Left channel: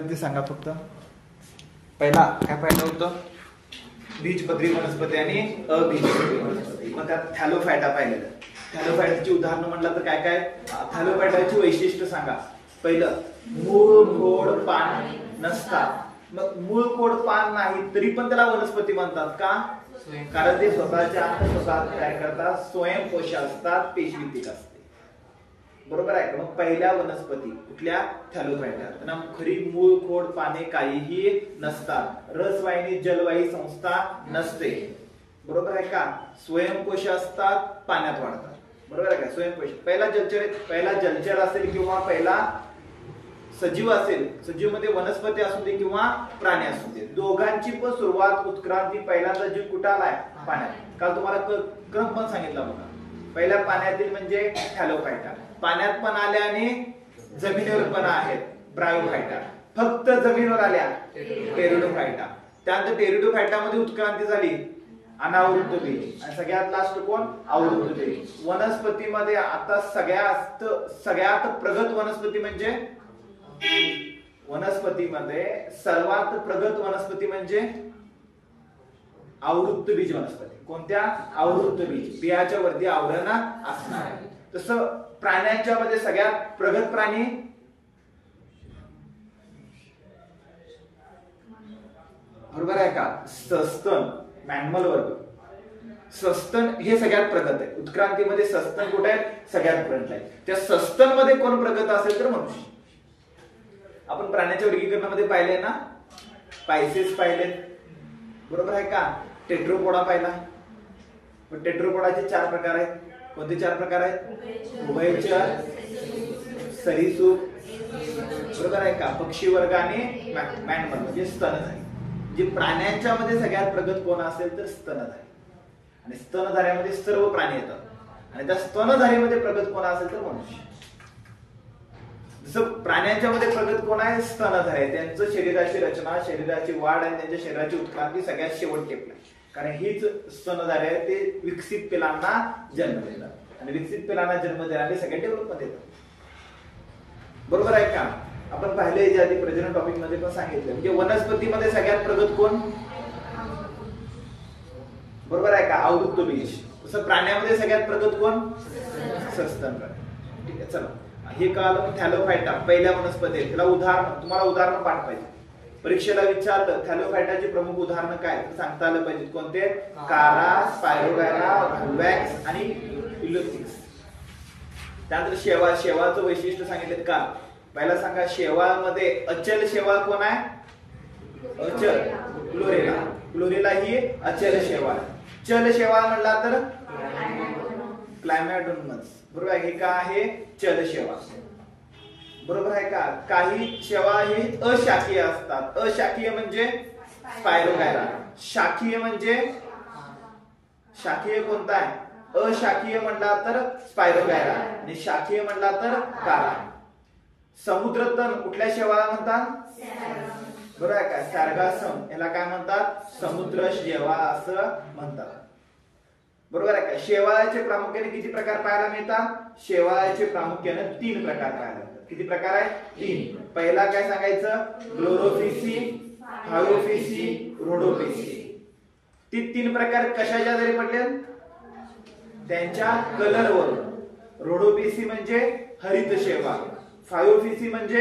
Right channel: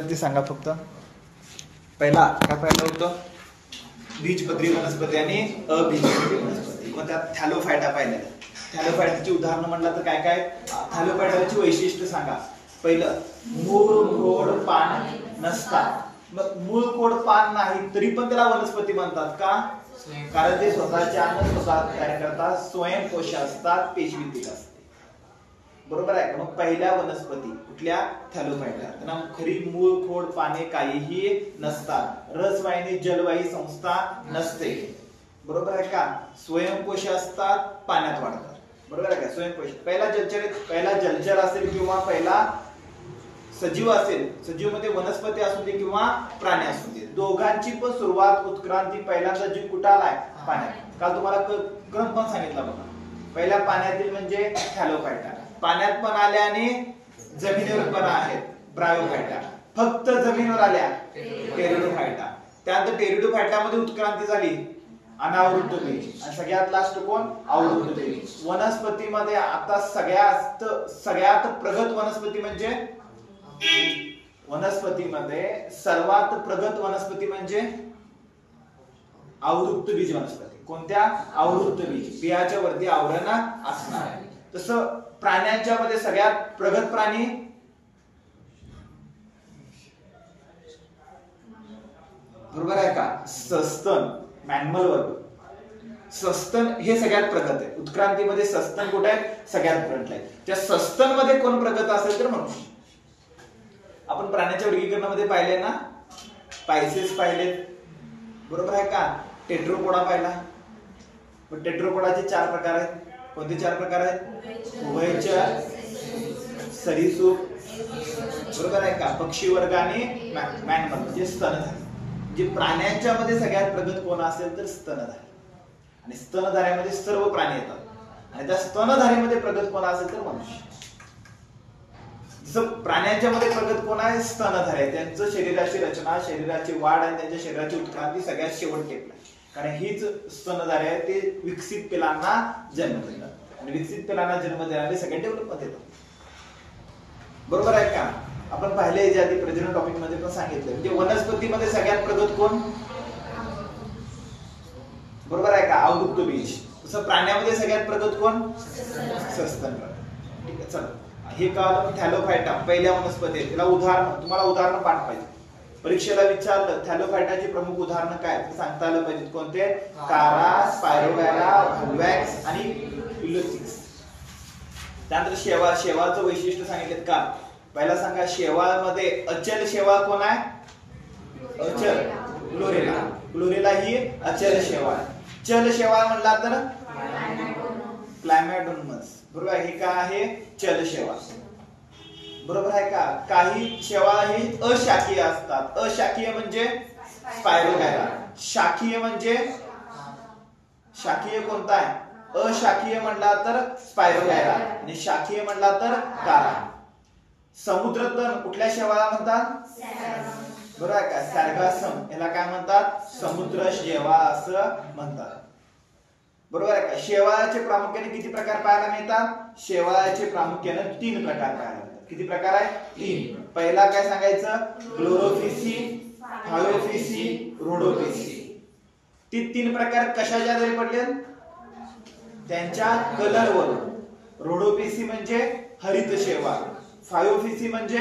पाहिलं ते सांगा फक्त. पहिला काय पाहिलं होतं? बीजपत्री वनस्पती आणि अबीजपत्री वनस्पती. मग त्यात थॅलोफायटा पाहिलं. थॅलोफायटाची उदाहरणं म्हणलं तर काय काय? थॅलोफायटाची वैशिष्ट्य सांगा. पहिलं, मूळ खोड पान नसतात. मग मूळ खोड पान नाही तरी पण त्याला वनस्पती म्हणतात का? कारण ते स्वतःचे अन्न स्वतः तयार करतात, स्वयंपोषी असतात, पेशवीतिक असते. बरोबर आहे का? मग पहिल्या वनस्पती कुठल्या? थॅलोफायटा. त्यांना खरी मूळ खोड पाने काहीही नसतात. रसवाहिनी जलवाही संस्था नसते. बरोबर आहे का? स्वयंपोषी असतात, पाण्यात वाढतात. बरोबर आहे का? स्वयंपोषी. पहिला जलचर असेल किंवा पहिला सजीव असेल, सजीव मध्ये वनस्पती असू दे किंवा प्राणी असू दे, दोघांची पण सुरुवात उत्क्रांती पहिल्यांदा जीव कुठं आलाय? पाण्यात. काल तुम्हाला क्रम पण सांगितला बघा. पहिल्या पाण्यातील म्हणजे थॅलोफायटा, पाण्यात पण आल्या आणि जमिनीवर पण आहेत ब्रायोफायटा, फक्त जमिनीवर आल्या टेरिडोफायटा. त्यानंतर टेरिडोफायटा मध्ये उत्क्रांती झाली, अनावृत्त बीज, आणि सगळ्यात लास्ट कोण? आवृत्त बीज. वनस्पतीमध्ये आता सगळ्यात प्रगत वनस्पती म्हणजे सर्वात प्रगत वनस्पती म्हणजे आवृत्त बीज वनस्पती. कोणत्या? आवृत्त बीज. बियाच्या वरती आवरण असणार. तसं प्राण्यांच्या मध्ये सगळ्यात प्रगत प्राणी बरोबर आहे का? सस्तन, मॅमल वर्ग. सस्तन हे सगळ्यात प्रगत आहे. उत्क्रांतीमध्ये सस्तन कुठे आहे? सगळ्यात फ्रंटला आहे. त्या सस्तन मध्ये कोण प्रगत असेल तर मनुष्य. आपण प्राण्याच्या वर्गीकरणामध्ये पाहिले ना, पायसेस पाहिले, बरोबर आहे का? टेट्रोपोडा पाहिला. पण टेट्रोपोडाचे 4 प्रकार आहेत. कोणते 4 प्रकार आहेत? उभयचर, सरीसृप, बरोबर आहे का? पक्षी वर्ग आणि मॅमल म्हणजे स्तनधारी. जे प्राण्यांच्या मध्ये सगळ्यात प्रगत कोण असेल तर स्तनधारी. आणि स्तनधाऱ्यामध्ये सर्व प्राणी येतात. आणि त्या स्तनधारीमध्ये प्रगत कोण असेल तर मनुष्य. जसं प्राण्यांच्या मध्ये प्रगत कोण आहे? स्तनधारी आहे. त्यांचं शरीराची रचना, शरीराची वाढ आणि त्यांच्या शरीराची उत्क्रांती सगळ्यात शेवट टेपला. कारण हीच स्तनधारी आहे, ते विकसित पिलांना जन्म देतात. आणि विकसित पिलांना जन्म देणारे सगळे डेव्हलपमेंट येतात. बरोबर आहे का? आपण पाहिले जे आधी प्रजनन टॉपिक मध्ये पण सांगितलं, म्हणजे वनस्पतीमध्ये सगळ्यात प्रगत कोण? बरोबर आहे का? आवृत्त बीज. तसं प्राण्यामध्ये सगळ्यात प्रगत कोण? सस्तन. ठीक आहे, चला. हे कळालं. थॅलोफायटा पहिल्या वनस्पती. त्याला उदाहरण, तुम्हाला उदाहरण पाठ पाहिजे. परीक्षेला विचारलं थॅलोफायटाची प्रमुख उदाहरणं काय तर सांगता आलं पाहिजे. कोणते? कारा, स्पायरोगायरा, व्हॅक्स आणि इलोथिक्स. त्यानंतर शेवाळ. शेवाळचं वैशिष्ट्य सांगितलं का? पहिला सांगा, शेवाळमध्ये अचल शेवाळ कोण आहे? अचल क्लोरेला. क्लोरेला ही अचल शेवाळ. चल शेवाळ म्हणला तर क्लायमॅटोनमस. बरोबर आहे. हे का आहे? चल शेवाळ. बरोबर आहे का? काही शेवाळ ही अशाखीय असतात. अशाखीय म्हणजे स्पायरोगायरा. शाखीय म्हणजे, शाखीय कोणता आहे? अशाखीय म्हणला तर स्पायरोगायरा आणि शाखीय म्हणला तर कारा. समुद्रतन कुठल्या शेवाळा म्हणतात? बरोबर आहे का? सॅर्गासम. याला काय म्हणतात? समुद्र शेवाळ असं म्हणतात. बरोबर आहे का? शेवाळाचे प्रामुख्याने किती प्रकार पाहायला मिळतात? शेवाळाचे प्रामुख्याने 3 प्रकार पाहायला मिळतात. किती प्रकार आहे? 3. पहिला काय सांगायचं? क्लोरोफिसी, फायोफिसी, रोडोफिसी. ती 3 प्रकार कशाच्या आधारे पडले? त्यांच्या कलर वरून. रोडोफिसी म्हणजे हरित शेवाळ, फायोफिसी म्हणजे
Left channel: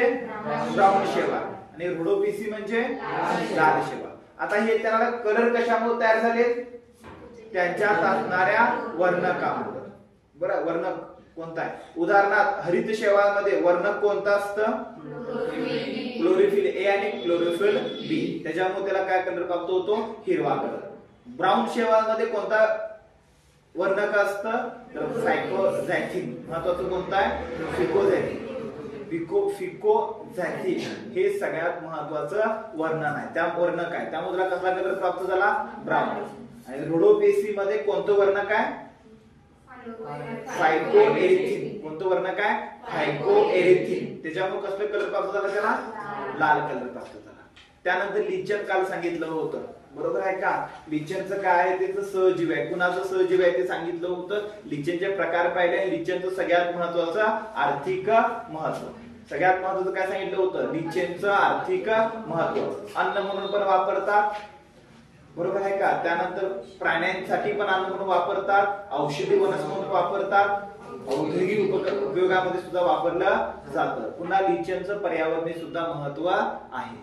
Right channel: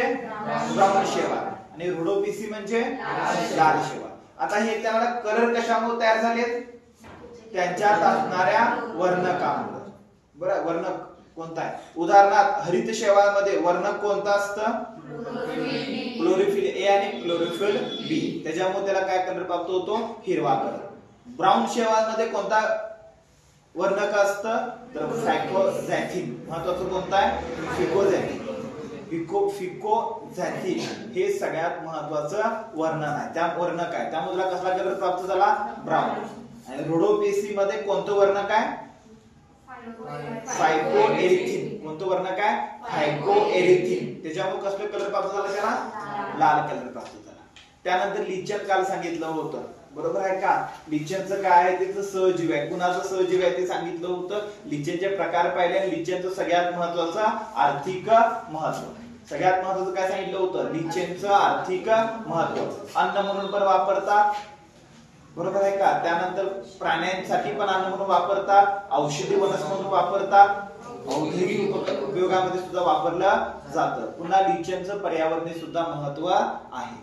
ब्राऊन शेवाळ आणि रोडोफिसी म्हणजे लाल शेवाळ. आता हे त्यांना कलर कशामुळे तयार झाले? त्यांच्यात असणाऱ्या वर्णकामुळे. बरं, वर्णक कोणता आहे? उदाहरणार्थ हरित शेवाळमध्ये वर्णक कोणता असतं? क्लोरोफिल ए आणि क्लोरोफिल बी. त्याच्यामुळे त्याला काय कलर प्राप्त होतो? हिरवा कलर. ब्राऊन शेवाळमध्ये कोणता वर्णक असतं? तर फायकोझॅथिन. महत्वाचं कोणतं आहे? फिकोझॅथिन. फिकोझॅथिन हे सगळ्यात महत्वाचं वर्णन आहे. त्या वर्णक आहे, त्यामुळे त्याला कसला कलर प्राप्त झाला? ब्राऊन. आणि रोडोपेसी मध्ये कोणतं वर्णक आहे? फायकोएरिथिन. कोणतं वर्णक आहे? फायकोएरिथिन. त्याच्यामुळे कसला कलर प्राप्त झाला? त्याला लाल कलर प्राप्त झाला. त्यानंतर लिचन काल सांगितलं होतं. बरोबर आहे का? लिचनचं काय आहे? त्याचं सहजीव आहे. कुणाचं सहजीव आहे ते सांगितलं होतं. लिचनचे प्रकार पाहिले. लिचनचं सगळ्यात महत्वाचं आर्थिक महत्व. सगळ्यात महत्वाचं काय सांगितलं होतं, लिचेनचं आर्थिक महत्व. अन्न म्हणून पण वापरतात, बरोबर आहे का. त्यानंतर प्राण्यांसाठी पण अन्न म्हणून वापरतात, औषधी वनस्पती म्हणून वापरतात, औद्योगिक उपयोगामध्ये सुद्धा वापरलं जातं. पुन्हा लिचेनचं पर्यावरणीय सुद्धा महत्व आहे.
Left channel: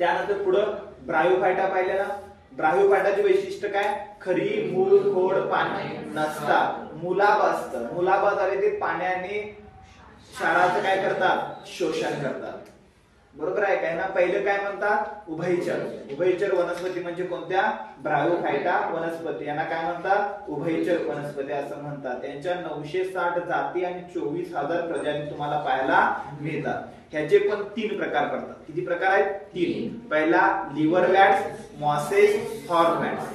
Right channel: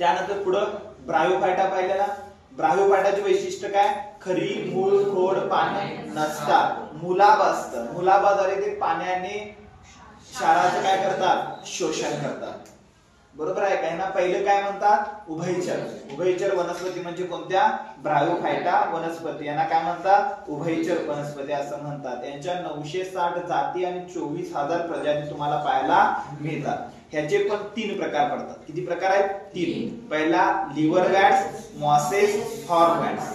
त्यानंतर पुढं ब्रायोफायटा पाहिलेला. ब्रायोफायटाचे वैशिष्ट्य काय, खरी, मूळ, खोड, पाने नसतात, मुलाब असतं. मुलाबाद्वारे ते पाण्याने क्षाराचं काय करतात, शोषण करतात, बरोबर आहे काय ना. पहिलं काय म्हणतात, उभयचर. उभयचर वनस्पती म्हणजे कोणत्या, ब्रायोफायटा वनस्पती. यांना काय म्हणतात, उभयचर वनस्पती असं म्हणतात. यांच्या 960 जाती आणि 24,000 प्रजाती तुम्हाला पाहायला मिळतात. ह्याचे पण 3 प्रकार पडतात. किती प्रकार आहेत, 3. पहिला लिव्हरवॅट्स, मॉसेस, हॉर्नवॅट्स.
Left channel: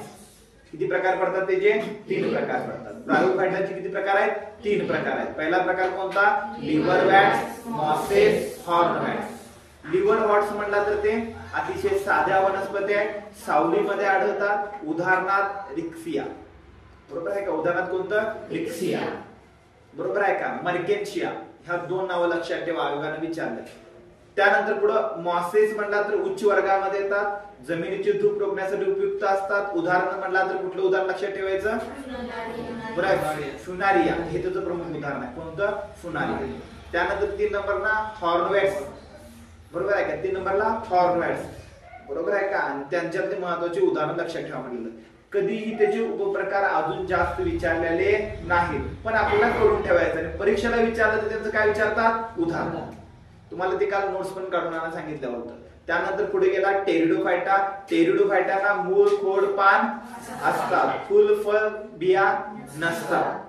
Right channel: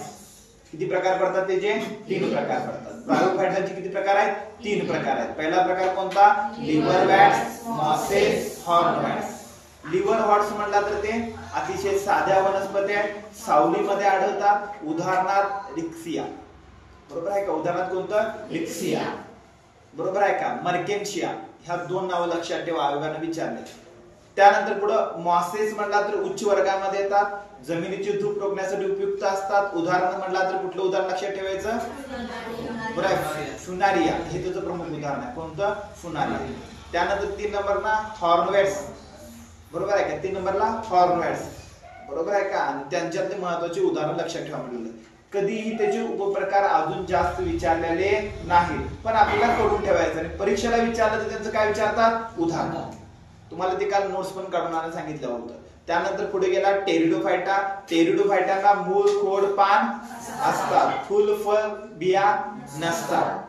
किती प्रकार पडतात त्याचे, 3 प्रकार पडतात. ब्रायोफायटाचे किती प्रकार आहेत, 3 प्रकार आहेत. पहिला प्रकार कोणता, लिव्हरवॅट्स, मॉसेस, हॉर्नवॅट्स. लिव्हर हॉर्ट्स म्हणला तर ते अतिशय साध्या वनस्पती आहेत, सावलीमध्ये आढळतात. उदाहरणार्थ रिक्सिया, बरोबर आहे का. उदाहरणार्थ कोणतं, रिक्सिया, बरोबर आहे का. मर्केन्शिया, ह्या 2 नावं लक्षात ठेवा, आयोगाने विचारले. त्यानंतर पुढं मॉसेस म्हणला तर उच्च वर्गामध्ये येतात, जमिनीची धूप रोखण्यासाठी उपयुक्त असतात. उदाहरण म्हणला तर कुठलं उदाहरण लक्षात ठेवायचं, बरोबर, फुनारिया, हे त्याचं प्रमुख उदाहरण आहे. कोणतं, फुनारिया. त्यानंतर 3 नंबरला हॉर्नवॅट्स, बरोबर आहे का. 3 नंबरला हॉर्नवॅट्स, बरोबर आहे का. आणि त्यांच्यातले महत्वाचे उदाहरण लक्षात ठेवा म्हटलं. कधीही त्याचे उपप्रकार अजून जास्त विचारलेले नाहीत, पण आपल्याला करून ठेवायचं. आणि परीक्षेला विचारलं तर त्यांचं काय विचारतात, उदाहरण. तुम्हाला ते काल नोट्स पण काढून आणायला सांगितलं होतं. त्यानंतर पुढे गेला टेरिडोफायटा. टेरिडोफायटांना मूळ, खोड, पान असतात, फुल, फळ, बिया नसतात.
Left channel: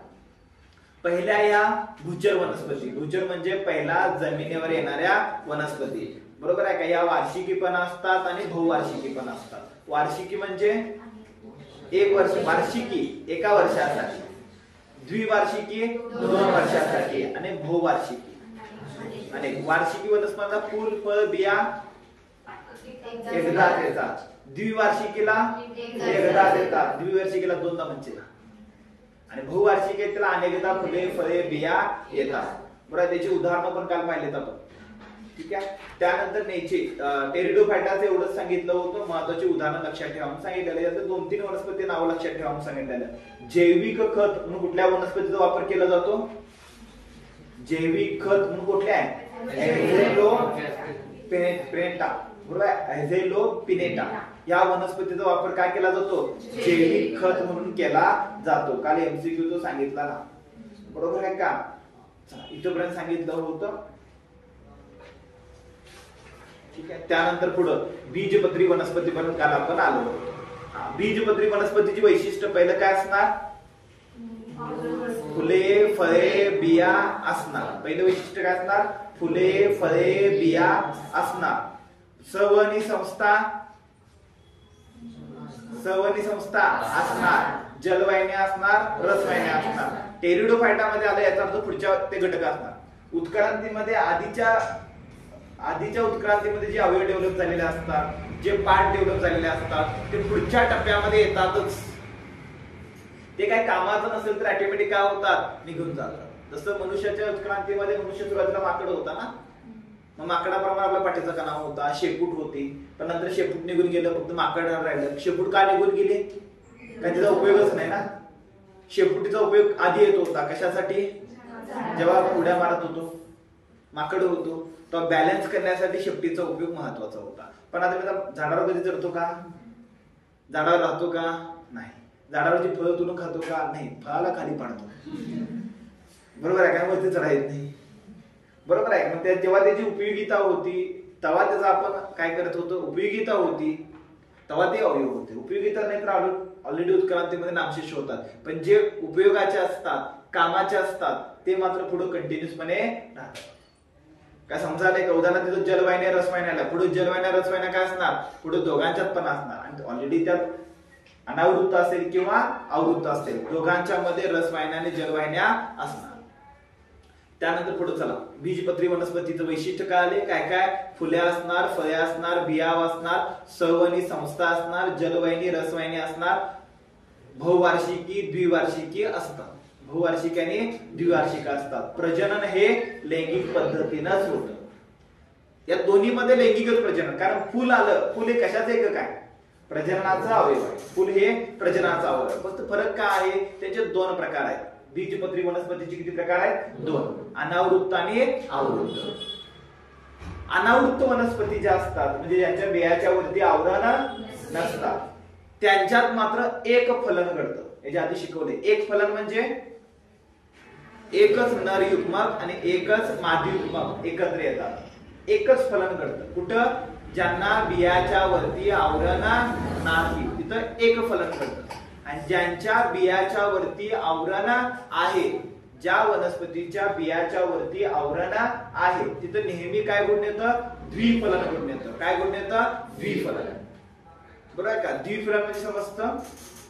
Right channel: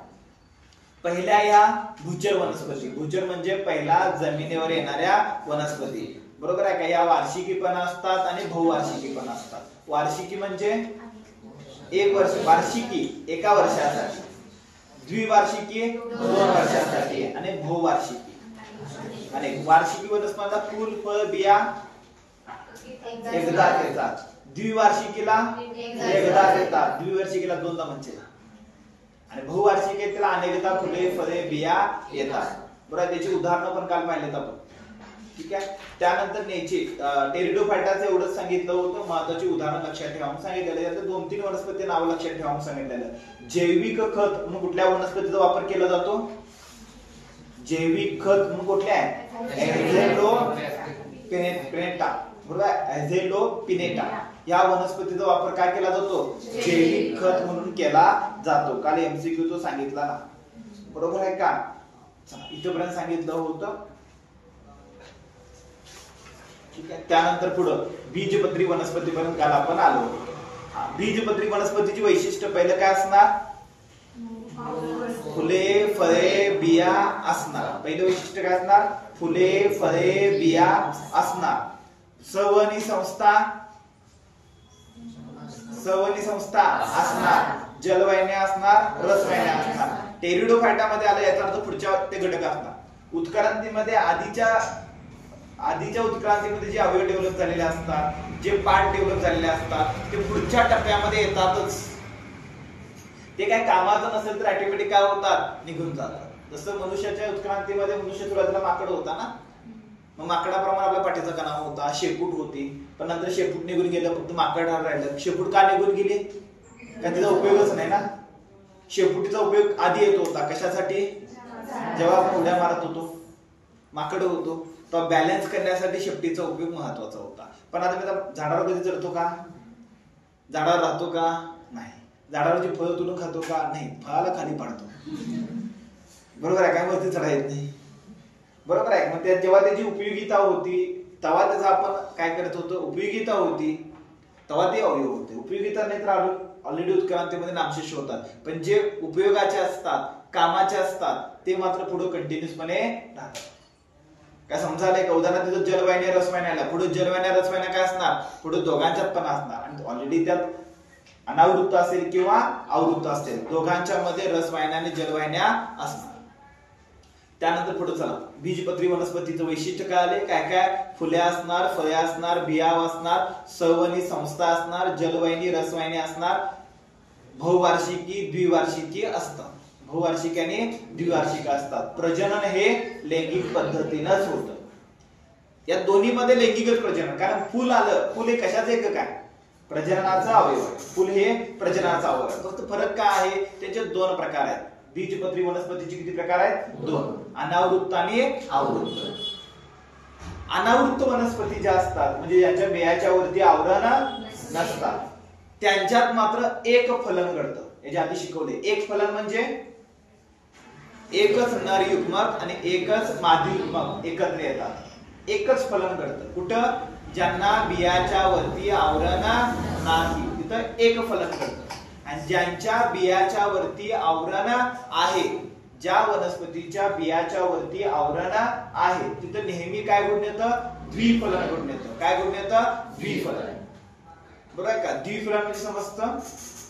पहिल्या या भूचर वनस्पती. भूचर म्हणजे पहिला जमिनीवर येणाऱ्या वनस्पती, बरोबर आहे का. या वार्षिकी पण असतात आणि बहुवार्षिकी पण असतात. वार्षिकी म्हणजे 1 वर्ष, वार्षिकी 1 वर्षासाठी, द्विवार्षिकी 2 वर्षासाठी आणि बहुवार्षिकी आणि वार्षिकी वनस्पतीला फूल, फळ, बिया एकदाच येतात. द्विवार्षिकीला एकदाच येतात, द्विवार्षिकीला 2दा म्हणजे. आणि बहुवार्षिक त्याला अनेकदा फुले, फळे, बिया येतात, बरोबर. त्याची उदाहरणं पण काल पाहिलेत आपण, ठीक आहे. त्यानंतर नेची टेरिडोफायटाचं एवढंच सांगितलं होतं, महत्वाची उदाहरणं लक्षात ठेवा म्हणून सांगितलेलं. यात 2-3 वनस्पती नाव लक्षात ठेवा म्हणून सांगितलेलं. जैविक खत म्हणून कुठल्या वनस्पतीचा वापर केला जातो, जैविक खत म्हणून कुठल्या आहे, एझेलोपिनेटा, बरोबर आहे. एझेलोपिनेटा या वनस्पतीचा वापर काय केला जातो, जैविक खत म्हणून केला जातो. काल एमसीक्यू तो सांगितला ना, बरोबर आहे का. इथपर्यंत सांगितलं होतं, ठीक आहे. त्यानंतर पुढं बीजपत्री वनस्पती पर्यंत काल आपण आलो. बीजपत्री वनस्पतीची वैशिष्ट्य पहिलं काय असणार, फुले, फळे, बिया असणार. पहिलं वैशिष्ट्य काय असणार, फुले, फळे, बिया असणार. सवनी संस्था, सवनी संस्था असणार. जलवाहिन्या असणार, रसवाहिन्या असणार. टेरिडोफायटामध्ये आलं याचा अर्थ पुढच्या ते घटक असणार. उत्क्रांतीमध्ये आधीच्या उत्क्रांतीमध्ये जे अवयव डेव्हलप झालेले असतात, जे पार्ट डेव्हलप झालेले असतात, ते पुढच्या टप्प्यामध्ये येतातच. ते काय कामाचं नसेल तर ऑटोमॅटिक काय होतात, निघून जातात. जसं मनुष्याच्या उत्क्रांतीमध्ये मनुष्य सुरुवातीला माकड होता ना, मग माकडाप्रमाणे आपला पाठीचा कणा होता, शेपूट होती, पण नंतर शेपूट निघून गेलं, फक्त माकड राहिलं. शेपूट का निघून गेली, कारण तिचा उपयोगच नाही ना. शेपुटीचा उपयोग आधी येत होता कशासाठी, जेव्हा उड्या मारत होतो, माकड होतो, तर बॅलन्स करण्यासाठी शेपटीचा उपयोग महत्वाचा होता. पण आता झाडावर कधी चढतो का, झाडावर राहतो का, नाही. झाडावरची फळं तुडून खातो का, नाही. फळाला खाली पाडतो, बरोबर आहे काय, वरती चढायत नाही, बरोबर आहे. मग जेव्हा त्याची उपयोगिता होती तेव्हा त्याचा आपण काय करत होतो, उपयोगिता होती तेव्हा ते अवयव होते. उपयोगिता नाही तर ऑलरेडी उत्क्रांतीमध्ये नामशेष होतात. पण जे उपयोगाचे असतात, कामाचे असतात, ते मात्र पुढे कंटिन्युअसपणे राहतात. काय समजायला का. उदाहरणार्थ तिथं जलवाहिन्या, रसवाहिन्या, पुढे जलवाहिन्या, रसवाहिन्या काय असणार, पुढे दोघांच्यात पण असणार. आणि ऑलरेडी त्यात अनावृत्त असेल किंवा आवृत्त असेल, दोघांच्या मध्ये रसवाहिन्या आणि जलवाहिन्या असणार. त्यानंतर पुढे चला, बीजपत्री वनस्पतीचं वैशिष्ट्य काय आले, काय काय, फुले असणार, फळे असणार, बिया असणार, सवनी संस्था असणार, जलवाहिनी, रसवाहिनी असणार, बहुवार्षिकी, द्विवार्षिकी असतात. बहुवार्षिक आणि द्विवार्षिक असतात. प्रजनन हे लैंगिक पद्धतीनंच होतं. या दोन्ही मध्ये लैंगिकच प्रजनन, कारण फुल आलं, फुल हे कशाचं एकक आहे? प्रजननाचा अवयव आहे. फुल हे प्रजननाचा अवयव आहे. फक्त फरक काय आहे? त्याचे दोन प्रकार आहेत. बीजपत्री वनस्पतीचे किती प्रकार आहेत? दोन, अनावृत्त आणि आवृत्त. अनावृत्त वनस्पती ज्या असतात म्हणजे यांच्या बियाच्या वरती आवरण नसतात, त्यांच्यात मात्र एक फलन घडतं. याच्या आधी शिकवले. एक फलन म्हणजे एकच नर युग्मक आणि एकच मादी युग्मक एकत्र येतात, एकच फलन घडतं. कुठं? ज्यांना बियाच्या वरती आवरण नाही तिथं एक फलन घडतं. आणि ज्यांच्या बियाच्या वरती आवरण आहे, ज्या वनस्पतीच्या बियाच्या वरती आवरण आहे तिथं नेहमी काय घडून येतं? द्विफलन घडून येतं. काय घडून येतं? द्विफलन. बरोबर आहे का? द्विफलन म्हणजे समजतं.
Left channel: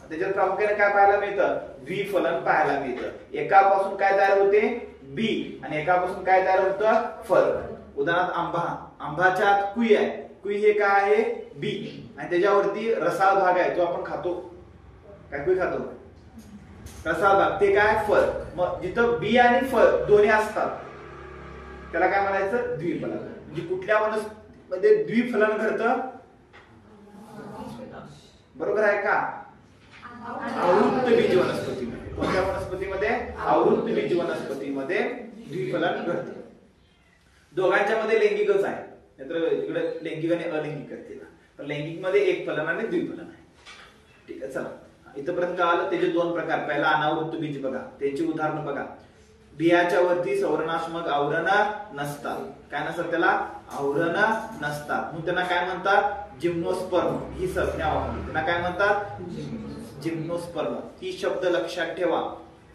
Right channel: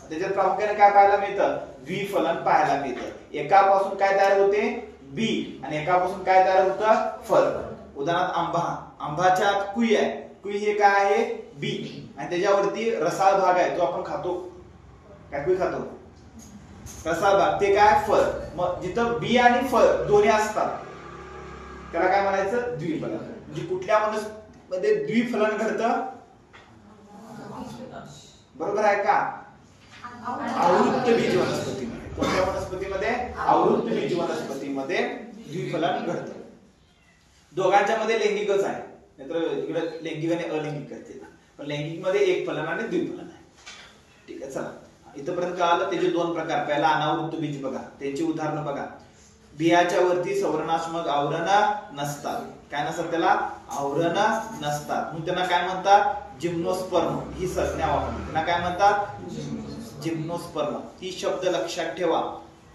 त्याच्यात प्रामुख्याने काय पाहायला मिळतं? द्विफलन पाहायला मिळतं. एकापासून काय तयार होते? बी, आणि एकापासून काय तयार होतं? फळ. उदाहरणार्थ आंबा, आंब्याच्या आत कुई आहे, कुई हे काय आहे? बी, आणि त्याच्यावरती रसाळ भाग आहे, तो आपण खातो. काय कुई खातो? रसाळ भाग, ते काय? फळ. मग जिथं बी आणि फळ दोन्ही असतात त्याला काय म्हणायचं? द्विफलन. म्हणजे कुठल्या वनस्पतीमध्ये द्विफलन घडतं? बरोबर आहे का? आवृत्त बीज वनस्पतीमध्ये. कोणत्या वनस्पतीमध्ये? आवृत्त बीज वनस्पतीमध्ये द्विफलन घडतं. दोघांच्या मध्ये लैंगिकच आहे, नाहीतर इकडे लैंगिक आणि अलैंगिक करते. पण लैंगिक मध्ये एक फलन आणि द्विफलन आहे. ठीक आहे, चला इथपर्यंत कळालं. त्याचे दोन प्रकार. पहिला अनावृत्त बीज बघा, त्याची उदाहरणं बघा. बियाच्या वरती संवरणात्मक आवरण नसतात. काय नसतात? त्याला आवरण नसतात. मग त्यांना काय म्हणतात? जिम्नोस्पर्म ही संज्ञा वापरली. त्यांना काय म्हणतात? जिम्नोस्पर्म. ही शब्द लक्षात ठेवा,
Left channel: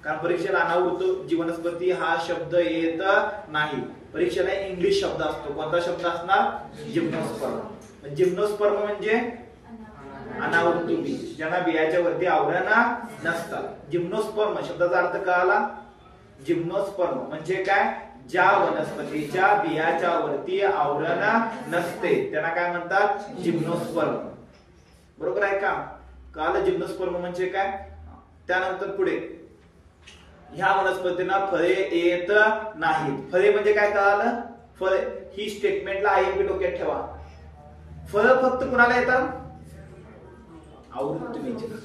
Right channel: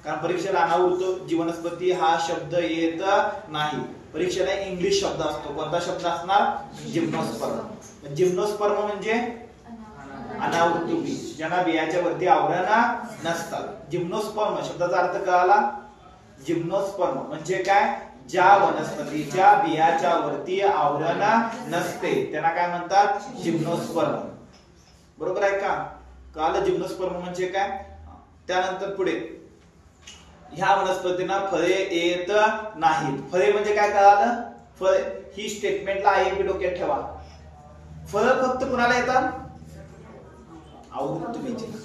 कारण परीक्षेला अनावृत्त वनस्पती हा शब्द येत नाही. परीक्षेला इंग्लिश शब्द असतो. कोणता शब्द असणार? जिम्नोस्पर्म. जिम्नोस्पर्म म्हणजे अनावृत्त बीज, ज्यांना बियाच्या वरती आवरण नसतात. जिम्नोस्पर्म शब्दाचा अर्थ कळाला? जिम्नोस्पर्म म्हणजे काय? ज्या वनस्पतीच्या बियाच्या वरती आवरण नसते त्यांना काय म्हणतात? जिम्नोस्पर्म. बरोबर आहे का? कळालं जिम्नोस्पर्म म्हणजे काय? त्यानंतर पुढे ह्या वनस्पतींना फळे येत नाहीत. फळे म्हणजे काय? कळालं? फळ ही स्टेटमेंटला आहे डोक्यात ठेवा. फळ फक्त कुणाला येतात? आवृत्त बीजला.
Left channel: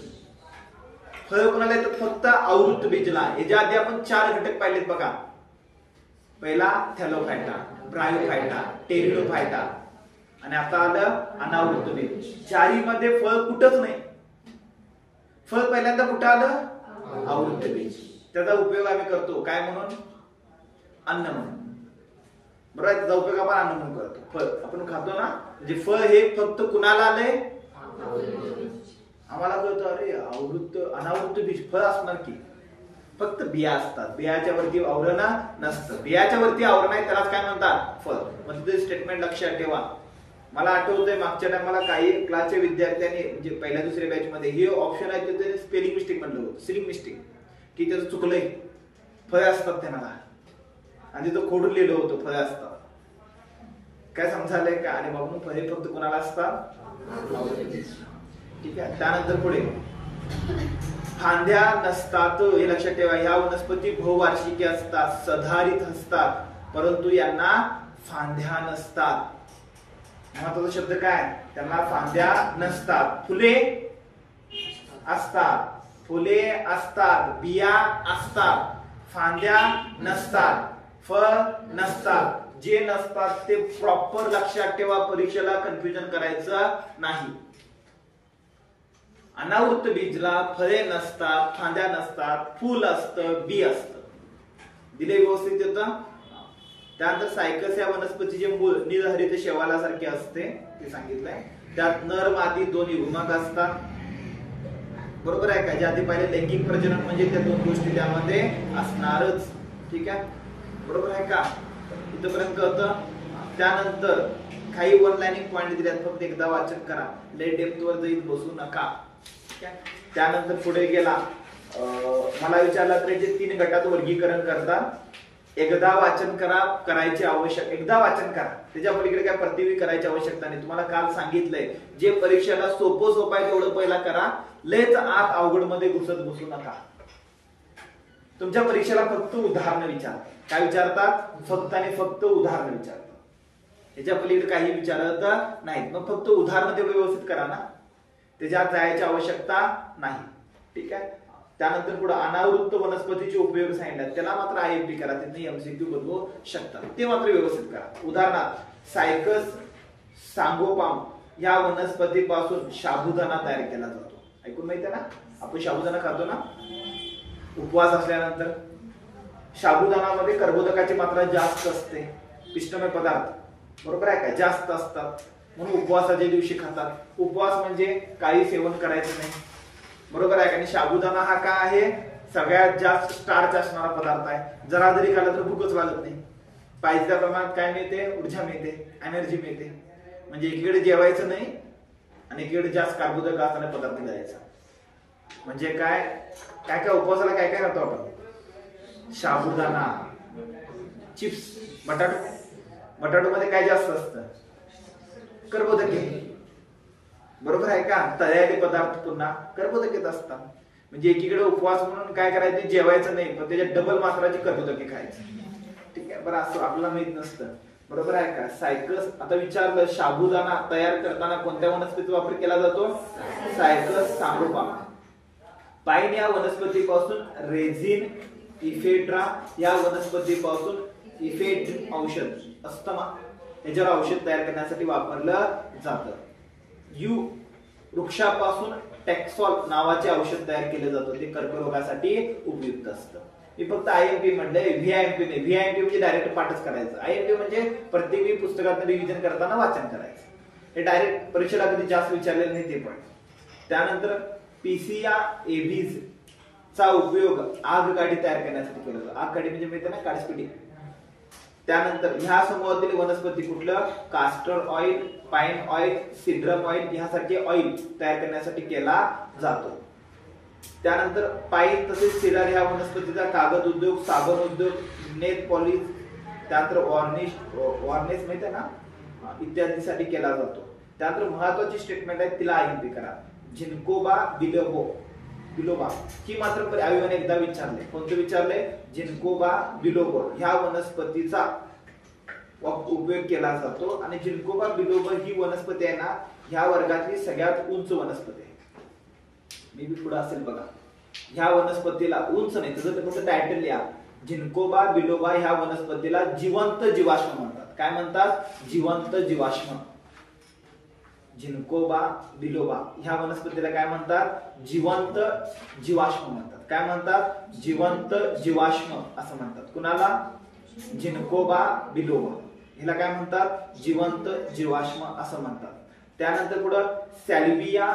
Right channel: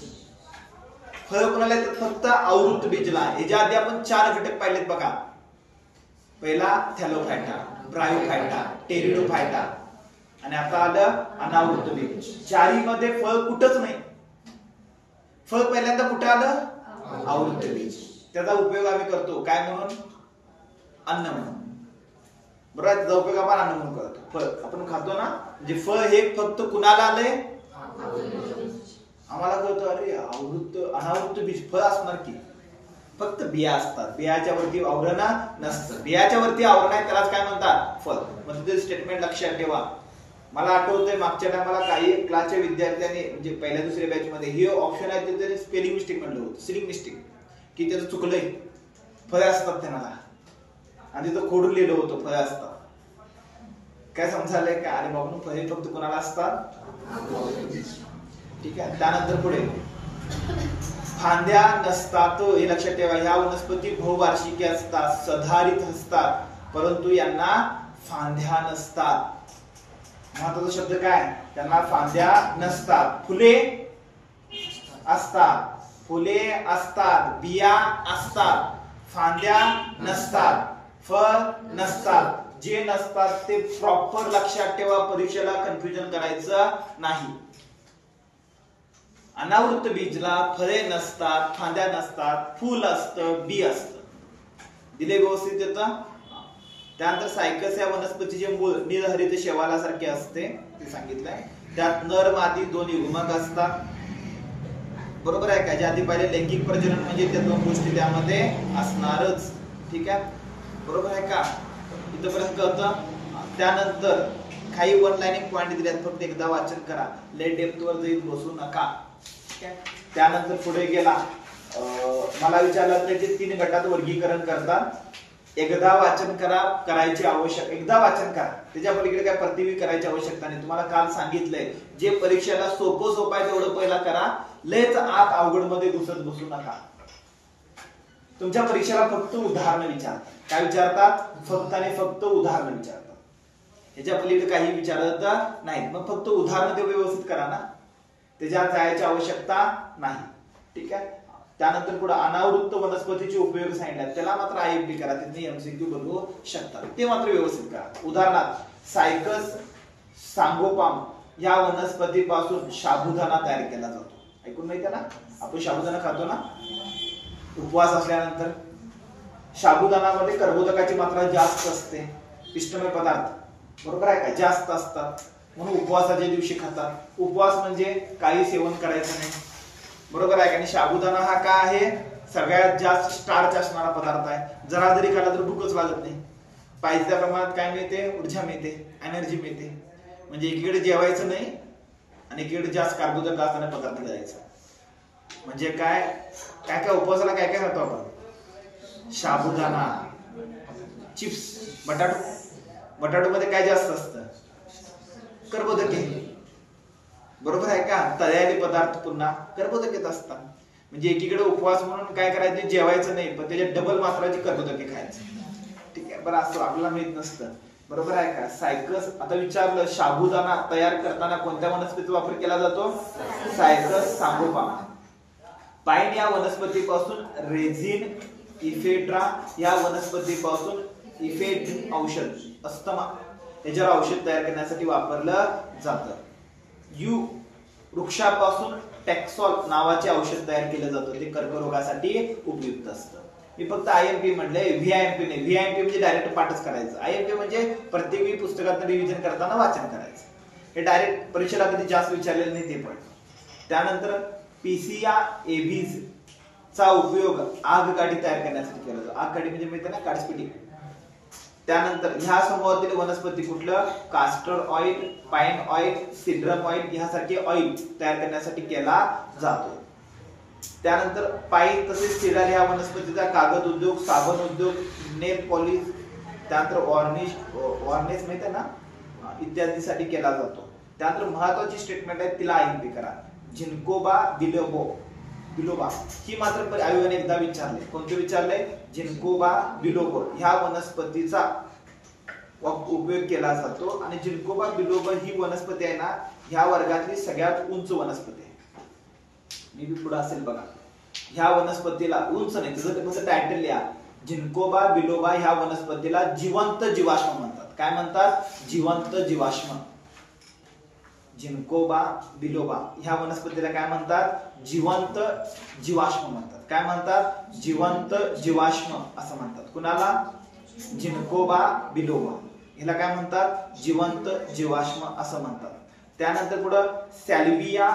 फळ कुणाला येतात? फक्त आवृत्त बीजला. याच्या आधी आपण 4 घटक पाहिलेत बघा. पहिला थॅलोफायटा, ब्रायोफायटा, टेरिडोफायटा, आणि आता आलं अनावृत्त बीज. चारी मध्ये फळ कुठंच नाही. फळ पहिल्यांदा कुठं आलं? आवृत्त बीज. त्याचा उपयोग आम्ही करतो काय म्हणून? अन्न म्हणून. बरोबर, त्याचा उपयोग आपण अन्न म्हणून करतो. फळ आपण खातो ना, म्हणजे फळ हे फक्त कुणाला आलंय? आम्हाला कळतं अरे आवृत्त अनावृत्त बीज फळ असणार की? फक्त बिया असतात, बियाच्या वरती आवरण नसतं. बियाच्या वरती आवरण आहे त्यालाच काय म्हणतात? फळ. म्हणजे ते स्टेटमेंट लक्षात ठेवा. मला आठवतंय मागच्या टायमाला काही क्लासच्या विद्यार्थ्यांनी म्हणजे पहिल्या दुसऱ्या बॅच मध्ये हे ऑप्शन आहे ते स्पेलिंग मिस्टेक म्हणलं होतं, स्पेलिंग मिस्टेक, की त्याचं चुकलंय. फळ असतात त्यांना, आणि तिथं खोडून लिहिलं होतं फळ असतात. काय समजायलंय का? आणि बाबा फळे फक्त कोणाला असतात? ठीक आहे. त्यानंतर पुढे फांद्या नसतात. हे लक्षात ठेवा. ह्या वनस्पती बहुवार्षिकी असतात, सधारित असतात, परंतु यांना फांद्या नसतात. महत्वाचा शब्द काय? त्यांना फांद्या नसतात. फुले असतात, फुले असतात, बिया असतात, फांद्या नसतात, फळ नसतात. जे नसतात ते प्रॉपर लक्षात ठेवा, परीक्षेला कन्फ्युजन करायचं नाही. अनावृत्त बीजला फळे नसतात, फांद्या नसतात, फूल असतं, बी असतं. दिले व्यवस्थित येतं. त्यानंतर सायकस या वनस्पतीचे मूळ निर्हरित शेवालासारखे असते, ते सांगितलंय. त्यात नर मादी दोन्ही युग्मक असतात. बरोबर आहे का? ज्या आधी पहिले लैंगिक प्रजनन म्हणजे त्या दोन गोष्टी त्यामध्ये असणारच. ठीक आहे, बरोबर आहे का? इथपर्यंत कळतं. त्यानंतर काही वन लाईनिंग पॉइंट दिल्यात, फक्त एकदा वाचन करा, लय डेप्थ वर जाईल बसू नका. त्यानंतर पुढे गेला, मला विचारलं त्याचे 3 गटात वर्गीकरण करतात. एकदा वाचन करायची आवश्यक, एकदा वाचन करा, त्याच्या पलीकडे काय प्रतिवी करायची आवश्यकता नाही. तुम्हाला काल सांगितलंय जे परीक्षेला सोपं आहे तेवढं पहिला करा, लयच आत अवघड मध्ये घुसत बसू नका. तुमच्या परीक्षेला फक्त उदाहरणं विचारतात. काय विचारतात? फक्त आणि फक्त उदाहरणं विचारतात. त्याच्या पलीकडे काही विचारत नाहीत. मग फक्त उदाहरणं तेवढं व्यवस्थित करा ना, त्याच्यात जायची आवश्यकता नाही. ठीक आहे. त्यानंतर पुढे अनावृत्त वनस्पतीचे उपयोग सांगितले, त्याला मात्र आयएमपी करा, तिथे एमसीक्यू बनवू शकतात, ते मात्र व्यवस्थित करा. उदाहरणार्थ सायकस सांगोपाम या वनस्पतीपासून साबुदाणा तयार केला जातो. ऐकून माहिती आहे ना, आपण साबुदाणा खातो ना उपवास असल्यानंतर. साबुदाणामध्ये कर्बोदकाची मात्रा जास्त असते, पिष्टमय पदार्थ, बरोबर आहे का, जास्त असतात, म्हणून उपवासाच्या दिवशी खातात. उपवास म्हणजे काही सेवन करायचं नाही, बरोबर आहे का. आणि साबुदाणा हा काय आहे, सगळ्यात जास्त स्टार्च असणारा पदार्थ आहे. जरा जरी खाल्ला तर भूकच लागत नाही. पाहिजे त्या प्रमाणात काय मिळते, ऊर्जा मिळते, एनर्जी मिळते. म्हणजे एकीकडे जेवायचं नाही आणि एकीकडे जास्त कार्बोदक असणारा पदार्थ घ्यायचा. म्हणजे काय काय काय उपवासाला काय काय खातो आपण, साबुदाणा, चिप्स, बटाटो मध्ये काय जास्त असतं, कर्बोदके, बरोबर आहे का. तळलेले पदार्थ पुन्हा कर्बोदकेच असतात. म्हणजे एकीकडे उपवास म्हणून काय करायचे, जेवायचं नाही, पण त्याच्यात डबल मात्राची कर्बोदके खायचे. ठीक आहे. बरं, असं आपल्याला माहित नसतं, बरोबर आहे का. सायकस, आता विचारलं साबुदाणा तयार करताना कोणत्या वनस्पतीचा वापर केला जातो, सायकस सांगोपाम. पाईन या वनस्पतीपासून रेझिन, इफेड्रा या वनस्पतीपासून इफेड्रिन औषध, अस्थमा याच्यावर औषध तयार करण्यासाठी वापरलं जातं. यू वृक्षापासून टॅक्सॉल नावाचे औषध तयार केलं जातं, ते कर्करोगासाठी उपयुक्त असतं. मी फक्त आयएमपी म्हटलंय, व्हीआयएमपी नाही. व्हीआयएमपी म्हणजे डायरेक्ट पाठच करायचं, आयएमपी म्हणजे प्रत्येक पुस्तकात रिव्हिजन करताना वाचन करायचं. हे डायरेक्ट परीक्षेला कधी जास्त विचारलेलं नाही ते पण. त्यानंतर पीसिया एव्हिज चा उपयोग आगगाडी तयार करण्यासाठी केला जातो. आगगाडी म्हणजे माहिती ना, काडस्पिटी. त्यानंतर ह्या समूहातील वनस्पती कुठलं, कास्टर ऑइल, पाईन ऑइल, सिड्रम ऑइल यासारखे ऑइल तयार करण्यासाठी केला जातो. त्यानंतर पाईन तसेच सिडार ह्या वनस्पतीचा कागद उद्योग, साबण उद्योग, नेल पॉलिश, त्यानंतर वॉर्निश माहिती आहे ना, इत्यादीसाठी केला जातो. त्यानंतर महत्वाची स्टेटमेंट आहे, तिला आयएमपी करा. जिन्कोबा बिलोबा ही मात्र आयोगाने एकदा विचारले. कोणते विचारले, जिन्कोबा बिलोबा ह्या वनस्पतीचा उपयोग केला जातो. आणि जिन्कोबा बिलोबा ही वनस्पती आहे ना, ह्या वर्गातली सगळ्यात उंच वनस्पती आहे. मी बी पुढे असेल बघा. ह्या वनस्पतीला उंच नाही, तिचं फक्त टायटल लिहा. जिन्कोबा बिलोबा ह्या वनस्पतीला जिवंत जीवाश्म म्हणतात. काय म्हणतात, जिवंत जीवाश्म. जिन्कोबा बिलोबा ह्या वनस्पतीला काय म्हणतात, जिवंत जीवाश्म म्हणतात. काय म्हणतात, जिवंत जीवाश्म असं म्हणतात. कुणाला, जिन्कोबा बिलोबा ह्याला काय म्हणतात, जिवंत जीवाश्म असं म्हणतात. त्यानंतर पुढे सॅल्विया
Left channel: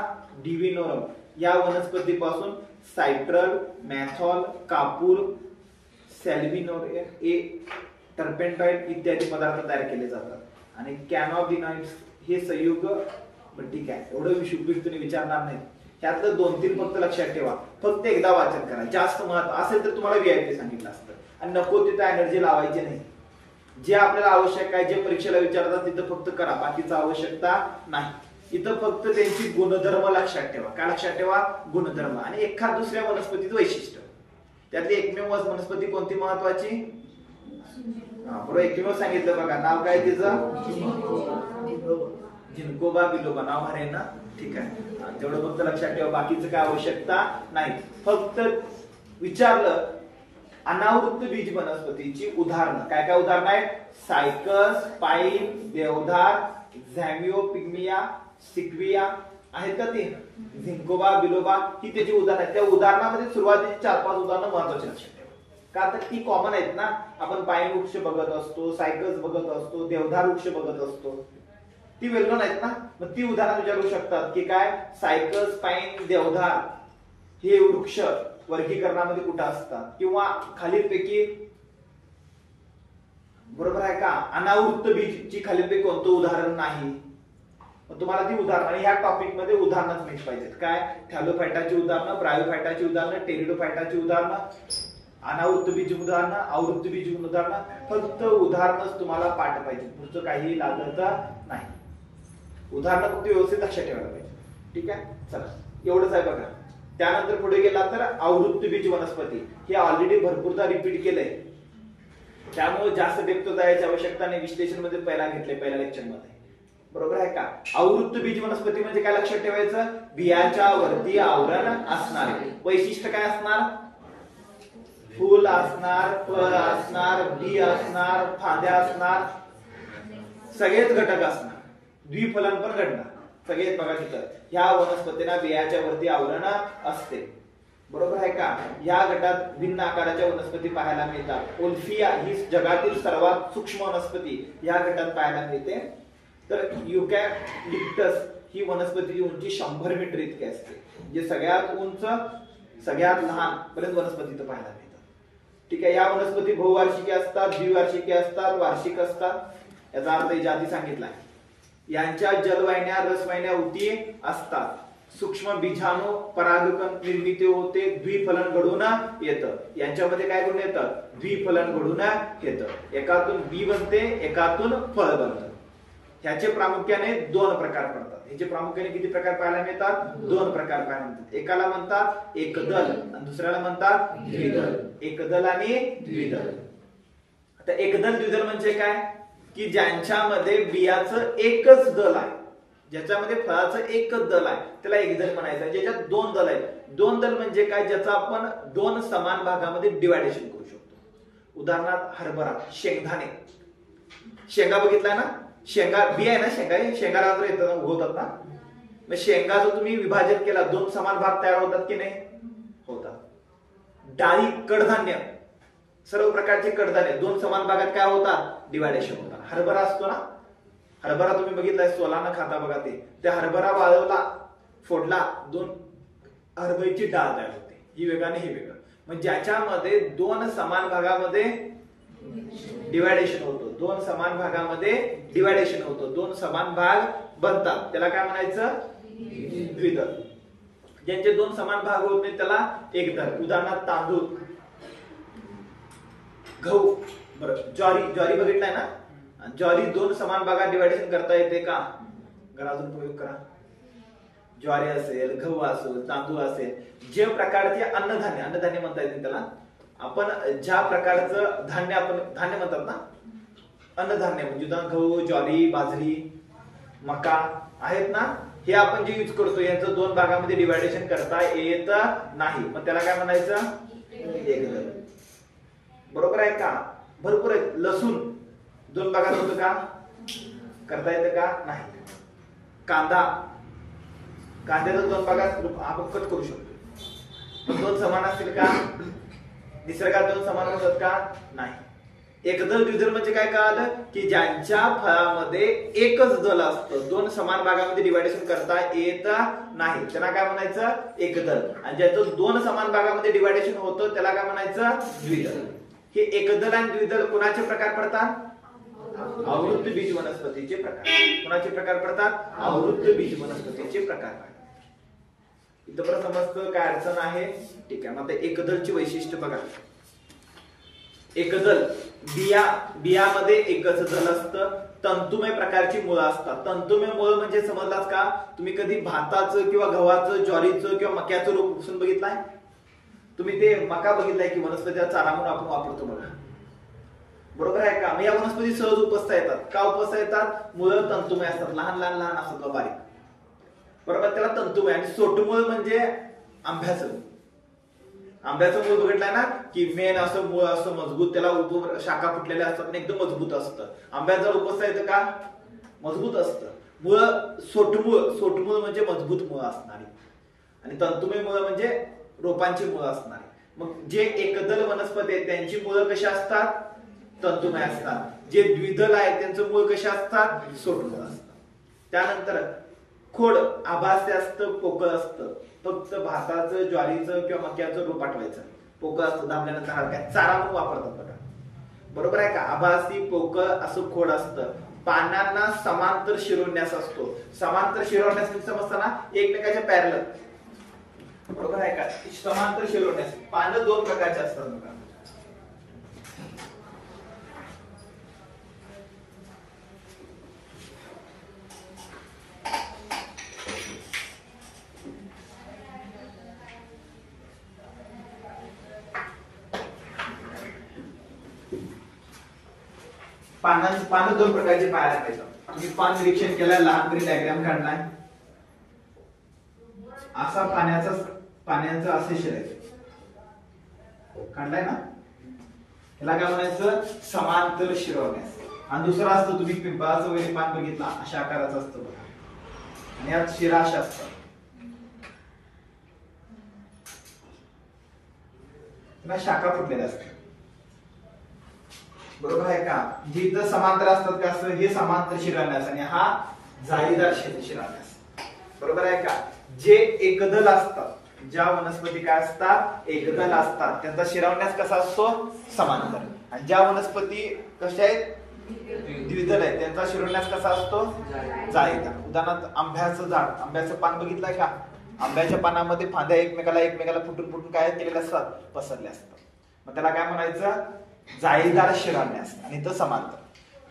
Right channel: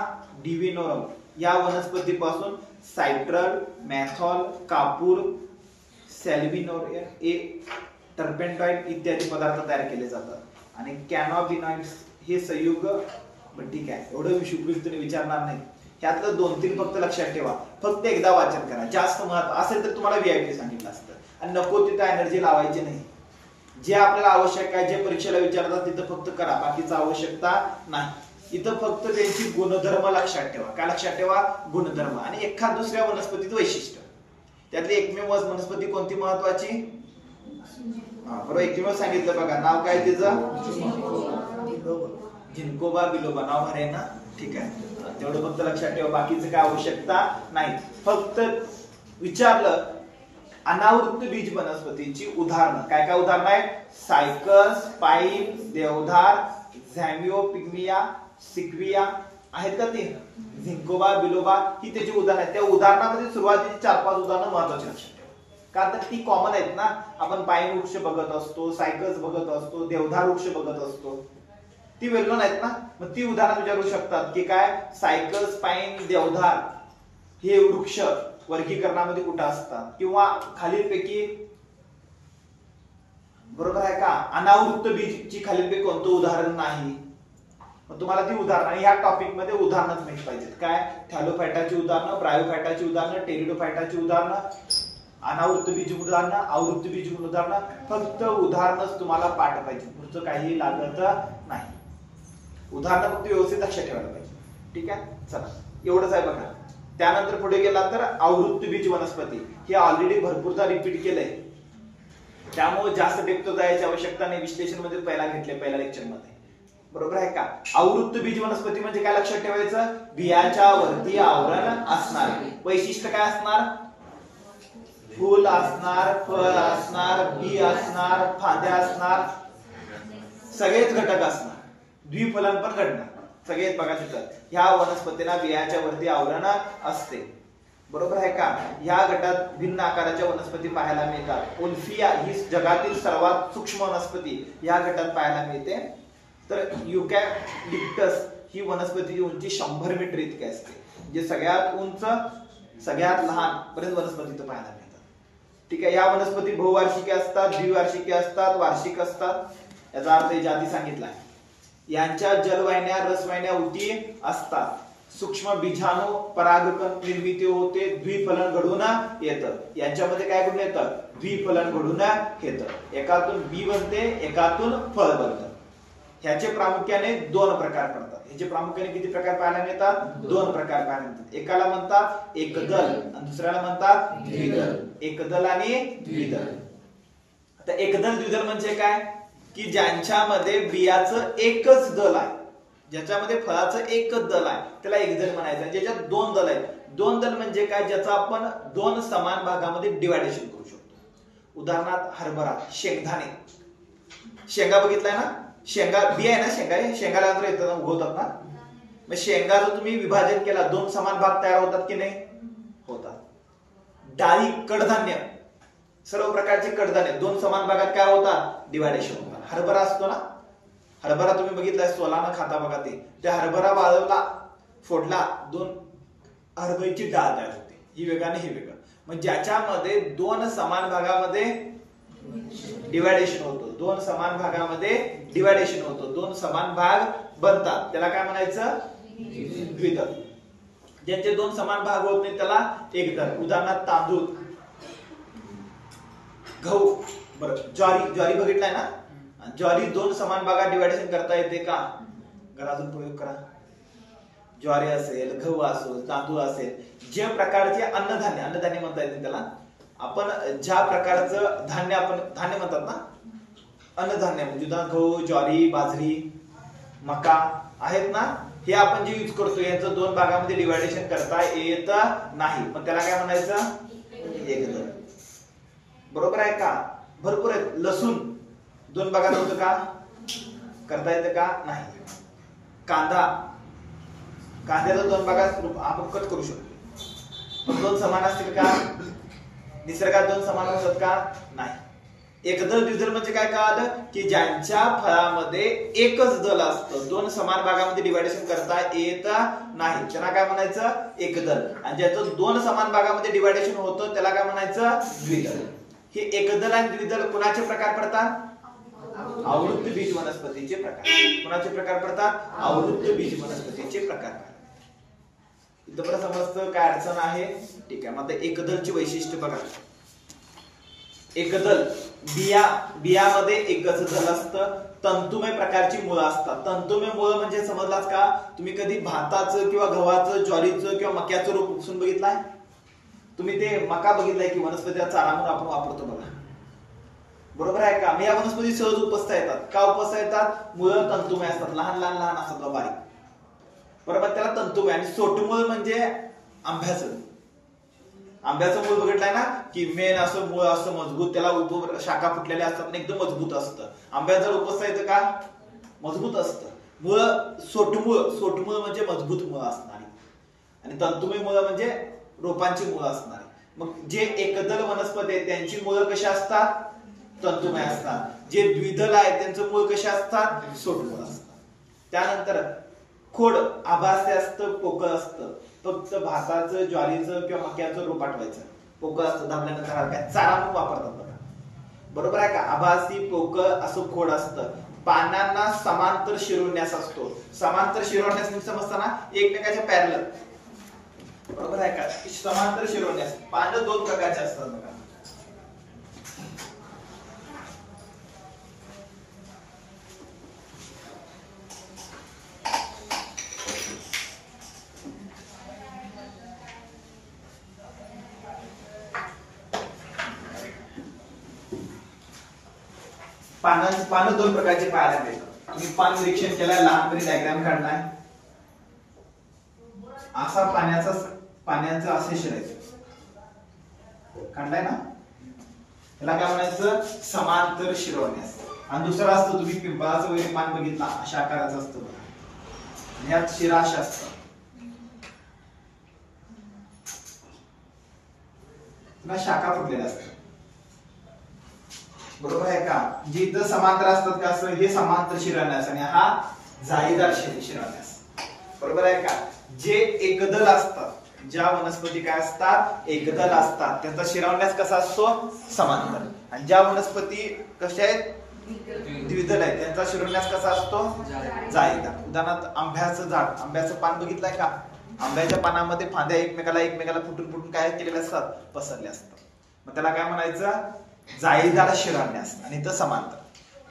डिव्हिनोरम या वनस्पतीपासून सायट्रल, मॅथॉल, कापूर, सॅल्विनोरियम ए, टर्पेंटाइड इत्यादी पदार्थ तयार केले जातात. आणि कॅनोबिनॉइड्स हे संयुग, ठीक आहे, एवढं तुम्ही विचारणार नाही. ह्यातलं 2-3 फक्त लक्षात ठेवा. फक्त एकदा वाचन करा. जास्त महत्व असेल तर तुम्हाला व्हीआयपी सांगितलं असतं. आणि नको तिथं एनर्जी लावायची नाही. जे आपल्याला आवश्यक आहे, जे परीक्षेला विचारतात तिथं फक्त करा, बाकीचं आवश्यकता नाही. इथं फक्त त्यांची गुणधर्म लक्षात ठेवा. काय लक्षात ठेवा, गुणधर्म. आणि एखाद दुसऱ्या वनस्पतीचं वैशिष्ट्य. त्यातली एकमेव वनस्पती कोणती महत्वाची, बरोबर एकमेव सांगितलं बघा, नाव काय तिचं, जिन्कोबा बिलोबा. नाव भारी आहे ना, ठीक आहे. तेवढं फक्त लक्षात ठेवा, बाकीचं काय आवश्यकता नाही. फक्त विचारलं अनावृत्त बीज वनस्पतीची उदाहरणं. काय काय उदाहरणं आहेत, सायकस, पाईन, देवधार, झॅमिओपिग्मिया, सिक्विया आहेत का ती, जिन्कोबा बिलोबा ही त्याची उदाहरणं आहेत. त्या उदाहरणामध्ये सुरुवातीची 4-5 उदाहरणं महत्वाची लक्षात ठेवा, का तर ती कॉमन आहेत ना. आपण पाईन वृक्ष बघत असतो, सायकस बघत असतो, देवधार वृक्ष बघत असतो, ती वेल नोन आहेत ना. मग ती उदाहरणं विचारू शकतात की काय, सायकस, पाईन, देवधार हे वृक्ष वर्गीकरणामध्ये कुठं असतात, किंवा खालीलपैकी, बरोबर आहे का, अनावृत्त बीजची खालीलपैकी कोणतं उदाहरण नाही. मग तुम्हाला ती उदाहरण, आणि ह्या टॉपिक मध्ये उदाहरणच माहिती पाहिजेत. काय, थॅलोफायटाची उदाहरणं, ब्रायोफायटाची उदाहरणं, टेरिडोफायटाची उदाहरणं, अनावृत्त बीज उदाहरणं, आवृत्त बीज उदाहरणं. फक्त उदाहरणच तुम्हाला पाठ पाहिजे, पुढचं काही लागत नाही. उदाहरणं फक्त व्यवस्थित लक्षात ठेवायला पाहिजे. ठीक आहे, चला एवढंच आहे बघा. त्यानंतर पुढे गेला तर आवृत्तीबीज वनस्पती, हे ऑलरेडी भरपूरदा रिपीट केलंय, त्यामुळे जास्त डेप्थ जायची आवश्यकता नाही, विश्लेषण मध्ये पहिला घेतले पहिल्या लेक्चर मध्ये, बरोबर आहे का. आवृत्तीबीज वनस्पती म्हणजे काय लक्षात ठेवायचं, बियाच्या वरती आवरण असणारे. वैशिष्ट्य काय असणार, फूल असणार, फळ असणार, बी असणार, फांद्या असणार, सगळेच घटक असणार, द्विफलन पण घडणार, सगळेच बघा तिथं. ह्या वनस्पतीला बियाच्या वरती आवरण असते, बरोबर आहे का. या गटात भिन्न आकाराच्या वनस्पती पाहायला मिळतात. ओल्फिया ही जगातील सर्वात सूक्ष्म वनस्पती या गटात पाहायला मिळते. तर युकॅलिप्टस ही वनस्पतीची उंची 100 मीटर इतकी असते, जे सगळ्यात उंच सगळ्यात लहान पर्यंत वनस्पती इथं पाहायला मिळतात. ठीक आहे. या वनस्पती बहुवार्षिकी असतात, द्विवार्षिकी असतात, वार्षिक असतात. याचा अर्थ जाती सांगितलाय. यांच्या जलवाहिन्या रसवाहिन्या उती असतात. सूक्ष्म बीजाणू परागकण निर्मिती होते, द्विफलन घडून येतं. यांच्यामध्ये काय घडून येतं, द्विफलन घडून येतं. एकातून बी बनते, एकातून फळ बनतं. ह्याचे प्रामुख्याने 2 प्रकार पडतात. ह्याचे प्रामुख्याने किती प्रकार पाहायला मिळतात, 2 प्रकार पाहायला मिळतात. एकाला म्हणतात एकदल आणि दुसऱ्याला म्हणतात द्विदल. एकदल आणि द्विदल. आता एकदल द्विदल म्हणजे काय, की ज्यांच्यामध्ये बियाचं एकच दल आहे, ज्याच्यामध्ये फळाचं एकच दल आहे, त्याला एकदल म्हणायचं. ज्याच्यात 2 दल आहेत, 2 दल म्हणजे काय, ज्याचं आपण 2 समान भागामध्ये डिवायडेशन करू शकतो. उदाहरणार्थ हरभरा, शेंगदाणे, शेंगा बघितलाय ना, शेंगा बी आहे ना, शेंगाला येतात उगवतात ना. मग शेंगाचं तुम्ही विभाजन केला, 2 समान भाग तयार होतात की नाही, होतात. डाळी, कडधान्य, सर्व प्रकारचे कडधान्य 2 समान भागात काय होतात, डिवायडेशन होतात. हरभरा असतो ना, हरभरा तुम्ही बघितलाय, सोलानं खाता बघा ते. त्या हरभरा वाळवला, फोडला, 2 हरभऱ्याची डाळ तयार होते, ही वेगळं आणि ही वेगळं. मग ज्याच्यामध्ये 2 समान भागामध्ये डिवायडेशन होतो, 2 समान भागामध्ये डिवायडेशन होतो, 2 समान भाग बनतात, त्याला काय म्हणायचं, द्विदल. ज्यांचे 2 समान भाग होत नाही त्याला एकदल. उदाहरणार्थ तांदूळ, गहू, बरं ज्वारी बघितलाय ना, ज्वारी 2 समान भागात डिवायडेशन करता येते का, घरातून प्रयोग करा. ज्वारी असेल, गहू असेल, तांदूळ असेल, जे प्रकारचे अन्नधान्य म्हणता येते त्याला, आपण ज्या प्रकारचं धान्य, आपण धान्य म्हणतात ना, अन्नधान्य म्हणजे गहू, ज्वारी, बाजरी, मका आहेत ना, हे आपण जे यूज करतो यांचं 2 भागामध्ये डिवायडेशन करता येत नाही, पण त्याला काय म्हणायचं, एकदल. बरोबर आहे का. भरपूर आहे. लसूण 2 भागात होतं का, करता येतं का, नाही. कांद्याचं 2 भागात आपण कट करू शकतो, पण 2 समान असतील का, निसर्गात 2 समान असतात का, नाही. एकदल द्विदल म्हणजे काय कळालं, की ज्यांच्या फळामध्ये एकच दल असतं, 2 समान भागामध्ये डिवायडेशन करता येत नाही, त्यांना काय म्हणायचं, एकदल. आणि ज्याचं 2 समान भागामध्ये डिवायडेशन होतं त्याला काय म्हणायचं, द्विदल. हे एकदल आणि द्विदल कुणाचे प्रकार पडतात, आवृत्तीबीज वनस्पतीचे प्रकार. कुणाचे प्रकार पडतात, आवृत्तीबीज वनस्पतीचे प्रकार. इथं बरं समजतं काय अडचण आहे, ठीक आहे. मग एकदलची वैशिष्ट्य बघा. एकदल, बियामध्ये एकच दल असतं, तंतुमय प्रकारची मुळं असतात. तंतुमय मुळं म्हणजे समजलाच का, तुम्ही कधी भाताचं किंवा गव्हाचं, ज्वारीचं किंवा मक्याचं रोप उपसून बघितलाय, तुम्ही ते मका बघितलाय की वनस्पतीचा चारा म्हणून आपण वापरतो बघा, बरोबर आहे का. या वनस्पती सहज उपसता येतात. का उपसता येतात, मुळं तंतुमय असतात, लहान असतात बारीक, बरोबर, त्याला तंतुमय. आणि सोटमूळ म्हणजे आंब्याचं मूळ बघितलाय ना, की मेन असं मूळ असं मजबूत, त्याला शाखा फुटलेल्या असतात, एकदम मजबूत असतं. आंब्यात जर उपसता येतं का, मजबूत असतं. मुळ सोटमूळ म्हणजे मजबूत मुळ असणारी, आणि तंतुमय मुळ म्हणजे रोपांची मुळ असणारी. मग जे एकदल वनस्पती आहेत त्यांची मुळं कशी असतात, तंतुमय असतात. जे द्विदल आहेत त्यांचं मूळ कशी असतात, सोटमूळ असतात. त्यानंतर खोड आभासी असतं, पोकळ असतं. फक्त भाताचं, ज्वारीचं किंवा मक्याचं रोप पाठवायचं, पोकळ असतं, दाबल्यानंतर हलक्या चारा म्हणून वापरतात बघा, बरोबर आहे का. आभासी पोकळ असं खोड असतं. पानांना समांतर शिरोन्यास असतो. समांतर शिरोन्यास समजताना एकमेकाच्या पॅरलल, बरोबर आहे का. समांतर शिरोन्यास पानं 2 प्रकारचे असतात बघा. पानं दोन प्रकारचे पाहायला मिळतात. तुम्ही पान निरीक्षण केलं, लहानपणी डायग्राम काढलाय, असा पाण्याचं असे शिरायचं काढलाय ना, याला काय म्हणायचं, समांतर शिरवण्यास. आणि दुसरा असतो, तुम्ही पिंपळाचं वगैरे पान बघितला, अशा आकाराचं असतं बघा, आणि यात शिरा अशा असतात. शाखा फुटलेल्या असतात, बरोबर आहे का. जे इथं समांतर असतात का, असं हे समांतर शिरवण्यास, आणि हा जाळीदार शिरवण्यास, बरोबर आहे का. जे एकदल असतात, ज्या वनस्पती काय असतात, एकदल असतात, त्यांचा शिरवण्यास कसा असतो, समांतर. आणि ज्या वनस्पती कशा आहेत, द्विदल आहेत, त्यांचा शिरवण्यास कसा असतो, जाळीदार. उदाहरणार्थ आंब्याचं झाड, आंब्याचं पान बघितलंय का, आंब्याच्या पानामध्ये फांद्या एकमेकाला फुटून काय केलेले असतात, पसरले असतात. मग त्याला काय म्हणायचं, जाळीदार शिरवण्यास, आणि तो समांतर.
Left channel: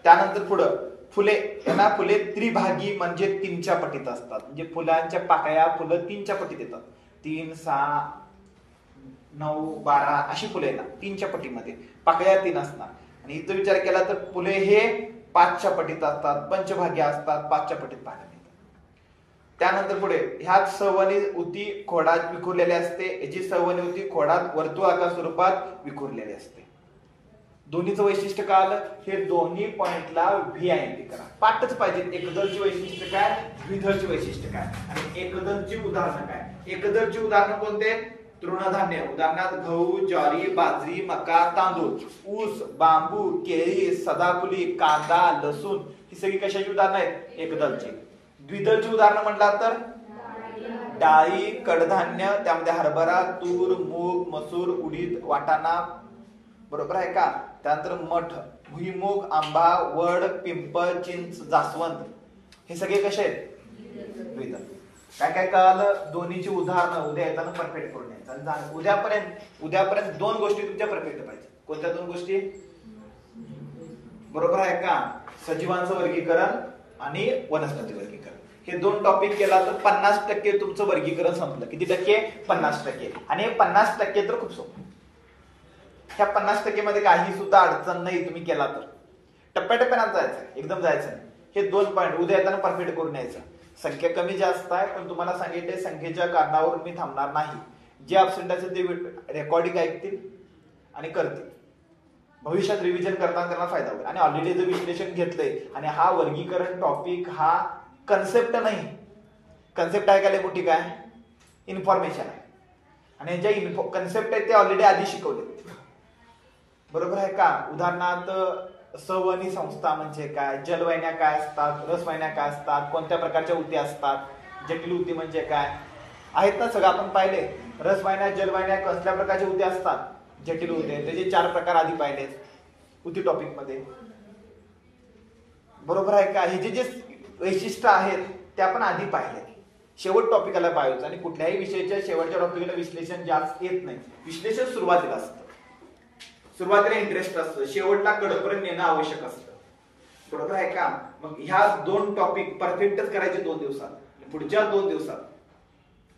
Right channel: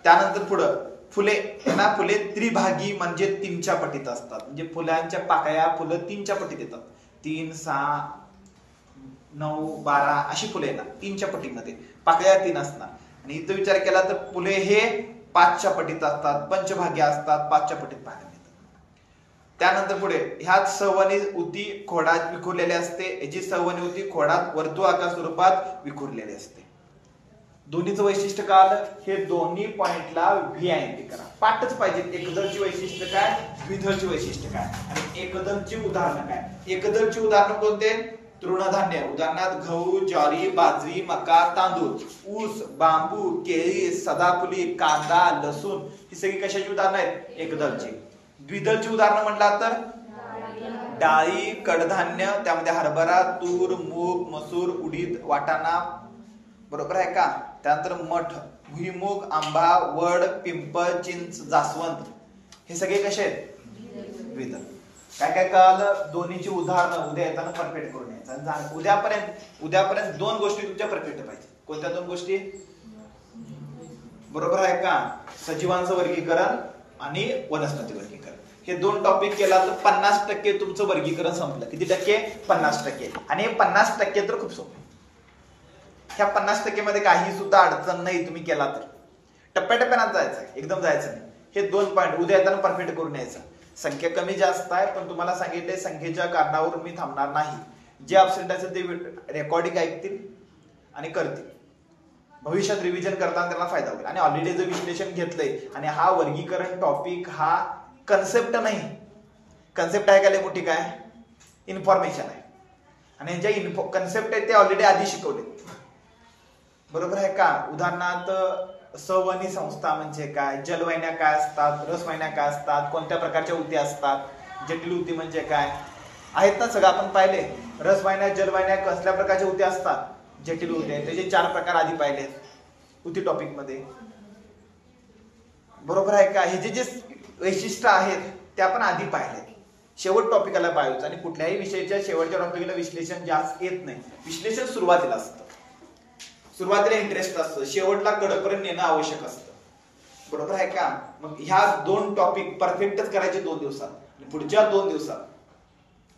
त्यानंतर पुढं फुले त्रिभागी म्हणजे 3च्या पटीत असतात. म्हणजे फुलांच्या पाकळ्या, फुलं 3च्या पटीत येतात. 3, 6, 9, 12 अशी फुले येतात 3च्या पटीमध्ये, पाकळ्या 3 असणार. आणि इथं विचार केला तर फुले हे 5च्या पटीत असतात, पंचभागी असतात, 5च्या पटीत पाहायला मिळतात. त्यानंतर पुढे ह्यात सवनी उती खोडात विखुरलेली असते. याची सवनी उती खोडात वर्तुळाकार स्वरूपात विखुरलेली असते. दोन्हीचं वैशिष्ट्य काय आलं, हे दोन्ही पॉइंटला व्ही आयएनटी करा, पाठच पाहिजे. एकदलची वैशिष्ट्य काय, द्विदलची वैशिष्ट्य काय, आणि एकदलची उदाहरणं काय. एकदलची उदाहरणं कोणते, तृणधान्य, उदाहरणार्थ गहू, ज्वारी, बाजरी, मका, तांदूळ, ऊस, बांबू, केळी, सदाफुली, कांदा, लसूण, ही सगळी कशाची उदाहरणं आहेत, एकदलची. द्विदलची उदाहरणं म्हटला तर डाळी, कडधान्य, त्यामध्ये हरभरा, तूर, मूग, मसूर, उडीद, वाटाणा, बरोबर आहे का. त्यानंतर मठ, भुईमूग, आंबा, वड, पिंपळ, चिंच, जास्वंद, हे सगळे कसे आहेत, द्विदल. काय काय कळालं, दोन्हीची उदाहरणं उद्या येताना परफेक्ट करून यायचं. उद्यापर्यंत 2 गोष्टी तुमच्या परफेक्ट पाहिजे. कोणत्या 2 गोष्टी, बरोबर आहे का, सजीवांचं वर्गीकरण आणि वनस्पती वर्गीकरण. हे 2 टॉपिक केला तर 50% तुमचं वर्गीकरण संपलं. किती टक्के, 50%. आणि हे 50% तर खूप सोपं. ह्या 50% मध्ये काही सुद्धा अडचण नाही, तुम्ही केला तर. टप्प्याटप्प्यानं जायचं, एकदम जायचं नाही. हे 2 पॉईंट उद्या येताना परफेक्ट करून यायचं. संख्या कमी जास्त आहे, पण तुम्हाला सांगितले संख्येच्या कारणावर मी थांबणार नाही. जे अब्सेंट असेल ते रेकॉर्डिंग ऐकतील आणि करतील. भविष्यात रिव्हिजन करताना त्यांना फायदा होईल. आणि ऑलरेडी जर विश्लेषण घेतलंय, आणि हा वर्गीकरण टॉपिक हा कन्सेप्ट नाही, कन्सेप्ट आहे काय मोठी, काय इन्फॉर्मेशन आहे. आणि ज्या कन्सेप्ट आहे ते ऑलरेडी आधी शिकवले, बरोबर आहे का. उदाहरणार्थ सवनी संस्था म्हणजे काय, जलवाहिन्या काय असतात, रसवाहिन्या काय असतात, कोणत्या प्रकारच्या उती असतात, जटिल उती म्हणजे काय आहेत ना, सगळं आपण पाहिले. रसवाहिन्या, जलवाहिन्या कसल्या प्रकारच्या उती असतात, जटिल उती आहेत, त्याचे 4 प्रकार आधी पाहिले उती टॉपिक मध्ये, बरोबर आहे का. हे जे वैशिष्ट्य आहेत ते आपण आधी पाहिले. शेवट टॉपिकला पाहायचं. आणि कुठल्याही विषयाच्या शेवटच्या टॉपिकला विश्लेषण जास्त येत नाही. विश्लेषण सुरुवातीला असतं, सुरुवातीला इंटरेस्ट असतं, शेवटला कडपर्यंत नेणं आवश्यक असतं, बरोबर आहे का. मग ह्या 2 टॉपिक परफेक्टच करायचे 2 दिवसात. पुढच्या 2 दिवसात,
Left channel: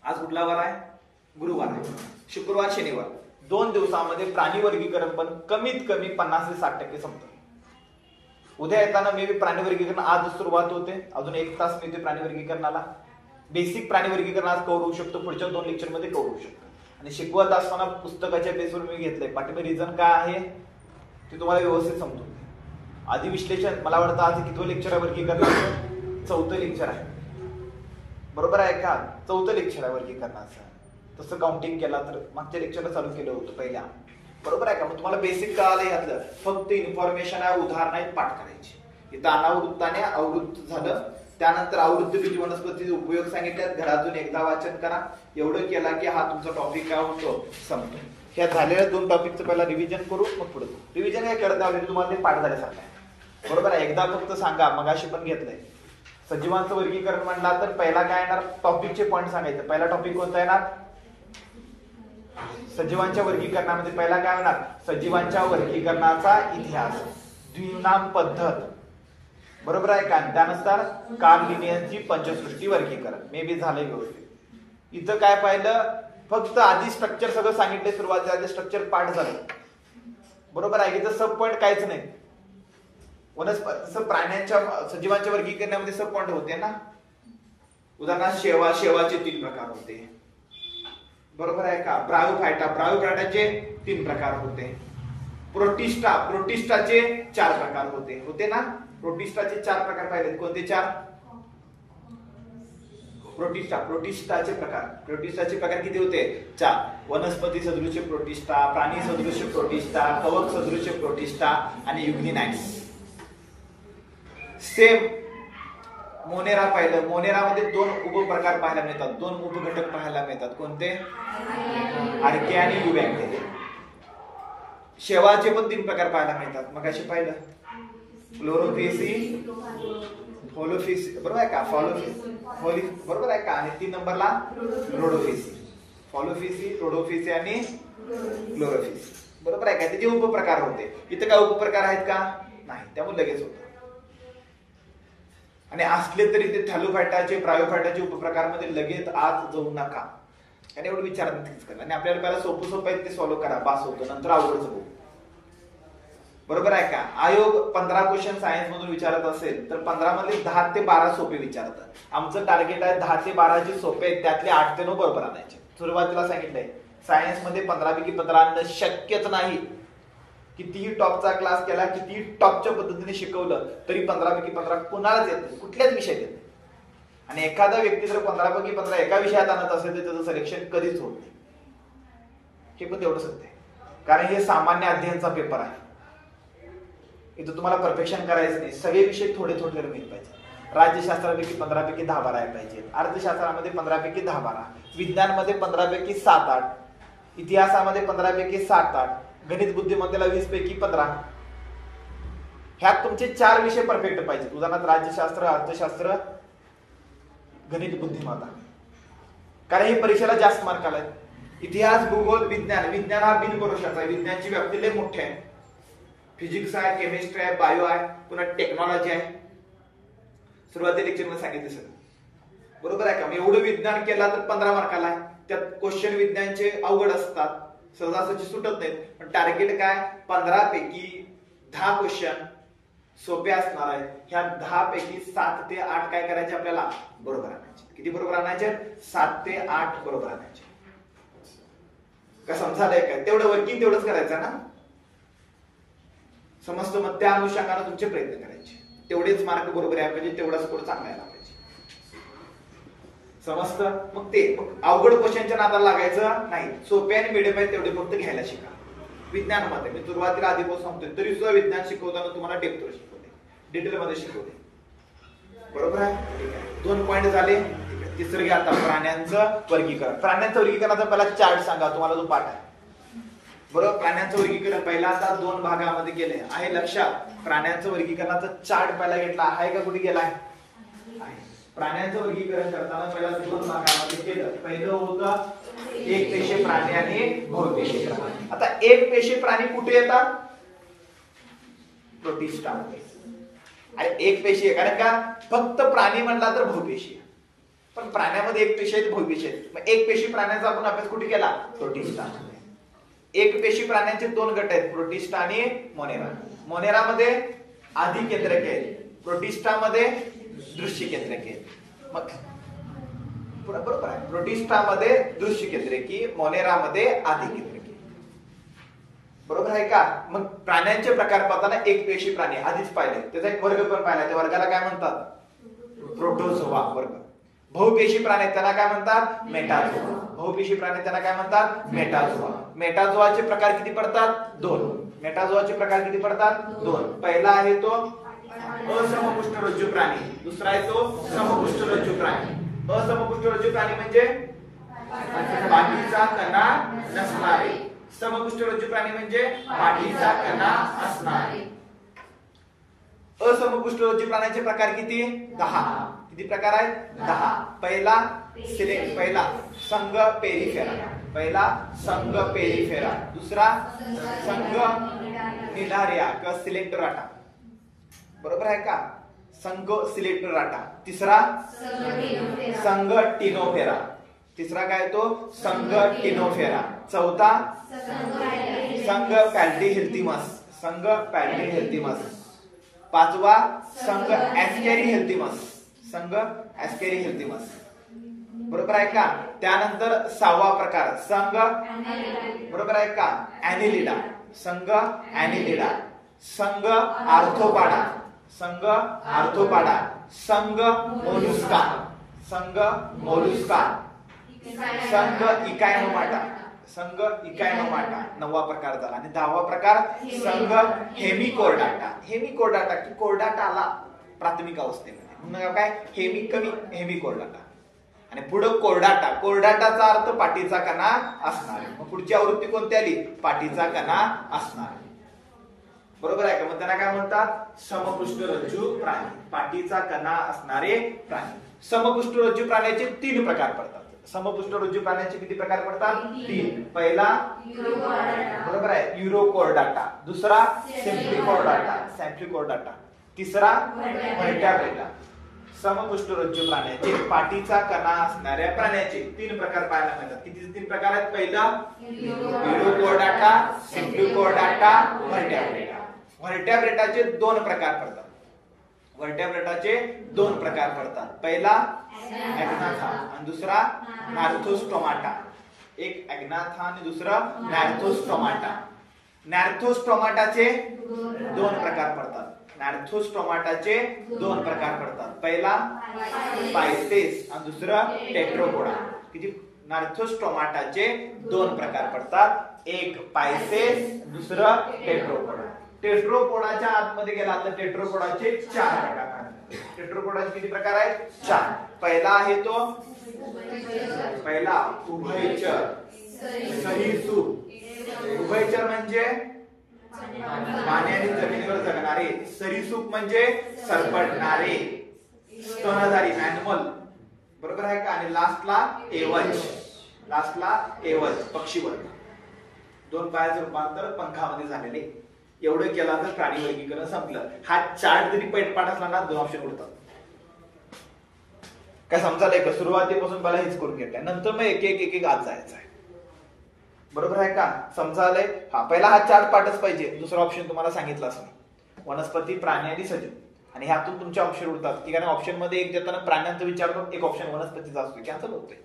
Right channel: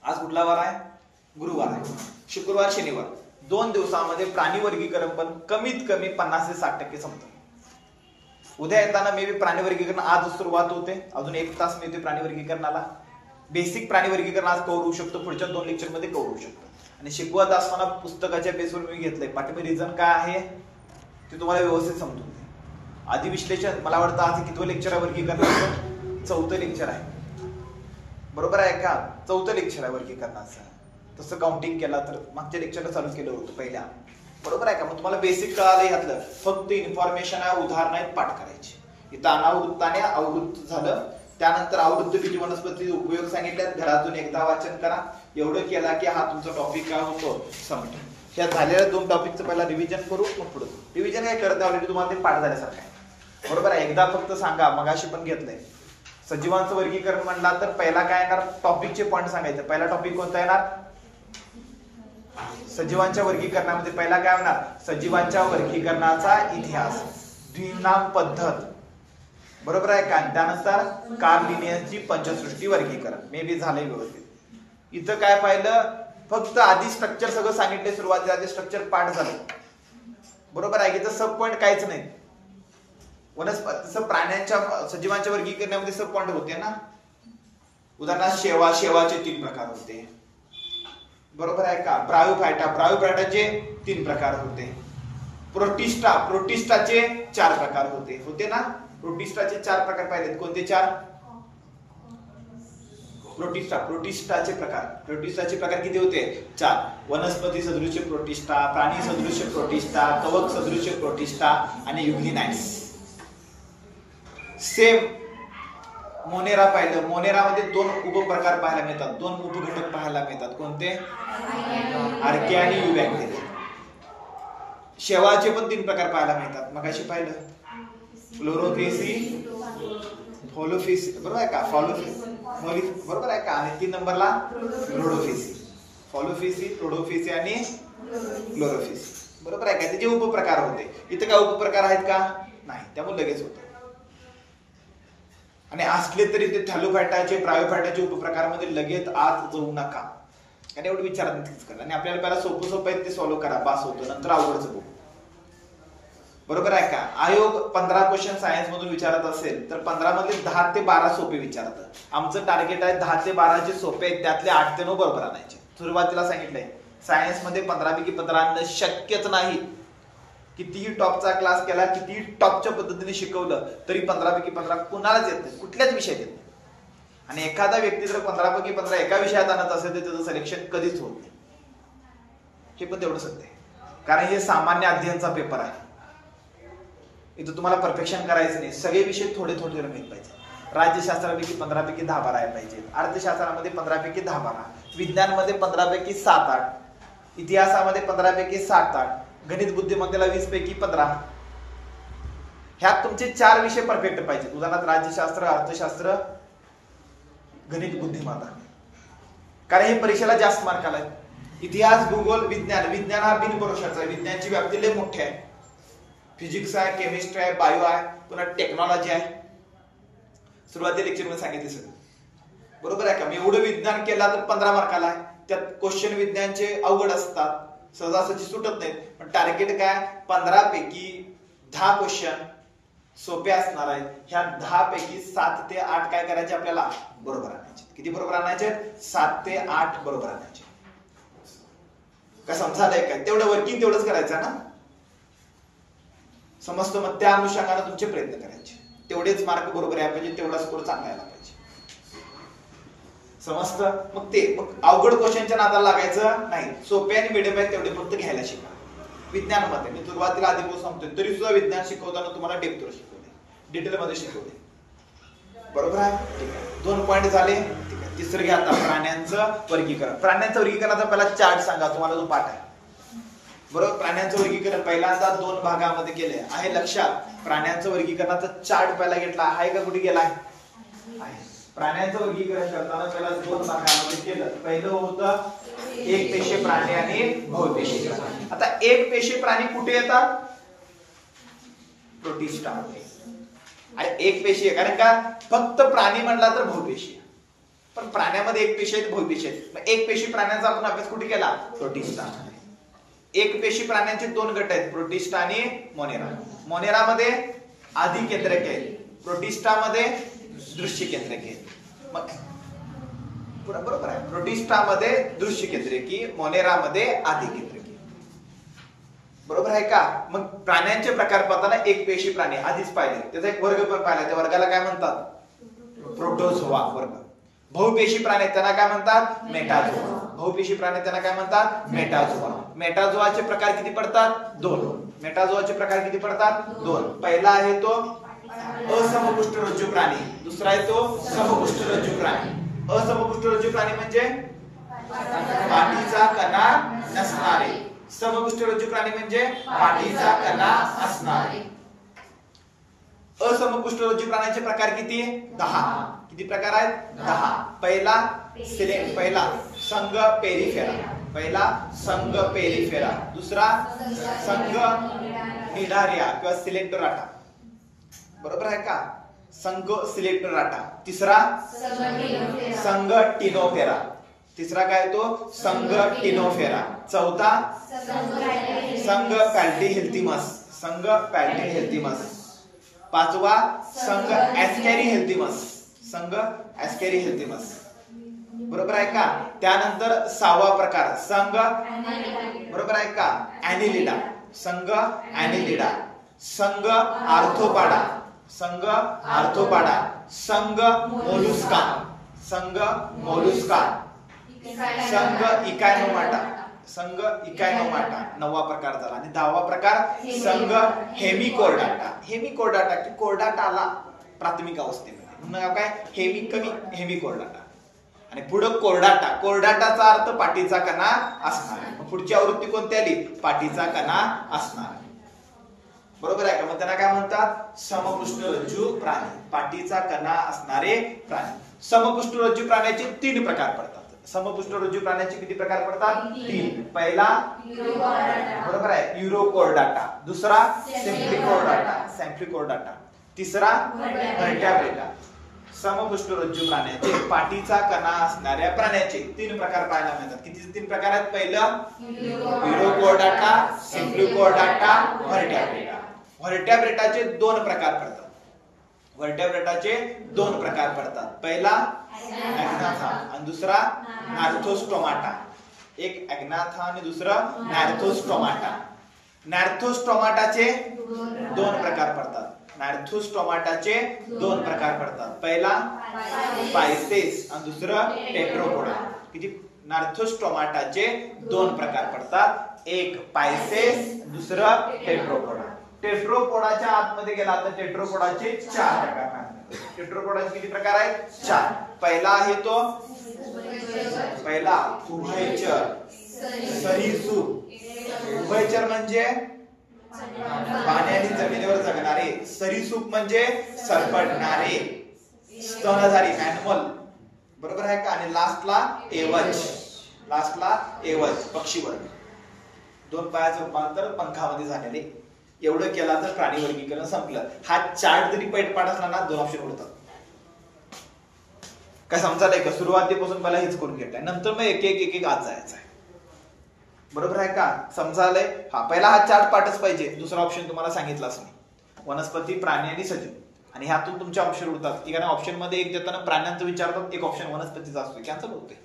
आज कुठला वार आहे, गुरुवार आहे, शुक्रवार, शनिवार, 2 दिवसामध्ये प्राणी वर्गीकरण पण कमीत कमी 50 ते 60% संपतं. उद्या येताना मे बी प्राणी वर्गीकरण आज सुरुवात होते, अजून 1 तास मिळते प्राणी वर्गीकरणाला. बेसिक प्राणी वर्गीकरण आज कव्हर होऊ शकतो, पुढच्या 2 लेक्चर मध्ये कव्हर होऊ शकतो. आणि शिकवत असताना पुस्तकाच्या बेसवर मी घेतलंय, पाठीमागे रिझन काय आहे ते तुम्हाला व्यवस्थित समजून घ्या. आधी विश्लेषण, मला वाटतं आज कितवं लेक्चर आहे वर्गीकरणाचं, 4थं लेक्चर आहे, बरोबर आहे का. 4थं लेक्चर आहे वर्गीकरणाचं. तसं काउंटिंग केला तर मागच्या लेक्चरला चालू केलं होतं पहिल्या, बरोबर आहे का. मग तुम्हाला बेसिक कळालं यातलं, फक्त इन्फॉर्मेशन आहे, उदाहरण आहेत, पाठ करायची. इथं अनावृत्ताने आवृत्त झालं. त्यानंतर आवृत्त बीज वनस्पतीचे उपयोग सांगितल्यात, घरातून एकदा वाचन करा. एवढं केला की हा तुमचा टॉपिक काय होतो, संपतो. ह्या झालेल्या 2 टॉपिकचं पहिला रिव्हिजन करू, मग पुढे. रिव्हिजन काय करत ऑलरेडी तुम्हाला ते पाठ झाल्यासारखं आहे, बरोबर आहे. एकदा फक्त सांगा, मगाशी पण घेतलंय. सजीवांचं वर्गीकरण म्हणला तर पहिला काय येणार, टॉपिकचे पॉईंट सांगायचे. पहिला टॉपिक कोणता येणार, सजीवांच्या वर्गीकरणामध्ये पहिला काय होणार, सजीवांच्या वर्गीकरणाचा इतिहास, द्विनाम पद्धत, बरोबर आहे का. त्यानंतर कार्ल लिनियसची पंचसृष्टी वर्गीकरण, मे बी झालंय व्यवस्थित. इथं काय पाहिलं, फक्त आधी स्ट्रक्चर सगळं सांगितले, सुरुवातीला आधी स्ट्रक्चर पाठ झालं, बरोबर आहे. इथं सब पॉईंट काहीच नाही. वनस्पती प्राण्यांच्या सजीवांच्या वर्गीकरणामध्ये सब पॉइंट होते ना. उदाहरणार्थ शेवाचे 3 प्रकार होते, बरोबर आहे का. ब्रायोफायटाचे 3 प्रकार होते. प्रोटिस्टाचे 4 प्रकार होते ना. प्रोटिस्टाचे 4 प्रकार पाहिलेत. कोणते 4? प्रोटिस्टाचे प्रकार किती होते? 4. वनस्पती सदृश प्रोटिस्टा, प्राणी सदृश प्रोटिस्टा, कवक सदृश प्रोटिस्टा आणि युग्निनाइट्स. सेम मोनेरा पाहिलं. मोनेरामध्ये 2 उपप्रकार पाहायला मिळतात, 2 उपघटक पाहायला मिळतात. कोणते? आर्के आणि युबॅक्टेरिया. शेवाचे पण 3 प्रकार पाहायला मिळतात. मग अशी पाहिलं फ्लोरोफेसी, फॉलोफेसी, बरोबर आहे का. बरोबर आहे का. आणि 3 नंबरला रोडोफेसी. फॉलोफेसी, रोडोफेसी आणि फ्लोरोफेसी, बरोबर आहे का. त्याचे उपप्रकार होते. इथे काय उपप्रकार आहेत का? नाही, त्यामुळे लगेच होते. आणि असले तरी ते थॅलोफायटाचे, ब्रायोफायटाचे उपप्रकारमध्ये लगेच आत जाऊ नका, आणि एवढं विचारात नक्कीच करा. आणि आपल्याला पहिला सोपं आहेत ते सॉल्व्ह करा, पास होतो. नंतर अवघडच बघू, बरोबर आहे का. आयोग 15 क्वेश्चन सायन्स मधून विचारत असेल तर 15 मधले 10 ते 12 सोपे विचारतात. आमचं टार्गेट आहे 10 ते 12 जे सोपे आहेत त्यातले 8 ते 9 बरोबर आणायचे. सुरुवातीला सांगितलंय सायन्स मध्ये 15 पैकी 15 आणणं शक्यच नाही. कितीही टॉपचा क्लास केला, कितीही टॉपच्या पद्धतीने शिकवलं तरी 15 पैकी 15 कुणालाच येत नाही, कुठल्याच विषयात येत नाही. आणि एखादा व्यक्ती जर 15 पैकी 15 एका विषयात आणत असेल तर त्याचं सिलेक्शन कधीच होत नाही. हे पण तेवढं सत्य आहे, कारण हे सामान्य अध्ययनचा पेपर आहे. इथं तुम्हाला परफेक्शन करायचं नाही. सगळे विषय थोडे थोडे माहित पाहिजे. राज्यशास्त्रापैकी 15 पैकी 10-12 आहे पाहिजे. अर्थशास्त्रामध्ये 15 पैकी 10-12, विज्ञानमध्ये 15 पैकी 7-8, इतिहासामध्ये 15 पैकी 7-8, गणित बुद्धिमत्तेला 20 पैकी 15. ह्यात तुमचे 4 विषय परफेक्ट पाहिजेत. उदाहरणार्थ राज्यशास्त्र, अर्थशास्त्र, गणित बुद्धिमत्ता, कारण हे परीक्षेला जास्त मार्क आलाय. इतिहास, भूगोल, विज्ञान हा बिनभरोशाचा आहे. विज्ञानची व्याप्ती लय मोठी आहे. फिजिक्स आहे, केमिस्ट्री आहे, बायो आहे, पुन्हा टेक्नॉलॉजी आहे. सुरुवाती लेक्चर मध्ये सांगितले सगळं, बरोबर आहे का. मी एवढं विज्ञान केला तर 15 मार्काला आहे. त्यात क्वेश्चन विज्ञानचे अवघड असतात, सहजासहजी सुटत नाहीत. पण टार्गेट काय? 15 पैकी 10 क्वेश्चन सोपे असणार आहेत. ह्या 10 पैकी 7 ते 8 काय करायचे आपल्याला? बरोबर आणायचे. किती बरोबर आणायचे? 7 ते 8 बरोबर आणायचे. काय समजायला काय? तेवढं वर्किंग तेवढंच करायचं ना, समजतं. मग त्या अनुषंगाने तुमचे प्रयत्न करायचे. तेवढेच मार्क बरोबर आहे पाहिजे, तेवढा स्कोर चांगला यायला पाहिजे, समजतं. मग अवघड क्वेश्चनच्या नादाला लागायचं नाही. सोपे आणि मिडियम आहे तेवढे फक्त घ्यायला शिका. विज्ञानामध्ये मी सुरुवातीला आधीपासून सांगतोय, तरी सुद्धा विज्ञान शिकवताना तुम्हाला डेप्थवर शिकवले, डिटेल मध्ये शिकवले, बरोबर आहे. ठीक आहे, 2 पॉइंट झाले. ठीक आहे, तिसरं घ्या आता प्राण्यांचं वर्गीकरण. प्राण्यांचं वर्गीकरणाचा पहिला चार्ट सांगा तुम्हाला, जो पाठ आहे, बरोबर. प्राण्यांचं वर्गीकरण पहिल्यांदा 2 भागामध्ये केलंय, आहे लक्षात. प्राण्यांचं वर्गीकरणाचा चार्ट पहिला घेतला आहे का, कुठे गेलाय? प्राण्यांचं वर्गीकरण करताना पहिला 2 भागामध्ये केलं. पहिलं होतं एकपेशीय प्राणी आणि बहुपेशीय प्राणी. आता एकपेशीय प्राणी कुठे येतात? प्रोटिस्टा. आणि एकपेशीय कारण का? फक्त प्राणी म्हणला तर बहुपेशीय, पण प्राण्यामध्ये एकपेशीय आहेत, बहुपेशीय आहेत. मग एकपेशीय प्राण्यांचा आपण अभ्यास कुठे केला? प्रोटिस्टा. एकपेशी प्राण्यांचे 2 गट आहेत, प्रोटिस्टा आणि मोनेरा. मोनेरामध्ये अधिकेंद्रक आहेत, प्रोटिस्टामध्ये दृश्य केंद्रकी आहेत. मग बरोबर आहे, प्रोटिस्टामध्ये दृश्य केंद्रकी, मोनेरामध्ये अधिकेंद्रकी, बरोबर आहे का. मग प्राण्यांचे प्रकार पाहताना एकपेशी प्राणी आधीच पाहिले, त्याचा एक वर्ग पण पाहिला. त्या वर्गाला काय म्हणतात? प्रोटोझोआ वर्ग. बहुपेशी प्राणी त्यांना काय म्हणतात? मेटाझोआ. बहुपेशी प्राणी त्यांना काय म्हणतात? मेटाझोआ. मेटाझोआचे प्रकार किती पडतात? 2. मेटाझोआचे प्रकार किती पडतात? 2. पहिला आहे तो असमपुष्ठरज्जू प्राणी, दुसरा आहे तो समपुष्ठरज्जू प्राणी. असमपुष्ठरज्जू प्राणी म्हणजे पाठीचा कणा नसणारे, समपुष्ठरज्जू प्राणी म्हणजे पाठीचा कणा असणारे. असमपुष्ठरज्जू प्राण्याचे प्रकार किती? 10. किती प्रकार आहेत? 10. पहिला संघ पेरिफेरा, दुसरा संघ निडारिया किंवा सिलेक्टराटा, बरोबर आहे का. संघ सिलेक्टराटा. तिसरा संघ टिनोफेरा. तिसरा काय तो? संघ टिनोफेरा. चौथा संघ पॅल्टीहेल्थिमस. पाचवा संघ ऍस्कॅरी हेल्थिमस, संघ ऍस्कॅरी हेल्थिमस, बरोबर आहे का. त्यानंतर सहावा प्रकार संघ, बरोबर आहे का, ऍनिलिडा, संघ ऍनिलिडा, संघ आर्थोपाडा, संघ आर्थोपाडा, संघ मोलुस्का, संघ मोलुस्का, संघ इकायनोमाटा, संघ इकायनोमाटा, नववा प्रकार झाला. आणि दहावा प्रकार संघ हेमिकोर्डाटा. हेमिकोर्डाटा की कोर्डाटाला प्राथमिक अवस्थेमध्ये काय हेमिकोर्डाटा. आणि पुढे कोर्डाटा, कोर्डाटाचा अर्थ पाठीचा कणा असणार. मग पुढची आवृत्ती कोणती आली, पाठीचा कणा असणार, बरोबर आहे का. मग त्यांना काय म्हणतात, समपृष्ठरज्जू प्राणी, पाठीचा कणा असणारे प्राणी. समपृष्ठरज्जू प्राण्याचे 3 प्रकार पडतात. समपृष्ठरज्जू प्राण्याचे किती प्रकार पडतात, 3. पहिला बरोबर आहे युरोकोर्डाटा, दुसरा सेम्प्लिकोर्डाटा, तिसरा व्हर्टेब्रेटा. समपृष्ठरज्जू प्राण्याचे पाठीचा कणा असणाऱ्या प्राण्याचे 3 प्रकार पाहायला मिळतात. किती 3 प्रकार आहेत, पहिला युरोकोर्डाटा, सेम्प्लिकोर्डाटा, व्हर्टेब्रेटा. व्हर्टेब्रेटाचे 2 प्रकार पडतात. व्हर्टेब्रेटाचे 2 प्रकार पडतात. पहिला ऍग्नाथा आणि दुसरा नॅर्थोस्टोमाटा. एक ऍग्नाथा आणि दुसरं नॅर्थोस्टोमाटा. नॅर्थोस्टोमाटाचे 2 प्रकार पडतात. नॅर्थोस्टोमाटाचे 2 प्रकार पडतात. पहिला पायसेस आणि दुसरं टेट्रोपोडा. किती नॅर्थोस्टोमाटाचे 2 प्रकार पडतात. एक पायसेस, दुसरं टेट्रोपोडा. टेट्रोपोडाच्या आतमध्ये गेला तर टेट्रोपोडाचे 4 प्रकार आहेत. टेट्रोपोडाचे किती प्रकार आहेत, 4. पहिला आहे तो उभयचर, सरीसृप. उभयचर म्हणजे पाणी आणि जमिनीवर जगणारे, सरीसृप म्हणजे सरपटणारे, स्तनधारी ॲनिमल, बरोबर आहे का. आणि लास्टला एवज पक्षीवर्ग. 2 पायाचं रूपांतर पंखामध्ये झालेले. एवढं केला तर प्राणी वर्गीकरण संपलं. हा चार्ट जरी पैठपाठ असला ना 2 ऑप्शन उरतात. काय समजायला का, सुरुवातीपासून मला हेच करून घेतलंय, नंतर मग एक आज जायचं आहे, बरोबर आहे का. समजायलंय. हा पहिला हा चार्ट पाठच पाहिजे, दुसरा ऑप्शन तुम्हाला सांगितलाच नाही. वनस्पती, प्राणी आणि सजीव. आणि ह्यातून तुमचे ऑप्शन उरतात की, कारण ऑप्शन मध्ये एक देताना प्राण्यांचं विचारतात, एक ऑप्शन वनस्पतीचा असतो, कॅन्सल होतोय.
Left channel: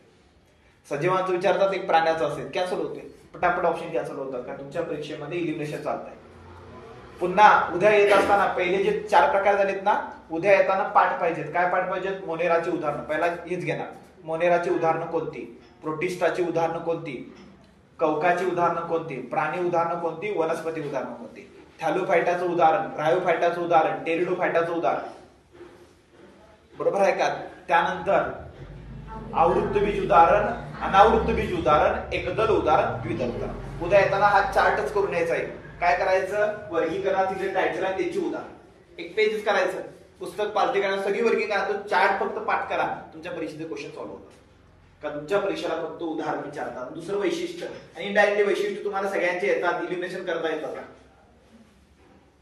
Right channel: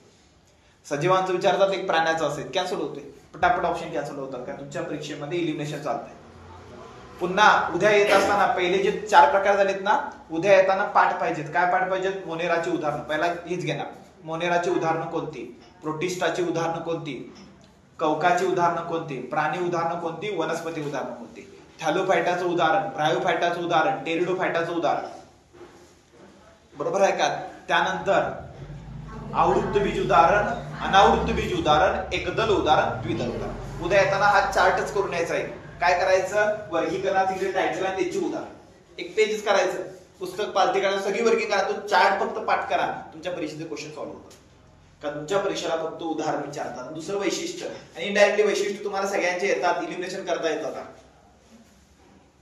सजीवांचं विचारतात, एक प्राण्याचं असेल, कॅन्सल होतोय. पटापट ऑप्शन कॅन्सल होतात, कारण तुमच्या परीक्षेमध्ये इलिमिनेशन चालतंय. पुन्हा उद्या येत असताना पहिले जे 4 प्रकार झालेत ना, उद्या येताना पाठ पाहिजेत. काय पाठ पाहिजेत, मोनेराची उदाहरणं. पहिला हेच घेणार, मोनेराची उदाहरणं कोणती, प्रोटिस्टाची उदाहरणं कोणती, कवकाची उदाहरणं कोणती, प्राणी उदाहरणं कोणती, वनस्पती उदाहरणं कोणती, थॅलोफायटाचं उदाहरण, ब्रायोफायटाचं उदाहरण, टेरिडोफायटाचं उदाहरण, बरोबर आहे का. त्यानंतर आवृत्त बीज उदाहरण, अनावृत्त बीज उदाहरण, एकदल उदाहरण, द्विदल उदाहरण. उद्या येताना हा चार्टच करून यायचा आहे. काय करायचं, वर्गीकरणाचे टायटल आहे त्याची उदाहरण, एक पेजच करायचं. पुस्तक पालती करा, सगळी वर्गीकरण, तो चार्ट फक्त पाठ करा, तुमच्या परीक्षेचे क्वेश्चन सॉल्व्ह होतात. कारण तुमच्या परीक्षेला फक्त उदाहरण विचारतात. दुसरं वैशिष्ट्य आणि इनडायरेक्टली वैशिष्ट्य तुम्हाला सगळ्यांचे येतात, इलिमिनेशन करता येतात.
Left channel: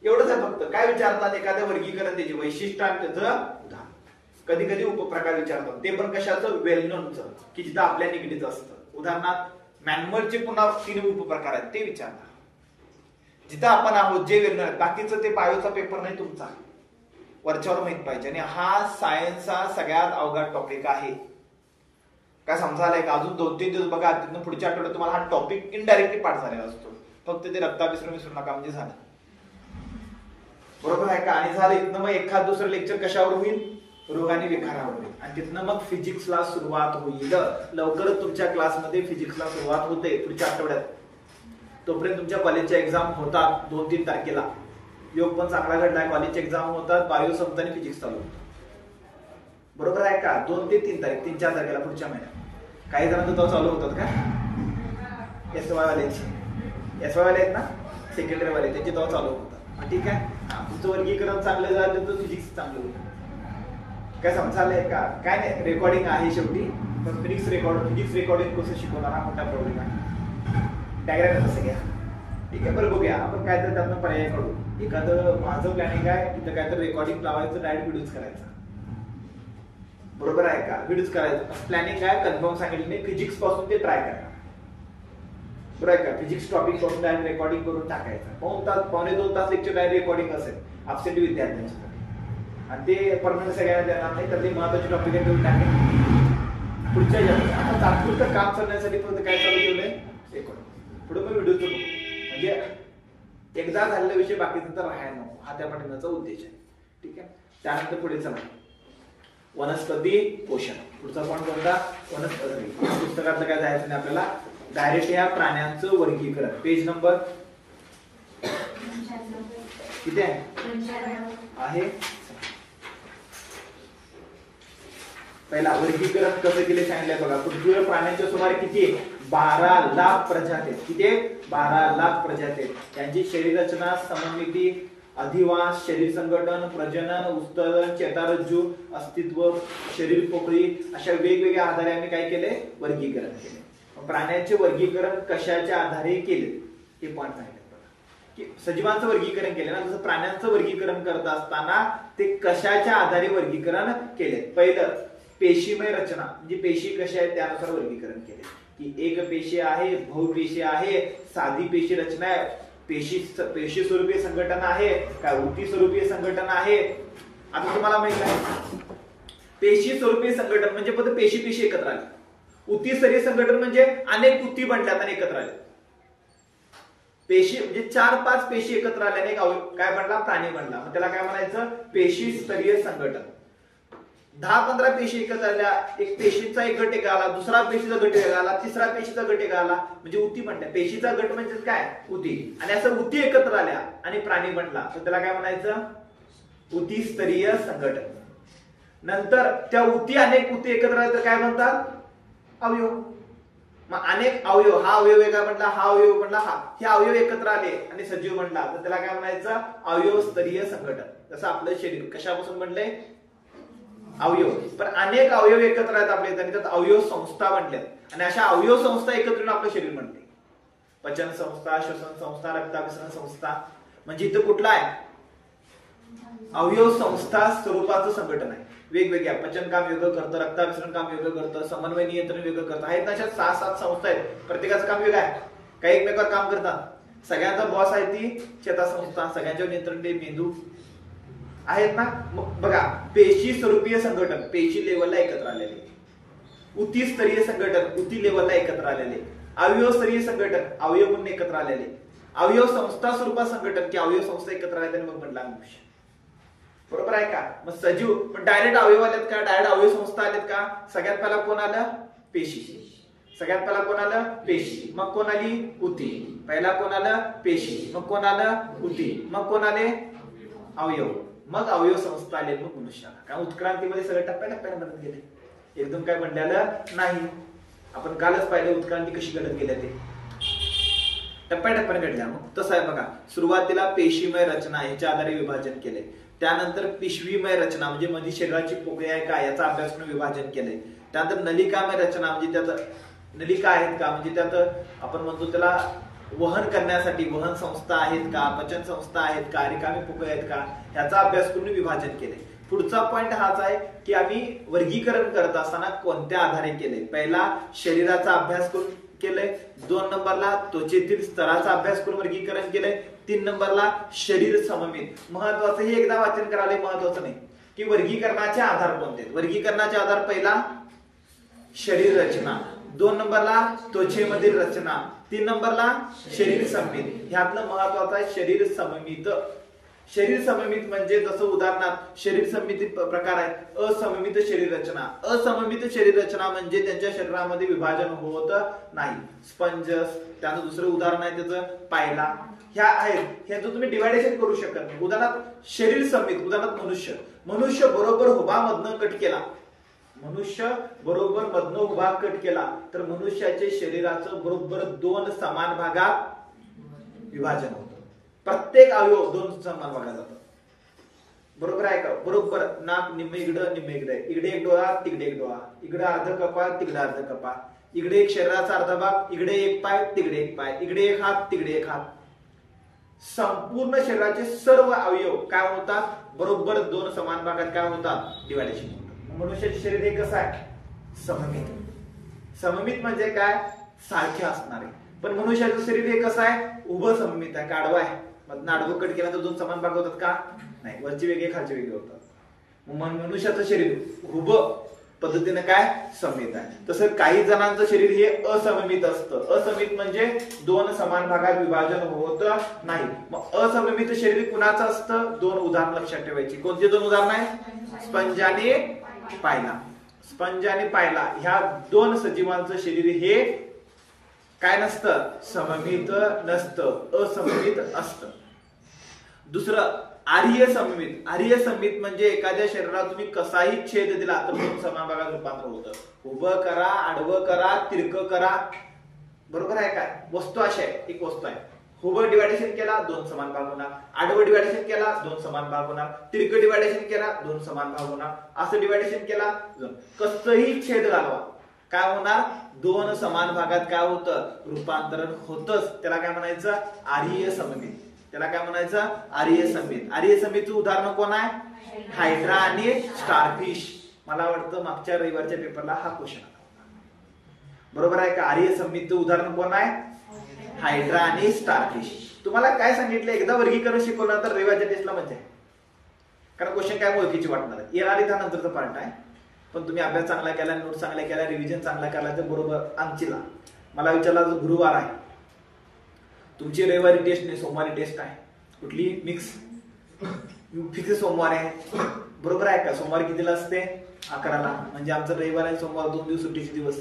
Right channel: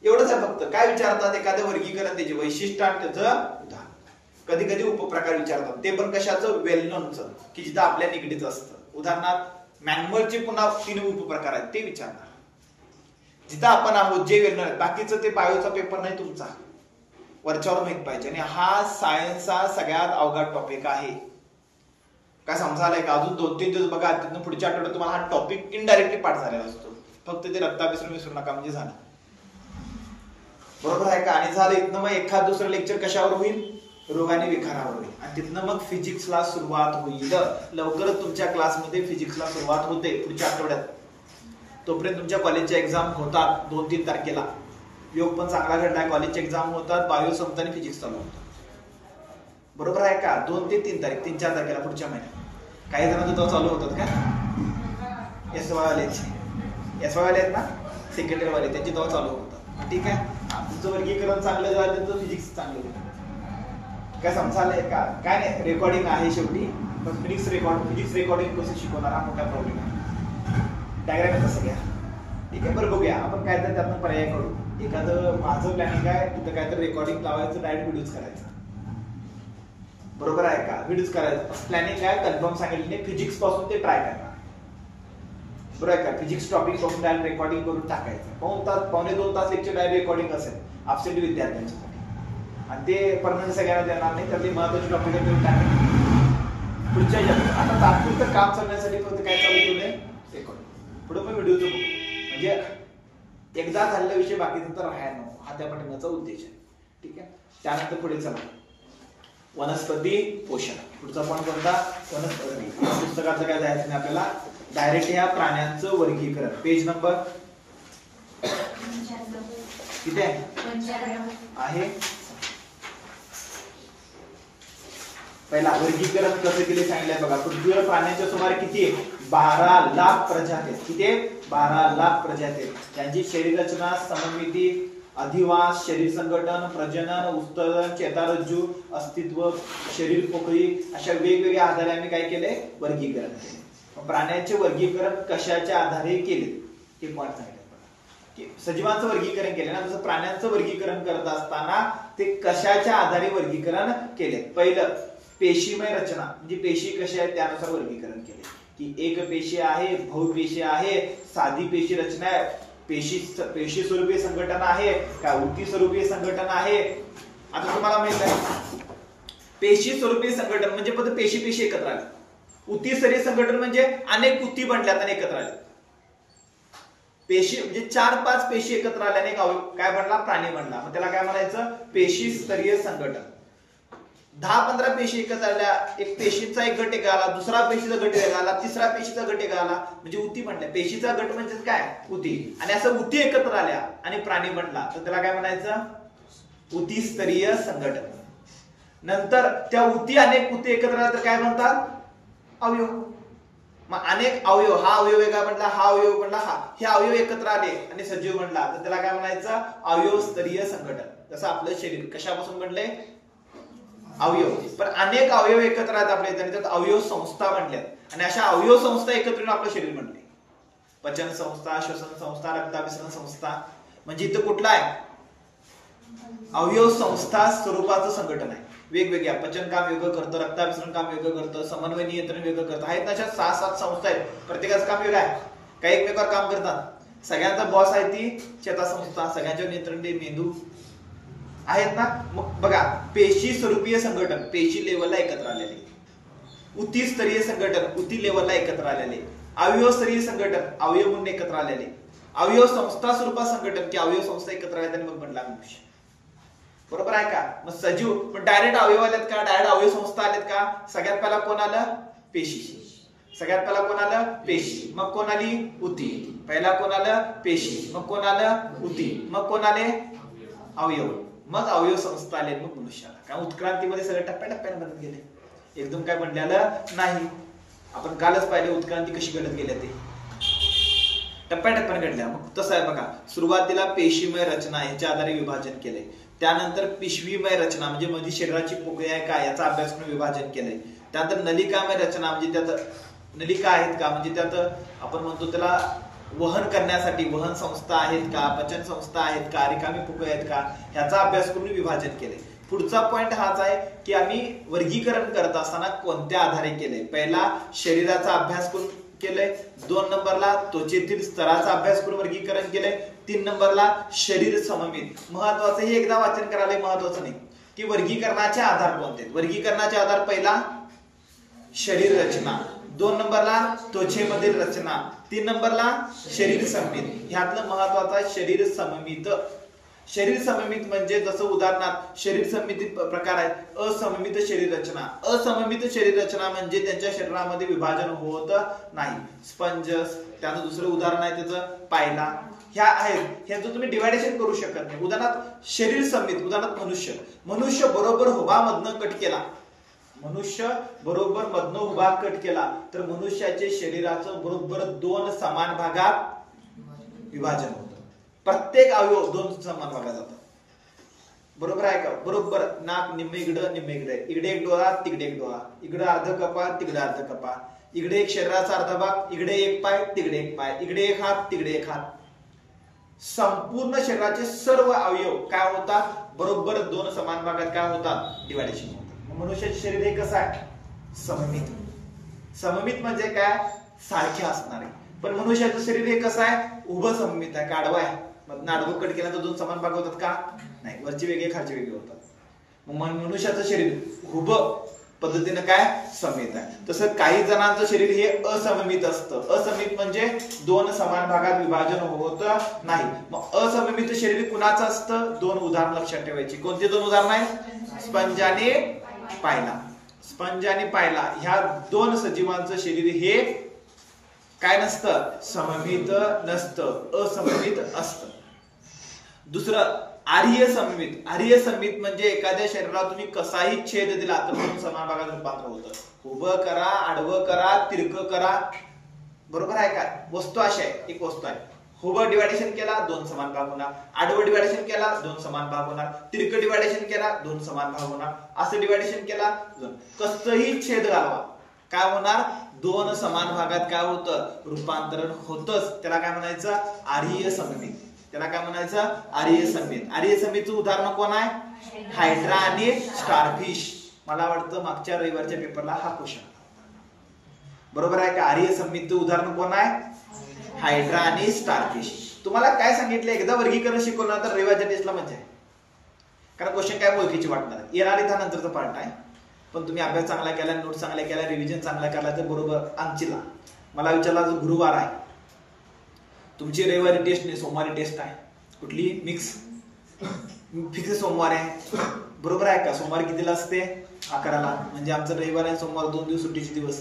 एवढंच आहे फक्त. काय विचारतात, एखाद्या वर्गीकरण त्याचे वैशिष्ट्य आणि त्याचं उदाहरण. कधी कधी उपप्रकार विचारतात, ते पण कशाचं, वेल नोनचं, की जिथं आपल्या निगडीत असतं. उदाहरणार्थ मॅन्युअलचे पुन्हा 3 उपप्रकार आहेत, ते विचारतात. जिथं आपण आहोत जे वेल नोन आहेत, बाकीचं ते बायोचा पेपर नाही तुमचा, वरच्यावर माहित पाहिजे. आणि हा सायन्सचा सगळ्यात अवघड टॉपिक आहे. काय समजायलाय का, अजून 2-3 दिवस बघा, तिथून पुढच्या आठवड्यात तुम्हाला हा टॉपिक इनडायरेक्टली पाठ झालेला असतो. फक्त ते रक्ताभिसरण विसरू नका म्हणजे झालं, बरोबर आहे का. आणि झालं इथनं मग एखाद दुसरं लेक्चर कशावर होईल, रोग आणि विखारावर होईल. आणि तिथनं मग फिजिक्सला सुरुवात होईल. लवकरच तुमच्या क्लासमध्ये फिजिक्सला सुरुवात होते पुढच्या आठवड्यात. तोपर्यंत तुमच्या कॉलेजच्या एक्झाम होतात 2-3 तारखेला. योग पण चांगला घडलाय, कॉलेजच्या एक्झाम होतात, बायो संपतं आणि फिजिक्स चालू होतं, बरोबर आहे का. 2 ते 3 तारीख, 3-4 तारखेला पुढच्या महिन्यात. काही जणांचं तो चालू होतात का, SY वाले आहेत ना, सेकंडरी वाले, त्यांचे तेव्हा चालू होतात. ठीक आहे. तुमचं वर्गीकरण चांगलं झालं तर फिजिक्स चांगलं होतं. काय समजायलंय का, काय नाही, रेकॉर्डिंग आहे शेवटी. पण फिजिक्स रेकॉर्डिंग कसं शिकवणार हा मोठा प्रॉब्लेम आहे. डायग्राम कसं घ्या, ठीक आहे. बरं बघूया आपण काय तर त्यातनं पर्याय काढू. एखादं माझं प्लॅनिंग आहे, तिथं काय तर रेकॉर्डिंग लावायचं, डायरेक्ट व्हिडिओज करायचा, बरोबर आहे का. व्हिडिओज करायचं प्लॅनिंग आहे, कन्फर्म सांगितलं नाही. फिजिक्स पासून ते ट्राय करा, बरोबर आहे का. फिजिक्स टॉपिक पासून डायरेक्ट रेकॉर्डिंग करून टाकायचं. 1 तास 1.5-2 तास लेक्चर डायरेक्ट रेकॉर्डिंग असेल. अपसेंट विद्यार्थ्यांच्यासाठी, आणि ते परमनंट सगळ्यांना देणार नाही. त्यातले महत्वाचे टॉपिक आहे तेवढे टाका पुढच्या आता तात्पुरतं काम चालण्यासाठी फक्त काय चालू ठेवलंय रेकॉर्ड. पुढे मी व्हिडिओचं बघू, म्हणजे एकदा झालेला विषय बाकीचा तर राहायला नको, हा त्या पाठिंबाचा उद्देश आहे. ठीक आहे. त्यानंतर पुढे चला वनस्पती पोषण. पुढचा पॉईंट कोणता? वनस्पती. पुस्तकातलं काय जायचं नाही आपल्याला, डायरेक्ट ह्या प्राण्यांचं वर्गीकरण. पेज नंबर किती आहे? पहिला वर्गीकरण कसं केले सांगितलंय बघा. पृथ्वीवर प्राण्यांच्या सुमारे किती? 12 लाख प्रजाती. किती? 12 लाख प्रजाती. त्यांची शरीर रचना, सममिती, अधिवास, शरीर संघटन, प्रजनन, उत्सर्जन, चेतारज्जू, अस्तित्व, शरीर पोकळी अशा वेगवेगळ्या आधारे आम्ही काय केले? वर्गीकरण केले. प्राण्यांचे वर्गीकरण कशाच्या आधारे केले हे पॉईंट सांगितलं की सजीवांचं वर्गीकरण केलं ना, जसं प्राण्यांचं वर्गीकरण करत असताना ते कशाच्या आधारे वर्गीकरण केले. पहिलं पेशीमय रचना, म्हणजे पेशी कशा आहेत त्यानुसार वर्गीकरण केले की एक पेशी आहे, बहुपेशी आहे, साधी पेशी रचना आहे, पेशी स्वरूपीय संघटना आहे का उती स्वरूपीय संघटना आहे. आता तुम्हाला माहित आहे पेशी स्वरूपीय संघटन म्हणजे फक्त पेशी एकत्र आले. उती स्तरीय संघटन म्हणजे अनेक उती बनल्यात आणि एकत्र आले. पेशी म्हणजे 4-5 पेशी एकत्र आल्याने काय बनला? प्राणी बनला. मग त्याला काय म्हणायचं? पेशी स्तरीय संघटन. 10-15 पेशी एकत्र आल्या, एक पेशीचा एक गट एक आला, दुसरा पेशीचा गट एक आला, तिसरा पेशीचा गट एक आला, म्हणजे उती बनल्या. पेशीचा गट म्हणजे काय? उती. आणि असं उती एकत्र आल्या आणि प्राणी बनला तर त्याला काय म्हणायचं? उती स्तरीय संघटन. नंतर त्या उती अनेक उती एकत्र आल्या तर काय म्हणतात? अवयव. मग अनेक अवयव, हा अवयव काय म्हटला, हा अवयव म्हटला, हा हे अवयव एकत्र आले आणि सजीव बनला तर त्याला काय म्हणायचं? अवयव स्तरीय संघटन. जसं आपलं शरीर कशापासून बनलंय? अवयव. पण अनेक अवयव एकत्र आहेत आपल्या इथे, त्यात अवयव संस्था बनल्यात आणि अशा अवयव संस्था एकत्र येऊन आपलं शरीर बनले. पचन संस्था, श्वसन संस्था, रक्ताभिसरण संस्था. म्हणजे इथं कुठला आहे? अवयव संस्था स्वरूपाचं संघटन आहे. वेगवेगळ्या पचन काम वेगळं करतं, रक्ताभिसरण काम वेगळं करतं, समन्वय नियंत्रण वेगळं करतं. आहेत ना 6-7 संस्था आहेत, प्रत्येकाचं काम वेगळं आहे. काही एकमेकावर काम करतात. सगळ्यांचा बॉस आहे ती चेतासंस्था, सगळ्यांच्यावर नियंत्रण ते मेंदू आहेत ना. मग बघा पेशी स्वरूपीय संघटन पेशी लेवलला एकत्र आलेले, उती स्तरीय संघटन उती लेवलला एकत्र आलेले, अवयव स्तरीय संघटन अवयव म्हणून एकत्र आलेले, अवयव संस्था स्वरूपात संघटन की अवयव संस्था एकत्र आले आणि मग बनला मनुष्य. बरोबर आहे का? मग सजीव पण डायरेक्ट अवयव आलेत का? डायरेक्ट अवयव संस्था आलेत का? सगळ्यात पहिला कोण आलं? पेशी. सगळ्यात पहिला कोण आलं? पेशी. मग कोण आली? उती. पहिला कोण आलं? पेशी. मग कोण आलं? उती. मग कोण आले? अवयव. मग अवयव संस्था आले, मग मनुष्य. कारण उत्क्रांतीमध्ये सगळे टप्प्याटप्प्याने बनत गेले, एकदम काय बनलेलं नाही. आपण कालच पाहिले उत्क्रांती कशी घडत गेल्या, ते टप्प्याटप्प्याने घडल्या. मग तसं आहे बघा, सुरुवातीला पेशीमय रचना याच्या आधारे विभाजन केले. त्यानंतर पिशवीमय रचना म्हणजे मध्ये शरीराची पोकळी आहे का याचा अभ्यास करून विभाजन केले. त्यानंतर नलिकामय रचना म्हणजे त्यात नलिका आहेत का, म्हणजे त्यात आपण म्हणतो त्याला वहन करण्यासाठी वहन संस्था आहेत का, पचन संस्था आहेत का, रिकामी पोकळी आहेत का, याचा अभ्यास करून विभाजन केले. पुढचा पॉइंट हाच आहे की आम्ही वर्गीकरण करत असताना कोणत्या आधारे केले. पहिला शरीराचा अभ्यास करून केलंय, 2 नंबरला त्वचेतील स्तराचा अभ्यास करून वर्गीकरण केलंय, 3 नंबरला शरीर सममित. महत्वाचं हे एकदा वाचन करायला महत्वाचं नाही की वर्गीकरणाचे आधार कोणते. वर्गीकरणाचे आधार पहिला शरीर रचना, 2 नंबरला त्वचेमधील रचना, 3 नंबरला शरीर सममित. ह्यातलं महत्वाचं आहे शरीर सममित. शरीर सममित म्हणजे जसं उदाहरणार्थ शरीर सममित प्रकार आहे असममित शरीर रचना. असममित शरीर रचना म्हणजे त्यांच्या शरीरामध्ये विभाजन होत नाही. स्पंज, त्याचं दुसरं उदाहरण आहे त्याचं पायला. ह्या आहेत, ह्याचं तुम्ही डिवायडेशन करू शकत नाही. उदाहरणार्थ शरीर सममित, उदाहरणार्थ मनुष्य बरोबर हुबा मधनं कट केला, मनुष्य बरोबर मधनं उभा कट केला तर मनुष्याचे शरीराचं बरोबर 2 समान भागात विभाजन होतं. प्रत्येक अवयव 2 समान भागात जातो. बरोबर आहे का? बरोबर नाक निम्मे इकडं निम्मे इकडे, इकडे एक डोळा तिकडे एक डोळा, इकडे अर्ध कपाळ तिकडे अर्ध कपाळ, इकडे एक शरीराचा अर्धा भाग, इकडे एक पाय तिकडे एक पाय, इकडे एक हात तिकडे एक हात. संपूर्ण शरीराचे सर्व अवयव काय होतात? बरोबर 2 समान भागात काय होतात? डिवायडेशन होतात. मनुष्याचे शरीर हे कसं आहे? सममित. सममित म्हणजे काय? सारखे असणारे. पण मनुष्याचं शरीर हे कसं आहे? उभं सममित आहे का आडवं आहे? मग आडवं कट केल्यानंतर 2 समान भाग होतात का? नाही, वरची वेगळे खालची वेगळे होतात. मग मनुष्याचं शरीर उभं पद्धतीनं काय सममित आहे. तसं काही जणांचं शरीर हे असममित असतं. असममित म्हणजे दोन समान भागात विभाजन होत नाही. मग असममित शरीर कुणाचं असतं? दोन उदाहरण लक्षात ठेवायची. कोणती दोन उदाहरण आहे? स्पंज आणि पायला. स्पंज आणि पायला ह्या दोन सजीवांचं शरीर हे काय नसतं? सममित नसतं, असममित असतं. दुसरं आर्य सममित. आर्य सममित म्हणजे एखाद्या शरीराला तुम्ही कसाही छेद दिला तर दोन समान भागात रूपांतर होतं. उभं करा, आडवं करा, तिरकं करा, बरोबर आहे का? वस्तू अशी आहे, एक वस्तू आहे, उभं डिवायडेशन केला दोन समान भाग होणार, आडवं डिवायडेशन केला दोन समान भाग होणार, तिरकं डिवायडेशन केला दोन समान भाग होणार, असं डिवायडेशन केला दोन. कसंही छेद घालवा काय होणार? दोन समान भागात काय होतं? रूपांतरण होतच. त्याला काय म्हणायचं? आर्य सममित. त्याला काय म्हणायचं? आर्य सममित. आर्य सममितचं उदाहरण कोण आहे? हायड्रा आणि स्टारफिश. मला वाटतं मागच्या रविवारच्या पेपरला हा क्वेश्चन बरोबर आहे का? आर्य सममितचं उदाहरण कोण आहे? हायड्रा आणि स्टारफिश. तुम्हाला काय सांगितलं? एकदा वर्गीकरण शिकवलं तर रविवारच्या टेस्टला मजा आहे, कारण क्वेश्चन काय ओळखीची वाटणार. येणारी त्यानंतरचा पार्ट आहे. पण तुम्ही अभ्यास चांगला केला, नोट चांगल्या केला, रिव्हिजन चांगला केला तर बरोबर अंचीला. मला विचारला जो गुरुवार आहे तुमची रविवारी टेस्ट नाही, सोमवारी टेस्ट आहे. कुठली? मिक्स फिक्स सोमवार आहे, बरोबर आहे का? सोमवार कितीला असते? 11ला. म्हणजे आमचं रविवार आणि सोमवार 2 दिवस सुट्टीचे दिवस.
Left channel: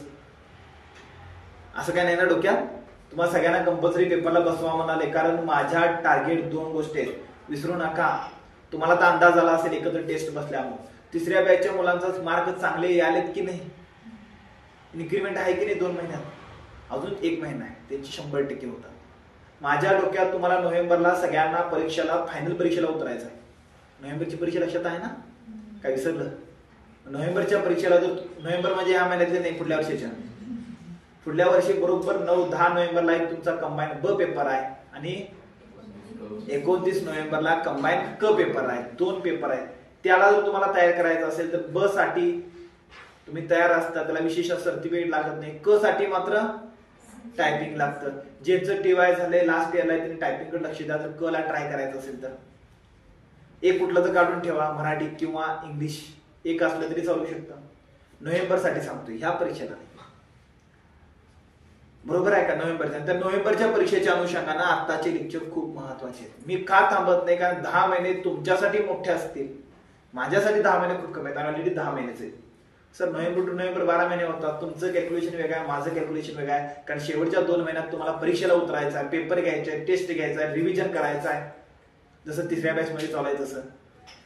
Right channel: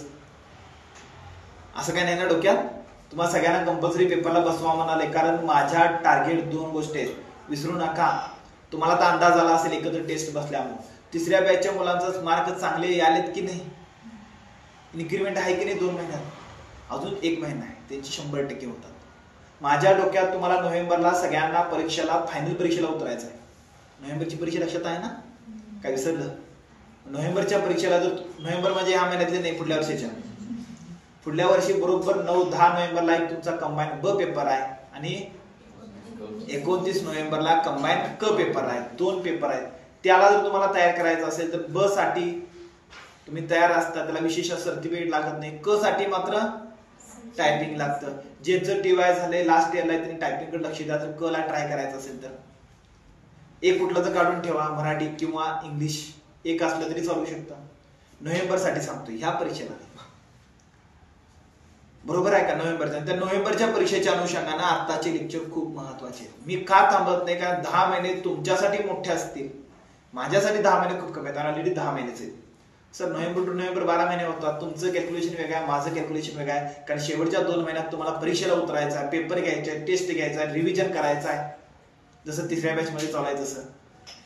असं काही नाही ना डोक्यात? तुम्हाला सगळ्यांना कंपल्सरी पेपरला बसवा म्हणाले, कारण माझ्या टार्गेट 2 गोष्टी आहेत, विसरू नका. तुम्हाला तर अंदाज आला असेल एकत्र टेस्ट बसल्यामुळे. तिसऱ्या बॅचच्या मुलांचा मार्क चांगले आलेत की नाही? इन्क्रीमेंट आहे की नाही 2 महिन्यात? अजून 1 महिना आहे, त्यांची 100% होतात. माझ्या डोक्यात तुम्हाला नोव्हेंबरला सगळ्यांना परीक्षेला, फायनल परीक्षेला उतरायचं आहे. नोव्हेंबरची परीक्षा लक्षात आहे ना? काय विसरलं? नोव्हेंबरच्या परीक्षेला जर, नोव्हेंबर म्हणजे या महिन्यातले नाही, पुढल्या वर्षीच्या, पुढल्या वर्षी बरोबर 9-10 नोव्हेंबरला एक तुमचा कंबाईन ब पेपर आहे आणि 29 नोव्हेंबरला कंबाईन क पेपर आहे. 2 पेपर आहेत. त्याला जर तुम्हाला तयार करायचं असेल तर ब साठी तुम्ही तयार असता, त्याला विशेष सर्टिफिकेट लागत नाही. क साठी मात्र टायपिंग लागतं. ज्याचं टीवाय झालंय लास्ट इयरला त्यांनी टायपिंगकडे लक्ष द्या. जर क ला ट्राय करायचं असेल तर एक कुठलं तर काढून ठेवा, मराठी किंवा इंग्लिश एक असलं तरी चालू शकतं. नोव्हेंबर साठी सांगतोय ह्या परीक्षेला, बरोबर आहे का? नोव्हेंबरच्या, तर नोव्हेंबरच्या परीक्षेच्या अनुषंगाने आताचे लेक्चर खूप महत्वाचे आहेत. मी का थांबत नाही? कारण 10 महिने तुमच्यासाठी मोठे असतील, माझ्यासाठी 10 महिने खूप कमी आहेत. ऑलरेडी 10 महिनेच आहेत सर. नोव्हेंबर टू नोव्हेंबर 12 महिने होतात. तुमचं कॅल्क्युलेशन वेगळं आहे, माझं कॅल्क्युलेशन वेगळं आहे. कारण शेवटच्या 2 महिन्यात तुम्हाला परीक्षेला उतरायचं आहे, पेपर घ्यायचे, टेस्ट घ्यायचा, रिव्हिजन करायचं आहे. जसं तिसऱ्या बॅच मध्ये चालायचं तसं.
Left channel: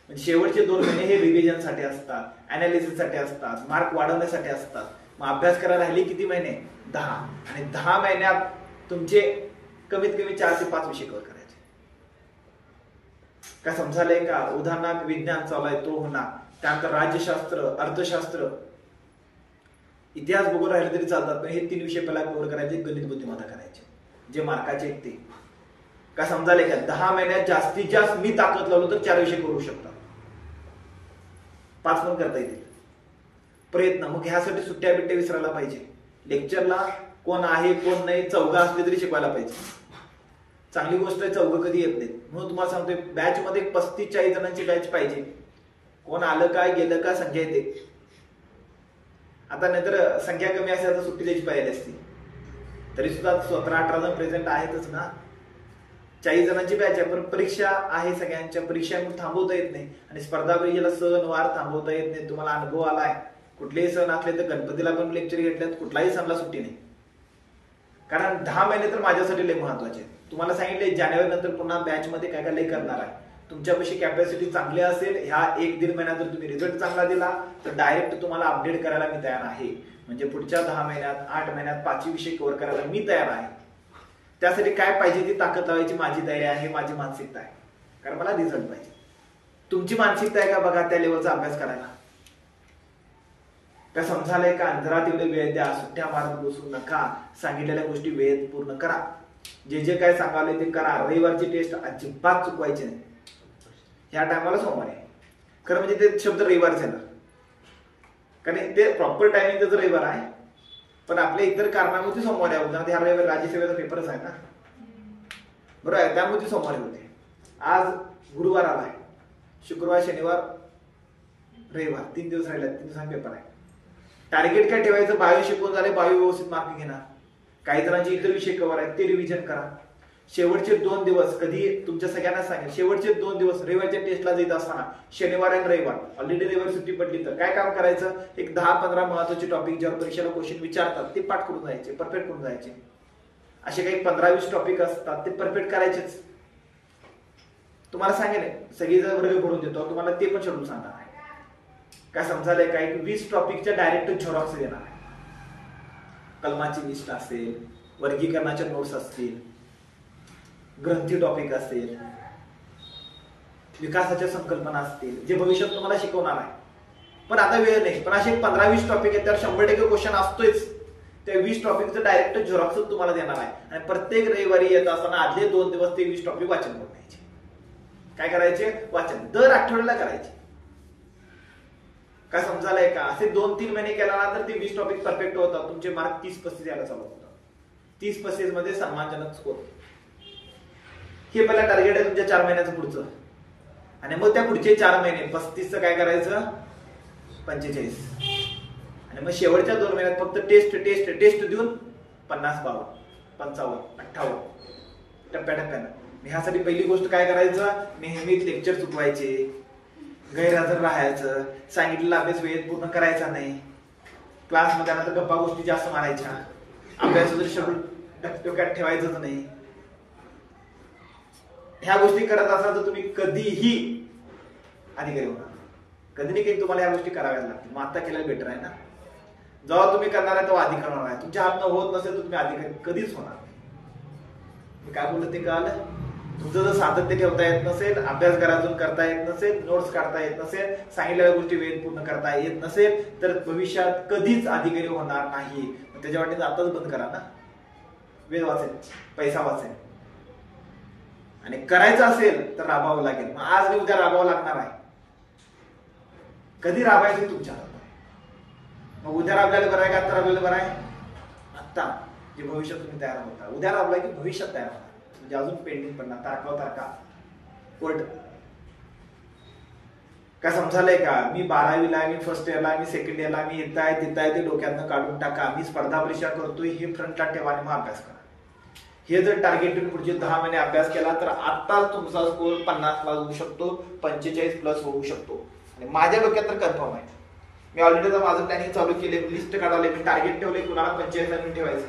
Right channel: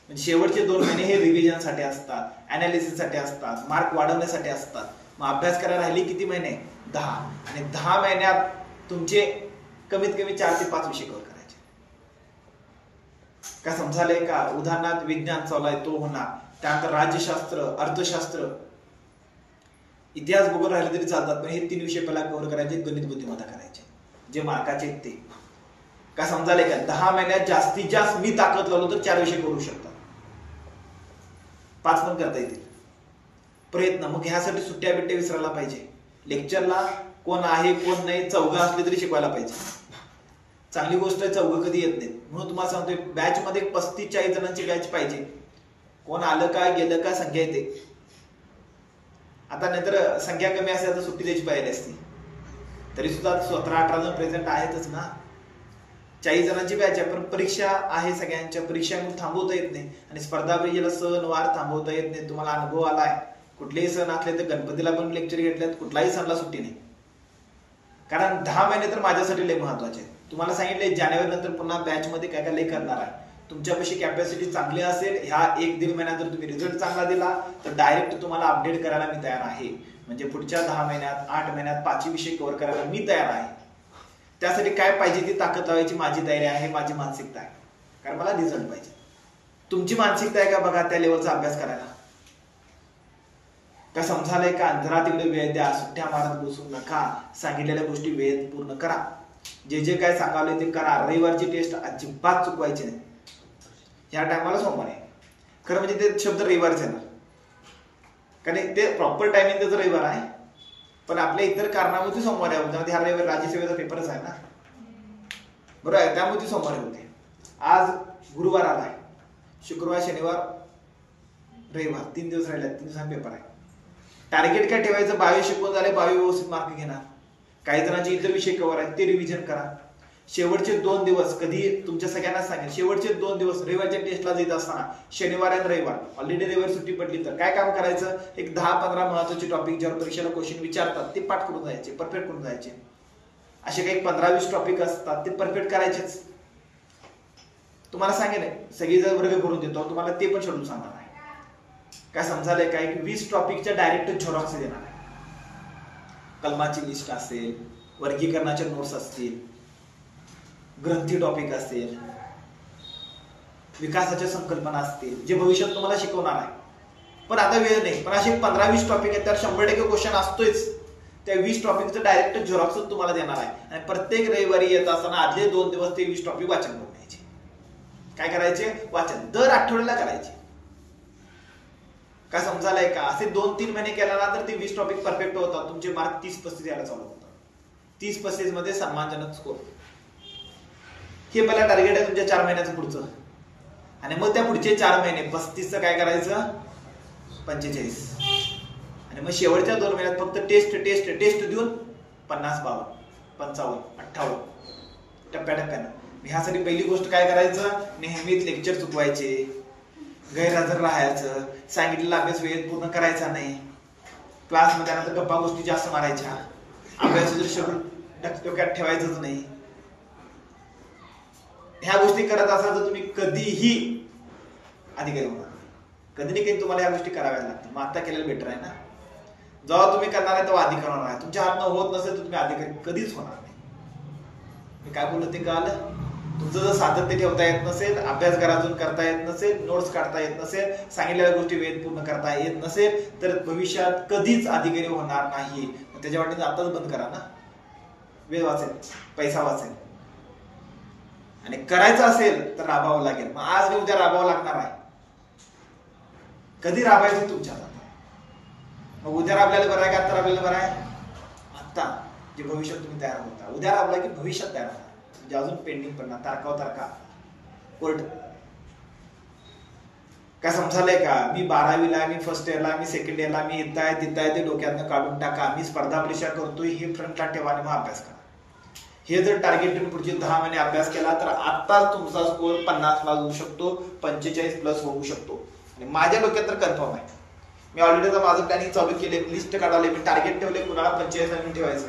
म्हणजे शेवटचे 2 महिने हे रिव्हिजन साठी असतात, अनालिसिस साठी असतात, मार्क वाढवण्यासाठी असतात. मग अभ्यास करायला राहिली किती महिने? 10. आणि 10 महिन्यात तुमचे कमीत कमी 4 ते 5 विषय कव्हर करायचे. काय समजायलंय का? उदाहरणार्थ विज्ञान चालू आहे तो होणार, त्यानंतर राज्यशास्त्र, अर्थशास्त्र, इतिहास भूगोल राहिले तरी चालतात, पण हे 3 विषय पहिला कव्हर करायचे. गणित बुद्धिमत्ता करायचे, जे मार्काचे आहेत ते. काय समजायलंय का? 10 महिन्यात जास्तीत जास्त मी ताकद लावलो तर 4 विषय करू शकता, 5 पण करता येतील. प्रयत्न. मग ह्यासाठी सुट्ट्या बिट्ट्या विसरायला पाहिजे. लेक्चरला कोण आहे कोण नाही, चौघा असले तरी शिकवायला पाहिजे. चांगली गोष्ट आहे, चौघ कधी येत नाहीत. म्हणून तुम्हाला सांगतोय बॅच मध्ये 35-40 जणांची बॅच पाहिजे. कोण आलं का गेलं का संख्या येते. आता नाहीतर संख्या कमी असेल तर सुट्टी द्यायची पाहिजे असती. तरी सुद्धा 17-18 जण प्रेझेंट आहेतच ना. 40 जणांची बॅच आहे, पण परीक्षा आहे सगळ्यांच्या. परीक्षा थांबवता येत नाही, आणि स्पर्धा परीक्षेला सण वार थांबवता येत नाही. तुम्हाला अनुभव आलाय. कुठलेही सण असले तर गणपतीला पण लेक्चर घेतलेत, कुठलाही सणला सुट्टी नाही. कारण 10 महिने तर माझ्यासाठी लय महत्वाचे आहेत. तुम्हाला सांगितले जानेवारी नंतर पुन्हा बॅच मध्ये काय काय लय करणार आहे. तुमच्यापाशी कॅपॅसिटी चांगली असेल, ह्या 1-1.5 महिन्यात जर तुम्ही रिझल्ट चांगला दिला तर डायरेक्ट तुम्हाला अपडेट करायला मी तयार आहे. म्हणजे पुढच्या 10 महिन्यात 8 महिन्यात 5 विषय कव्हर करायला मी तयार आहे. त्यासाठी काय पाहिजे ती ताकद लावायची माझी तयारी आहे, माझी मानसिकता आहे. कारण मला रिझल्ट पाहिजे. तुमची मानसिकता आहे का बघा त्या लेवलचा अभ्यास करायला? काय समजायलंय का? जरा तिकडे वेळ द्या, सुट्ट्या मारत बसू नका. सांगितलेल्या गोष्टी वेळेत पूर्ण करा. जे जे काय सांगावले ते करा. रविवारची टेस्ट अजिबात चुकवायची नाही. ह्या टायमाला सोमवार आहे खरं, म्हणजे ते शब्द रविवारच येणार, कारण ते प्रॉपर टायमिंग त्याचं रविवार आहे. पण आपल्या इतर कारणामुळे सोमवारी होते. ह्या रविवारी राज्यसेवेचा पेपरच आहे ना, बरोबर आहे, त्यामुळे ती सोमवारी होते. आज गुरुवार आलाय, शुक्रवार शनिवार रविवार 3 दिवस राहिले, 3 दिवसांनी पेपर आहे. टार्गेट काय ठेवायचं, 22 शिकवून झाले, 22 व्यवस्थित मार्क घेणार. काही जणांचे इतर विषय कव्हर आहेत ते रिव्हिजन करा. शेवटचे 2 दिवस, कधी तुमच्या सगळ्यांना सांगेल, शेवटचे 2 दिवस रविवारच्या टेस्टला जात असताना शनिवार आणि रविवार ऑलरेडी रविवार सुट्टी पडली तर काय काम करायचं, एक 10-15 महत्वाचे टॉपिक ज्यावर परीक्षेला क्वेश्चन विचारतात ते पाठ करून जायचे, परफेक्ट करून जायचे. असे काही 15-20 टॉपिक असतात ते परफेक्ट करायचेच. तुम्हाला सांगेल सगळी जर वर्ग करून देतो तुम्हाला ते पण शेड्यूल सांगणार आहे. काय समजायला काय की 20 टॉपिकच्या डायरेक्ट झेरॉक्स देणार आहे. कलमाची लिस्ट असेल, वर्गीकरणाच्या नोट्स असतील, ग्रंथी टॉपिक असेल, विकासाच्या संकल्पना असतील, जे भविष्यात तुम्हाला शिकवणार आहे. पण आता वेळ नाही, पण असे 15-20 टॉपिक आहेत त्यावर 100% क्वेश्चन असतोच. त्या 20 टॉपिकचं डायरेक्ट झेरॉक्स तुम्हाला देणार आहे. आणि प्रत्येक रविवारी येत असताना आदले 2 दिवस ते 20 टॉपिक वाचन करून घ्यायचे. काय करायचे, वाचन दर आठवड्याला करायचे. काय समजायलाय का, असे 2-3 महिने केल्यानंतर ते 20 टॉपिक परफेक्ट होतात. तुमचे मार्क 30-35 यायला चालू होतात. 30-35 मध्ये सन्मानजनक स्कोर. हे मला टार्गेट आहे तुमच्या 4 महिन्याचं पुढचं. आणि मग त्या पुढचे 4 महिने 35चं काय करायचं, 45. आणि मग शेवटच्या 2 महिन्यात फक्त टेस्ट टेस्ट टेस्ट देऊन 50, 52, 55, 58 टप्प्याटप्प्यानं. ह्यासाठी पहिली गोष्ट काय करायचं, नेहमीच लेक्चर चुकवायचे, गैरहजर राहायचं, सांगितलेला अभ्यास वेळेत पूर्ण करायचा नाही, क्लासमध्ये आल्यानंतर गप्पा गोष्टी जास्त मारायच्या, अभ्यासाचं शेड्यूल डोक्यात ठेवायचंच नाही. ह्या गोष्टी करत असाल तर तुम्ही कधीही अधिकारी होणार. कधी नाही कधी तुम्हाला या गोष्टी कराव्या लागतील. मग आता केलेलं बेटर आहे ना. जेव्हा तुम्ही करणार आहे तेव्हा अधिकारी होणार आहे. तुमच्या हातनं होत नसेल तर तुम्ही अधिकारी कधीच होणार नाही. मी काय बोललो ते कळालं. तुमचं जर सातत्य ठेवता येत नसेल, अभ्यास घरातून करता येत नसेल, नोट्स काढता येत नसेल, सांगितलेल्या गोष्टी वेळेत पूर्ण करता येत नसेल तर भविष्यात कधीच अधिकारी होणार नाही. त्याच्या वाटेत आताच बंद करा ना. वेळ वाचेल, पैसा वाचेल. आणि करायचं असेल तर राबावं लागेल. मग आज मी उद्या राबावं लागणार आहे. कधी राबायचं तुमच्या हातात आहे. मग उद्या राबल्याला बरं आहे का आता राबल्याला बरं आहे? आता जे भविष्यात तुम्ही तयार होता. उद्या राबला की भविष्यात तयार होता. म्हणजे अजून पेंडिंग पडणार, तारखा कोर्ट. काय समजायलंय का, मी 12वीला आहे, मी फर्स्ट इयरला, मी सेकंड इयरला, मी इथं आहे तिथं आहे, ते डोक्यातनं काढून टाका. मी स्पर्धा परीक्षा करतोय हे फ्रंटला ठेवा आणि मग अभ्यास करा. हे जर टार्गेट ठेवून पुढचे 10 महिने अभ्यास केला तर आता तुमचा स्कोर 50 होऊ शकतो, 45+ होऊ शकतो. आणि माझ्या डोक्यात तर कन्फर्म आहे. मी ऑलरेडी तर माझं प्लॅनिंग चालू केले, लिस्ट काढवले, मी टार्गेट ठेवले कुणाला 45 ठेवायचं.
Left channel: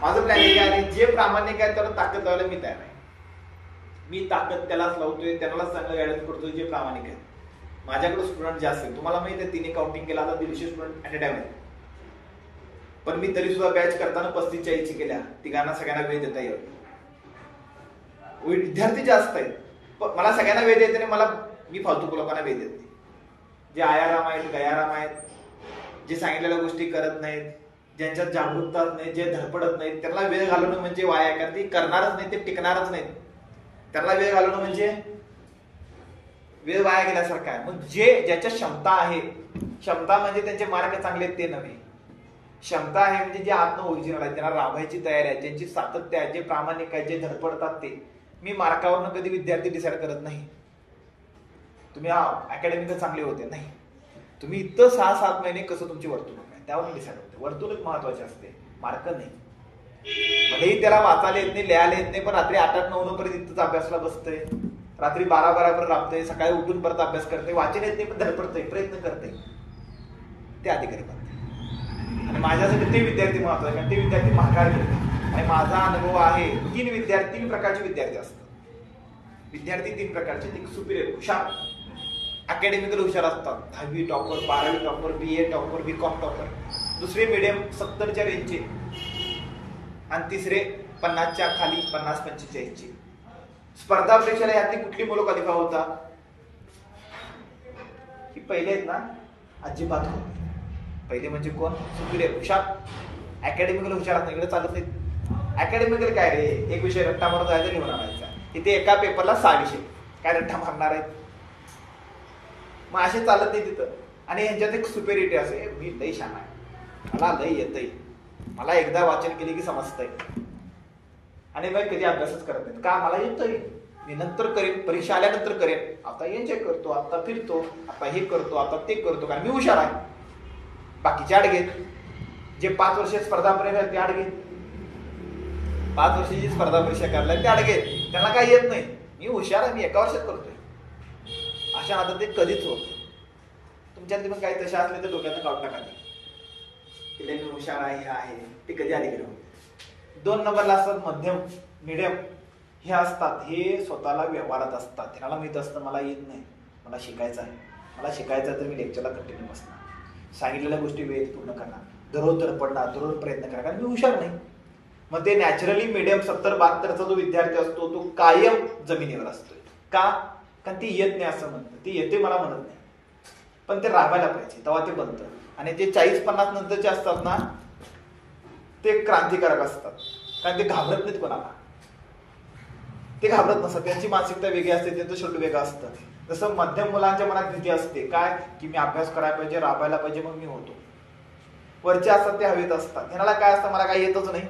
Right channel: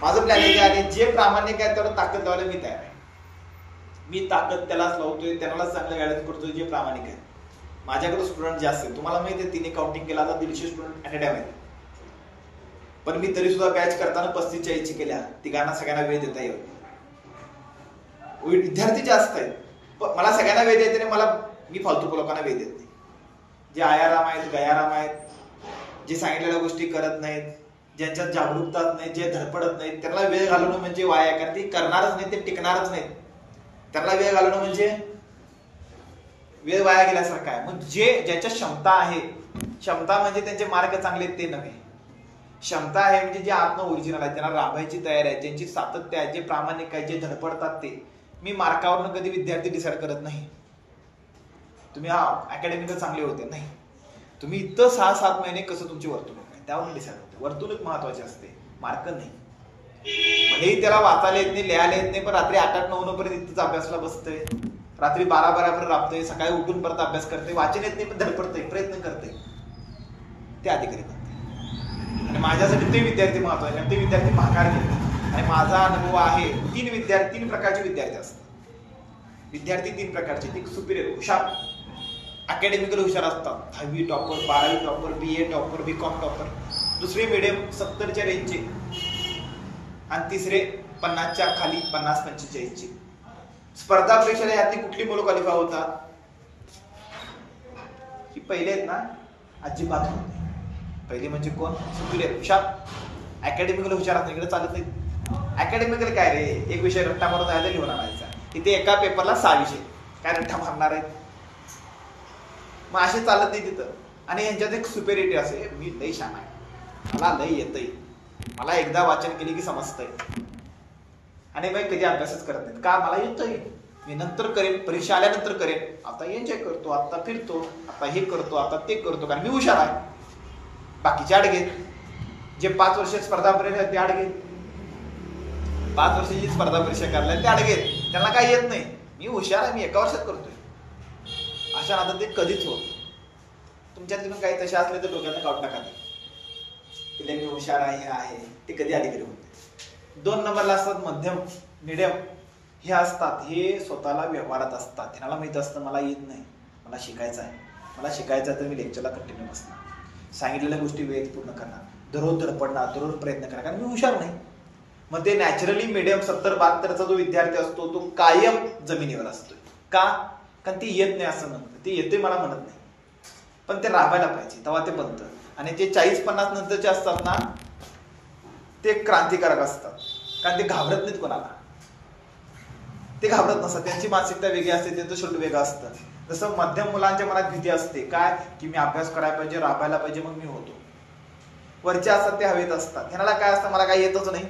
माझं प्लॅनिंग आहे. आणि जे प्रामाणिक आहे त्याला ताकद लावायला मी तयार आहे. मी ताकद त्यालाच लावतोय, त्यालाच चांगलं गायडन्स करतोय जे प्रामाणिक आहे. माझ्याकडे स्टुडंट जास्त आहे. तुम्हाला माहिती आहे 3 काउंटिंग केला तर 150 स्टुडंट ऍट अ टाइम आहेत. पण मी तरी सुद्धा बॅच करताना 35-40 केल्या. तिघांना सगळ्यांना वेळ देता येईल. विद्यार्थी जास्त आहेत. मला सगळ्यांना वेळ देत नाही, मी फालतू लोकांना वेळ देत नाही. जे आयाराम आहेत, गयाराम आहेत, जे सांगितलेल्या गोष्टी करत नाहीत, ज्यांच्यात जागरूकता नाही, जे धडपडत नाहीत, त्यांना वेळ घालवणं म्हणजे वाया. कारण ते करणारच नाही, ते टिकणारच नाहीत. त्यांना वेळ घालवणं म्हणजे वेळ वाया गेल्यासारखं आहे. मग ज्याच्या क्षमता आहे, क्षमता म्हणजे त्यांचे मार्ग चांगले ते नव्हे. क्षमता आहे म्हणजे जे आत्म ओरिजिनल आहे, त्यांना राबायची तयारी आहे, ज्यांची सातत्य आहे, जे प्रामाणिक आहे, जे धडपडतात ते. मी मार्कावरनं कधी विद्यार्थी डिसाईड करत नाही. तुम्ही अकॅडमिक चांगले होते नाही, तुम्ही इथं 6-7 महिने कसं तुमची वर्तणूक आहे त्यावरून डिसाईड होते. वर्तणूक महत्वाची असते, मार्क नाही. भलेही त्याला वाचायला येत नाही, लिहायला येत नाही, पण रात्री 8-9 पर्यंत इथंच अभ्यासला बसतंय, रात्री 12 पर्यंत राबतंय, सकाळी उठून परत अभ्यास करतोय, वाचन येत नाही पण धडपडतंय, प्रयत्न करतंय, ते अधिकारी करते. आणि माझ्यासाठी ते विद्यार्थी महत्वाचे, आणि ते विद्यार्थी महाकाळ घेतात. आणि माझा अनुभव आहे 3 प्रकारचे विद्यार्थी असतात. विद्यार्थी 3 प्रकारचे. एक सुपिरियर हुशार, अकॅडमिकल हुशार असतात, 10वी टॉपर, 12वी topper, BA topper, BCom topper. दुसरे मीडियम 70च्या रेंजचे, आणि तिसरे 50च्या खाली, 50-45चे. स्पर्धा परीक्षेला यातली कुठली मुलं क्वालिफाय होतात? ही पहिले आहेत ना, अजिबात होत नाही. पहिले म्हणजे कोण? सुपिरियर हुशार, अकॅडमिकल हुशार असतात. इकडे चालत नाही. अकॅडमिकल काय रे, एक विषय रट्टा मारून जायचा, लिहून आणायचा. इथे एका पेपरला 6 विषय, काय रट्टा मारणार आहेत? मग असे चालत नाही तिथं. आणि यांच्यात एक सुपेरिटी असे, मी लई छान आहे, मला लई येतंय, मला एकदा वाचन केले की समजतंय, आणि मग कधी अभ्यासच करत नाही. का? मला येतोय, मी नंतर करेन, परीक्षा आल्यानंतर करेन, आता एन्जॉय करतो, आता फिरतो, आता हे करतो, आता ते करतो, कारण मी हुशार आहे. बाकीचे आडगेत, जे 5 वर्ष स्पर्धा परीक्षा ते आडगेत, 5 वर्षाची स्पर्धा परीक्षा करायला ते आडगेत, त्याला काही येत नाही. मी हुशार आहे, मी एका वर्षात करतोय. अशा आता ते कधीच होत. तुमच्यात पण काही तसे असले तर डोक्यात काढून टाका. मी हुशार आहे, हे आहे ते कधी अलीकडे होते. 2 नंबरला असतात मध्यम, मिडियम. हे असतात, हे स्वतःला व्यवहारात असतात. त्यांना माहित असतं मला येत नाही, मला शिकायचं आहे, मला शिकायचं तर मी लेक्चरला कंटिन्यू बसणार, सांगितलेल्या गोष्टी वेळेत पूर्ण करणार, दररोज धडपडणार, दररोज प्रयत्न करणार, कारण मी हुशार नाही. मग ते नॅचरली मिडियम 70-72चा जो विद्यार्थी असतो तो कायम जमिनीवर असतो. का? कारण ती येत नाही असं म्हणतं, ती येते मला म्हणत नाही, पण ते राबायला पाहिजे तेव्हा ते बनतं. आणि जे 40-50 नंतरचे असतात ना ते क्रांतिकारक असतात, कारण ते घाबरत नाहीत कोणाला, ते घाबरत नसतात, त्यांची मानसिकता वेगळी असते, त्यांचं शेड्यूल वेगळं असतं. जसं मध्यम मुलांच्या मनात भीती असते काय की मी अभ्यास करायला पाहिजे, राबायला पाहिजे, मग मी होतो. वरचे असतात ते हवेत असतात, ह्याला काय असतं मला काही येतच नाही,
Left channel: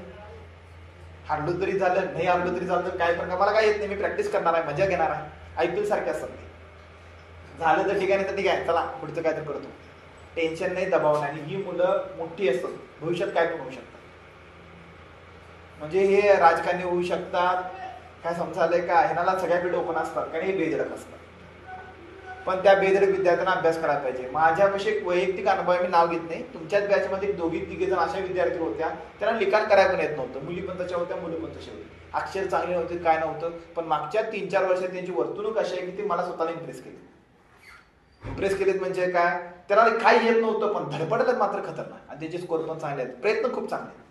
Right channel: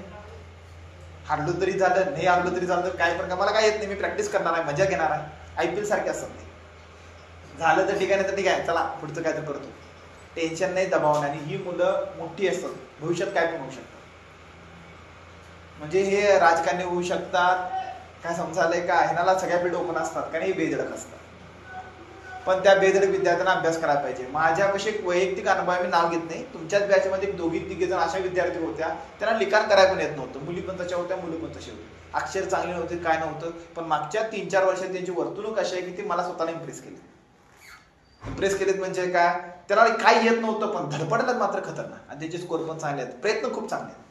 हारलो तरी झालं, नाही हारलो तरी झालं, तर काय पण मला काय येत नाही, मी प्रॅक्टिस करणार आहे, मजा घेणार आहे. IPL सारखे असतात ते, झालं तर ठीक आहे, नाही तर ठीक आहे, चला पुढचं काय तर करतो, टेन्शन नाही, दबाव नाही. आणि ही मुलं मोठी असतात, भविष्यात काय पण होऊ शकतात. म्हणजे हे राजकारणी होऊ शकतात, काय समजायलंय का, ह्याला सगळ्या फील्ड ओपन असतात, कारण हे बेधडक असतात. पण त्या बेधडक विद्यार्थ्यांना अभ्यास करायला पाहिजे. माझ्यापाशी एक वैयक्तिक अनुभव आहे, मी नाव घेत नाही. तुमच्याच बॅचमध्ये 2-3 जण अशा विद्यार्थी होत्या, त्यांना लिखाण करायला पण येत नव्हतं. मुली पण तशा होत्या, मुली पण तशी होती, अक्षर चांगली नव्हती, काय नव्हतं. पण मागच्या 3-4 वर्षात त्यांची वर्तणूक अशी आहे की ती मला स्वतःला इम्प्रेस केलीत. म्हणजे काय, त्याला काही येत नव्हतं पण धडपडलं मात्र खतरनाक, आणि त्याचे स्कोर पण चांगले आहेत, प्रयत्न खूप चांगले आहेत.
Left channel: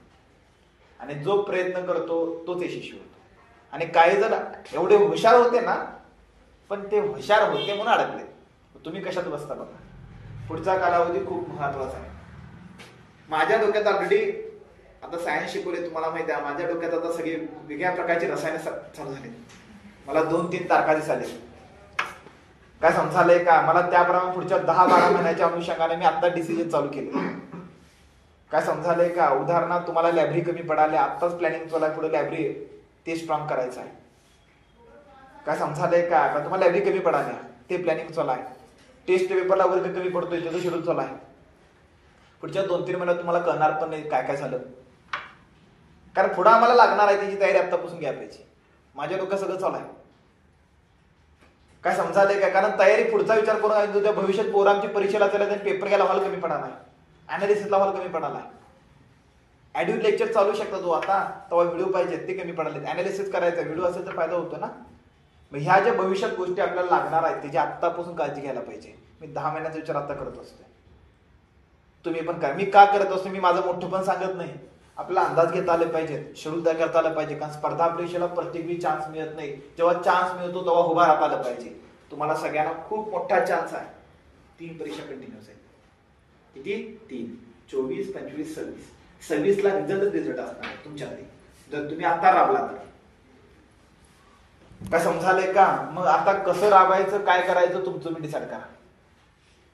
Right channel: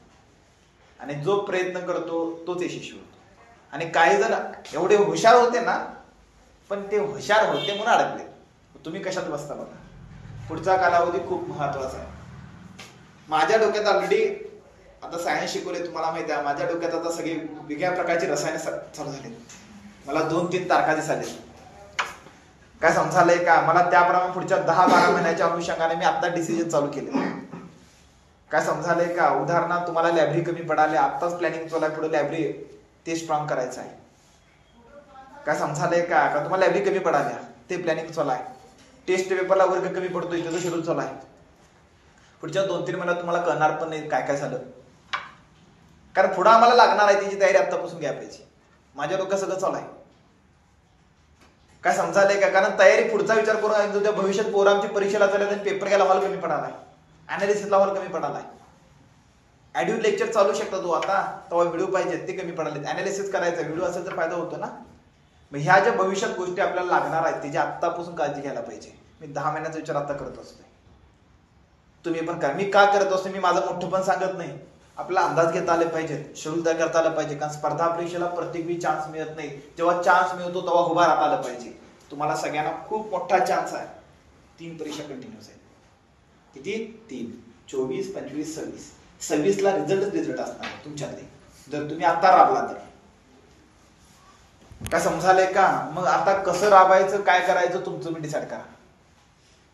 आणि जो प्रयत्न करतो तोच यशस्वी होतो. आणि काही जण एवढे हुशार होते ना, पण ते हुशार होते म्हणून अडकले. तुम्ही कशात बसता बघा, पुढचा कालावधी खूप महत्वाचा आहे. माझ्या डोक्यात ऑलरेडी आता सायन्स शिकवले, तुम्हाला माहिती आहे, माझ्या डोक्यात आता सगळी वेगळ्या प्रकारची रसायन चालू झाली. मला 2-3 तारखा दिसाले, काय समजायलंय का, मला त्याप्रमाणे पुढच्या 10-12 महिन्याच्या अनुषंगाने मी आता डिसिजन चालू केले. काय समजायलंय का, उदाहरणार्थ तुम्हाला लायब्ररी कमी पडाले, आत्ताच प्लॅनिंग चालू आहे, पुढे लायब्ररी ते स्ट्रॉंग करायचं आहे. काय समजायलंय का, तुम्हाला लायब्ररी कमी पडाल्या, ते प्लॅनिंग चालू आहे. टेस्ट पेपरला वर्ग कमी पडतोय, त्याचं शेड्यूल चालू आहे. पुढच्या 2-3 महिन्यात तुम्हाला कळणार पण नाही काय काय झालं, कारण पुढे आम्हाला लागणार आहे त्याची तयारी आतापासून घ्यायला पाहिजे. माझ्या डोक्यात सगळं चालू आहे. काय समजायलंय का, कारण तयारी पुढचा विचार करून तुझ्या भविष्यात पोरांची परीक्षेला चालत, पेपर घ्यायला हॉल कमी पडालाय, अनालिसिसला हॉल कमी पडालाय, ऑडिओ लेक्चर चालू शकतो तू आता, तेव्हा व्हिडिओ पाहिजे ते कमी पडाले, अनालिसिस करायचा, व्हिडिओ असेल तर फायदा होतो ना. मग ह्या ज्या भविष्यात गोष्टी आपल्याला लागणार आहेत त्याची आत्तापासून काळजी घ्यायला पाहिजे. मी 10 महिन्याचा विचार आता करत असतो, तुम्ही पण करा. मी का करत असतो, मी माझं मोठं पण सांगत नाही, आपला अंदाज घेता आले पाहिजेत, शेड्यूल तयार करता आलं पाहिजे. कारण स्पर्धा परीक्षेला प्रत्येक वेळी चान्स मिळत नाही, जेव्हा चान्स मिळतो तेव्हा उभा राहता आलं पाहिजे. तुम्हाला सगळ्यांना खूप मोठा चान्स आहे. 3 परीक्षा कंटिन्यूस आहे. किती? 3, 24, 25, 26. 26ला रिझल्ट असणार तुमच्याकडे, जर तुम्ही आता राबला तर. काय समजायलंय का, मग आता कसं राबायचं, काय करायचं तुमचं मी डिसाईड करा.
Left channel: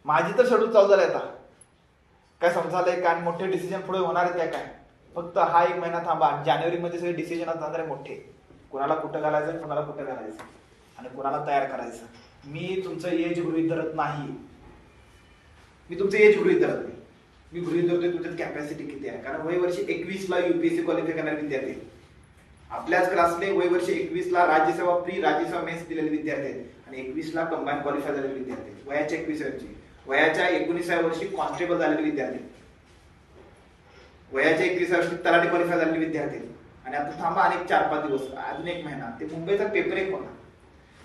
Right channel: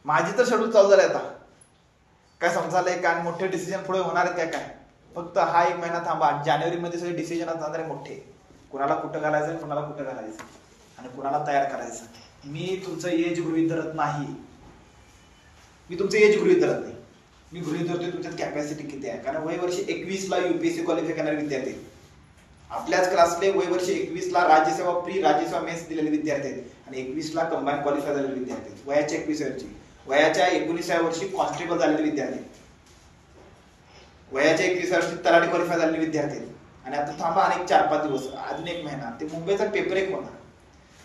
माझी तर शेड्यूल चालू झालंय आता. काय समजायलंय का, मोठे डिसिजन पुढे होणार आहे त्या काय, फक्त हा 1 महिना थांबा. जानेवारीमध्ये सगळे डिसिजन असणार आहे मोठे, कुणाला कुठं घालायचं, कुणाला कुठं घालायचं, आणि कुणाला तयार करायचं. मी तुमचं एज गृहीत धरत नाही, मी तुमचं एज गृहीत धरत नाही, मी गृहीत धरतोय तुमच्यात कॅपॅसिटी किती आहे. कारण वयवर्षी 21ला UPSC क्वालिफाय करणारे विद्यार्थी, आपल्याच क्लासले वयवर्षी 21ला राज्यसेवा प्री राज्यसेवा मेन्स दिलेले विद्यार्थी आहेत, आणि 21ला कंबाईन क्वालिफाय झालेले विद्यार्थी आहेत. वयाच्या 21 वर्षी, वयाच्या 19व्या वर्षी कॉन्स्टेबल झालेले विद्यार्थी, वयाच्या 21व्या वर्षी तलाठी क्वालिफाय झालेले विद्यार्थी. आणि आता थांबा अनेक 4-5 दिवस, अजून 1 महिना ते मुंबईचा पेपर 1 होणार.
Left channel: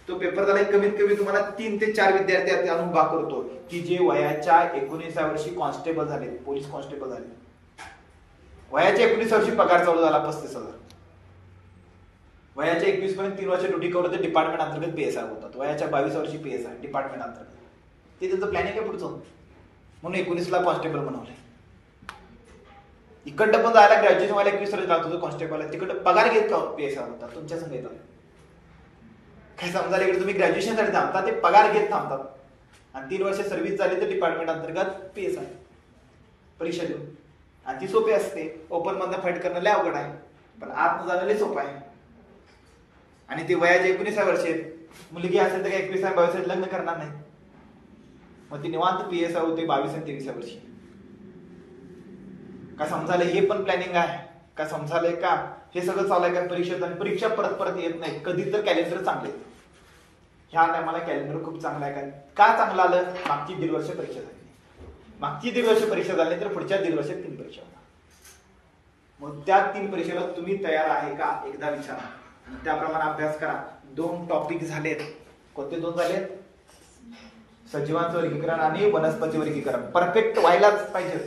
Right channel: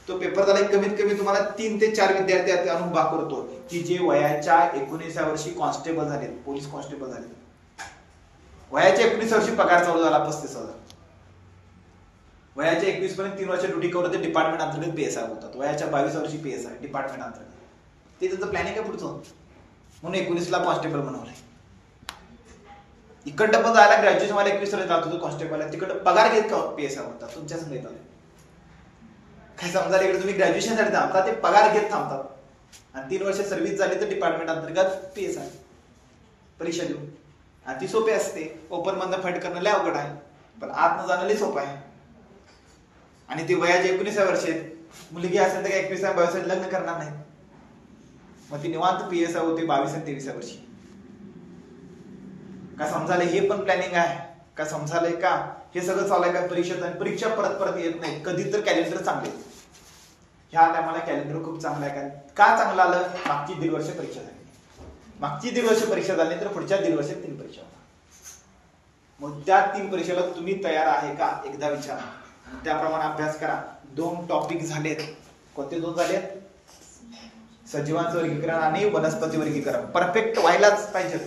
तो पेपर झाला कमीत कमी तुम्हाला 3 ते 4 विद्यार्थी अनुभव करतो की जे वयाच्या 19व्या वर्षी कॉन्स्टेबल झाले, पोलीस कॉन्स्टेबल झाले. वयाच्या 19 वर्षी पगार चालू झाला 35,000. वयाच्या 21 पर्यंत 3 वर्ष ड्युटी करून ते डिपार्टमेंट अंतर्गत PSI होतात. वयाच्या 22 वर्षी PSI डिपार्टमेंट अंतर्गत. ते त्यांचं प्लॅनिंग आहे पुढचं, म्हणून 19ला कॉन्स्टेबल बनवलंय. इकडं पण जायला ग्रॅज्युएशन व्हायला 21 वर्ष लागतो कॉन्स्टेबल, तिकडं पगार घेत PSI होतात तुमच्या संघ येतात. काय समजायला इकडे तुम्ही ग्रॅज्युएशन साठी थांबता, ते पगार घेत थांबतात, आणि 3 वर्ष सर्व्हिस झाली तर डिपार्टमेंट अंतर्गत PSI परीक्षा देऊन. आणि ती सोपी असते, ओपन मधनं फाईट करणं लय अवघड आहे, पण आत जाणं लय सोपं आहे. आणि ते वयाच्या 19व्या वर्षी आहेत. मुलगी असेल तर 21व्या वर्षात लग्न करणार नाही, मग ती निवांत PSI होते 22 आणि 23व्या वर्षी. का समजाले हे पण प्लॅनिंग आहे का? समजाले का? हे सगळं चालू आहे का परीक्षेत? आणि परीक्षा परत परत येत नाही. कधी तर कॅलेंडर चांगले, ह्या टायमाला कॅलेंडर खूप चांगलं आहे. का चांगलं आलं? मागची 1.5 वर्ष परीक्षा झाली. मागची 1.5 वर्ष परीक्षा झाली तर पुढच्या 1.5 वर्षात 3 परीक्षा होणार. मग त्या 3 परीक्षेला तुम्ही तयार आहे का एकदा विचारा, त्याप्रमाणे अभ्यास करा. 2 टॉपिक झालेत. कोणते 2 झालेत? सजीवांचं वर्गीकरण आणि वनस्पती वर्गीकरण. परफेक्ट व्हायलाच पाहिजे.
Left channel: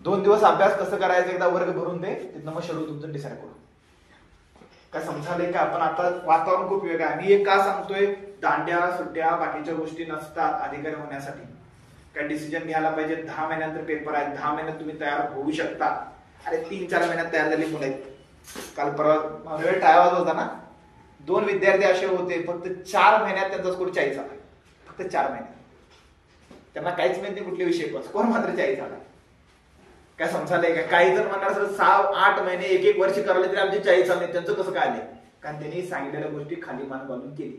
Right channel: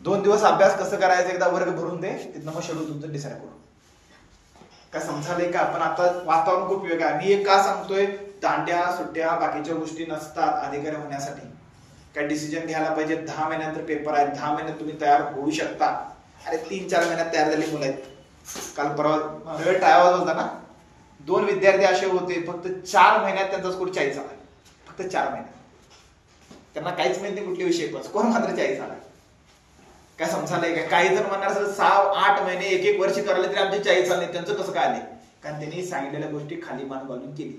2 दिवस अभ्यास कसं करायचं एकदा वर्ग भरून दे, तिथनं मग शेड्यूल तुमचं डिसाईड करू. काय समजाले का? पण आता वातावरण खूप वेगळं आहे. मी एक का सांगतोय? दांड्या सुट्ट्या बाकीच्या गोष्टी नसतात अधिकारी होण्यासाठी. काय डिसिजन घ्यायला पाहिजे. 10 महिन्यानंतर पेपर आहे, 10 महिन्यात तुम्ही तयार होऊ शकता. अरे 3-4 महिन्यात तयार झाली मुलं आहेत. काल परवा वेळ टाळावा होता ना, 2 विद्यार्थी असे होते फक्त 4 महिन्यात त्यांचा स्कोर 40 आला. फक्त 4 महिन्यात. त्यांना काहीच माहिती नाही कुठले विषय, पण स्कोर मात्र 40 आला. काय समजायला का? काही जण म्हणणार 6-8 महिने 1-1 वर्ष करायला तरी आमचे 40 आले. त्यांचं कसं काय आले? कारण त्यांनी सांगितलेल्या गोष्टी खाली मान घालून केली.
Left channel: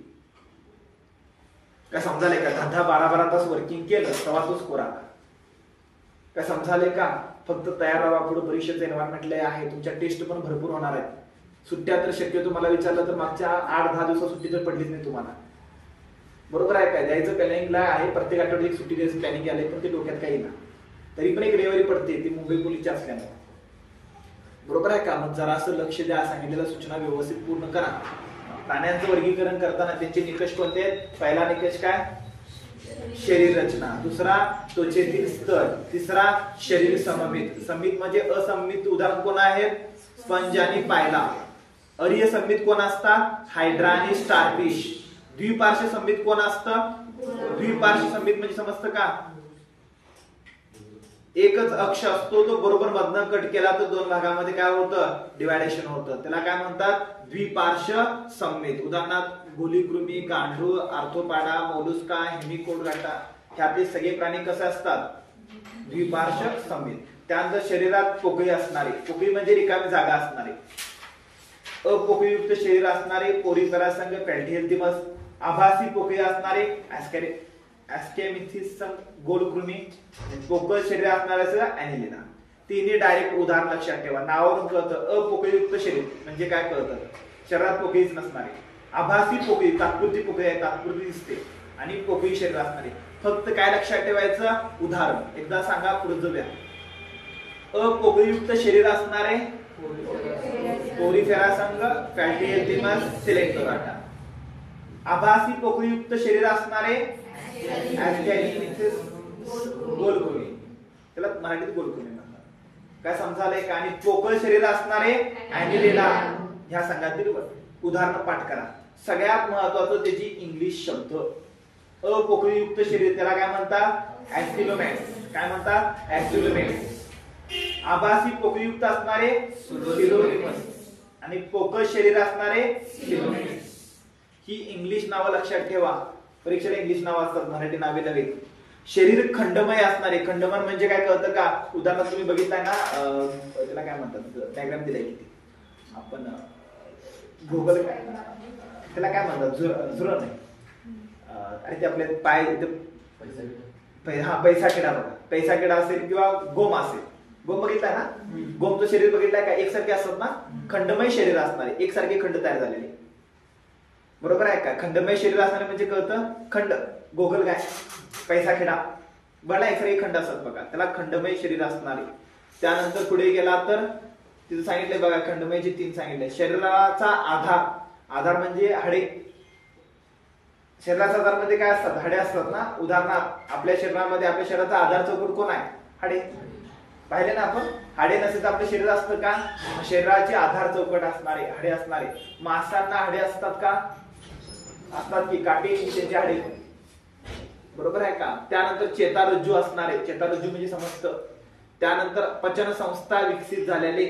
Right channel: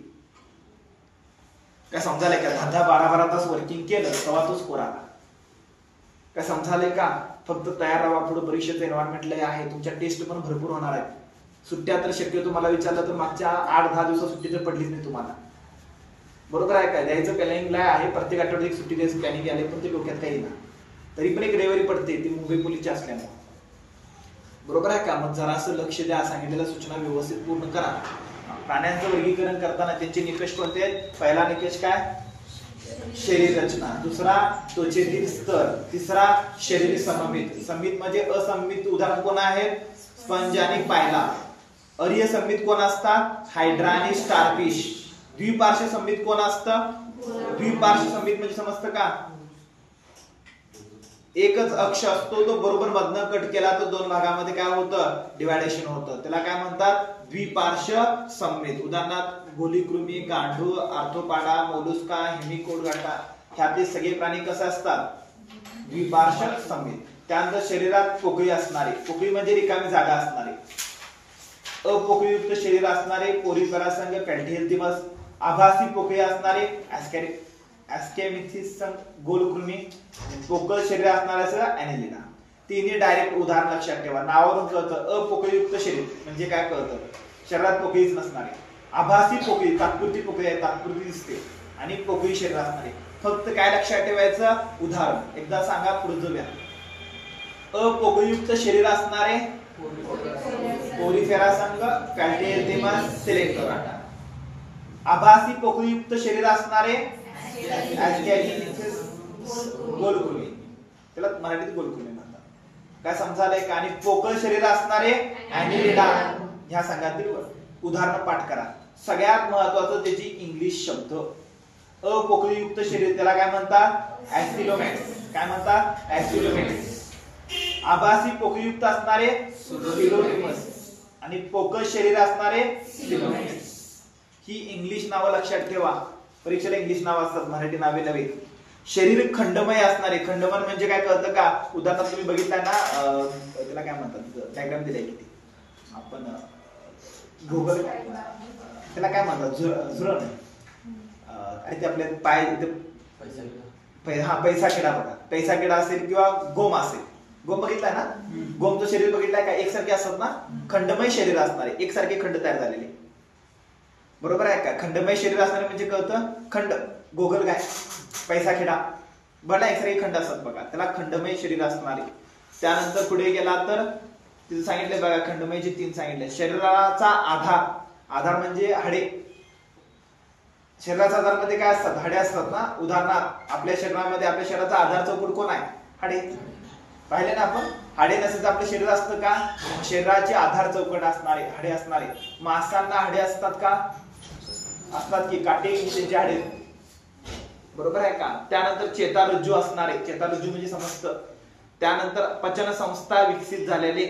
काय समजायला का? 10-12 तास वर्किंग केलं तेव्हा तो स्कोर आला. काय समजायला का? फक्त तयार राहा. पुढे परीक्षेचं एन्व्हायरमेंट लय आहे. तुमच्या टेस्ट पण भरपूर होणार आहेत. सुट्ट्या तर शक्यतो मला विचारलं तर मागच्या 8-10 दिवसात सुट्टी तर पडलीच नाही तुम्हाला. बरोबर आहे काय? द्यायचं प्लॅनिंगला आहे. प्रत्येक आठवड्यात एक सुट्टी द्यायचं प्लॅनिंग आले, पण ते डोक्यात काही ना. तरी पण एक रविवारी पडते, ती मुंबई पोलीसची असल्याने. बरोबर आहे का? मग जरासं लक्ष द्या. सांगितलेल्या सूचना व्यवस्थित पूर्ण करा. प्राण्यांचं वर्गीकरण करताना त्यांचे निकष कोणते आहेत? पहिला निकष काय? शरीर रचना. दुसरा त्वचेतील स्तर. तिसरा शरीर सममित. सममित म्हणजे असममित उदाहरण कोण आहेत? स्पंज आणि पायला. अर्य सममित कोण असतात? हायड्रा आणि स्टारफिश. द्विपार्श्व सममित कोण असतं? द्विपार्श्व सममित म्हणजे समजतं का? एकच अक्ष असतो, तो बरोबर मधनं कट केला तर 2 भागामध्ये काय होतं? डिवायडेशन होतं. त्याला काय म्हणतात? द्विपार्श्व सममित. उदाहरणार्थ गोलीकृमी, गांडूळ, आर्थोपाडा, मोलुस्का, हेमिकोडगाटा ह्यातले सगळे प्राणी कसे असतात? द्विपार्श्व सममित. त्यानंतर शरीरात पोकळी असणारे. पोकळी म्हणजे रिकामी जागा असणारे. अपोकळीयुक्त शरीर असणारे पोरीफेरा संघ पॅल्टिहेल्थिमस. आभासी पोकळी असणारे ऍस्केमिथिस गोलकृमी. पोकळ शरीर असणारे ऍनिलिडा. तिन्ही डायरेक्ट उदाहरण लक्षात ठेवा. नावावरून कळतं. अपोकळीयुक्त शरीर म्हणजे काय कळतं? शरीरात पोकळीच नसणारे. आभासी पोकळी तात्पुरती पोकळी आहे, तात्पुरती दिसते. आणि पोकळी शरीर असणारे. फक्त काय लक्षात ठेवायचं? उदाहरण एकदा सांगा, पुढचं द्या. अपोकळीयुक्त शरीर असणारे पोरीफेरा संघ पॅल्टिहेल्थिमस सिलेक्टोराटा. आभासी पोकळीयुक्त शरीर असणारे गोलकृमी. त्याला मराठीत गोलकृमी म्हणतात. काय समजायलंय का? आणि पोकळ शरीर असणारे ऍनिलिडा. ह्या संघातील उदाहरण पाठ करा. सगळ्यात महत्वाचं त्याची इंग्लिश शब्द. अपोकळीयुक्त शरीर त्याला काय म्हणतात? ऍस्टिलोमॅक्स. काय म्हणतात? ऍस्टिलोमॅक्स. आभासी पोकळीयुक्त असणारे सिलोनिमस आणि पोकळ शरीर असणारे सिलोमॅक्स. ही इंग्लिश नावं लक्षात ठेवा. परीक्षेला इंग्लिश नाव असतात, मराठी नावे नव्हे. शरीर खंडमय असणारे. खंडमय म्हणजे काय कळतं का? उदाहरणार्थ तुम्ही बघितलाय ना, त्याला काय म्हणतात? डायग्राम दिलाय किती आपण गुगल, त्याला काय म्हणतात? झुरण. आणि ते आपले पाय पैसा किडा बघा. पैसा किडा असेल किंवा गोम असेल. गोम बघितलाय ना? गोमचं शरीर बघितलंय का? एकसारखे असतात ना. खंडमय शरीर असणारे, एकसारखे खंड तयार झालेले. बरोबर आहे का? खंडमय शरीर असणारे म्हणजे कळतं खंड. गोगल गाय, पैसा खेडा बघा, एकसारखे खंड असतात बघा. त्याला खंडमय शरीर असणारे. त्यानंतर पुढे गेला तर तिथे सांगितले बघा, खंडमयचे 3 सांगितले. शरीराचा आधार. आधार म्हणजे हाडे. शरीराचा आधार मध्ये काय असतात? हाडे असतात ना. उदाहरणार्थ आपल्या शरीरामध्ये आपल्या शरीराचा आधार चौकट कोण आहे? हाडे. पाहिले ना आपण? हाडे नसेल तर आपलं शरीर असतं का? शरीराचे आधार चौकट असणारे हाडे असणारे. मासांना हाडे असतात का? असतात की. काटे त्यांचे हाडे. बरोबर आहे का? त्यानंतर चेतारज्जू असणारे. चेतारज्जू म्हणजे समजतं. त्यानंतर पचन संस्था विकसित झालेले.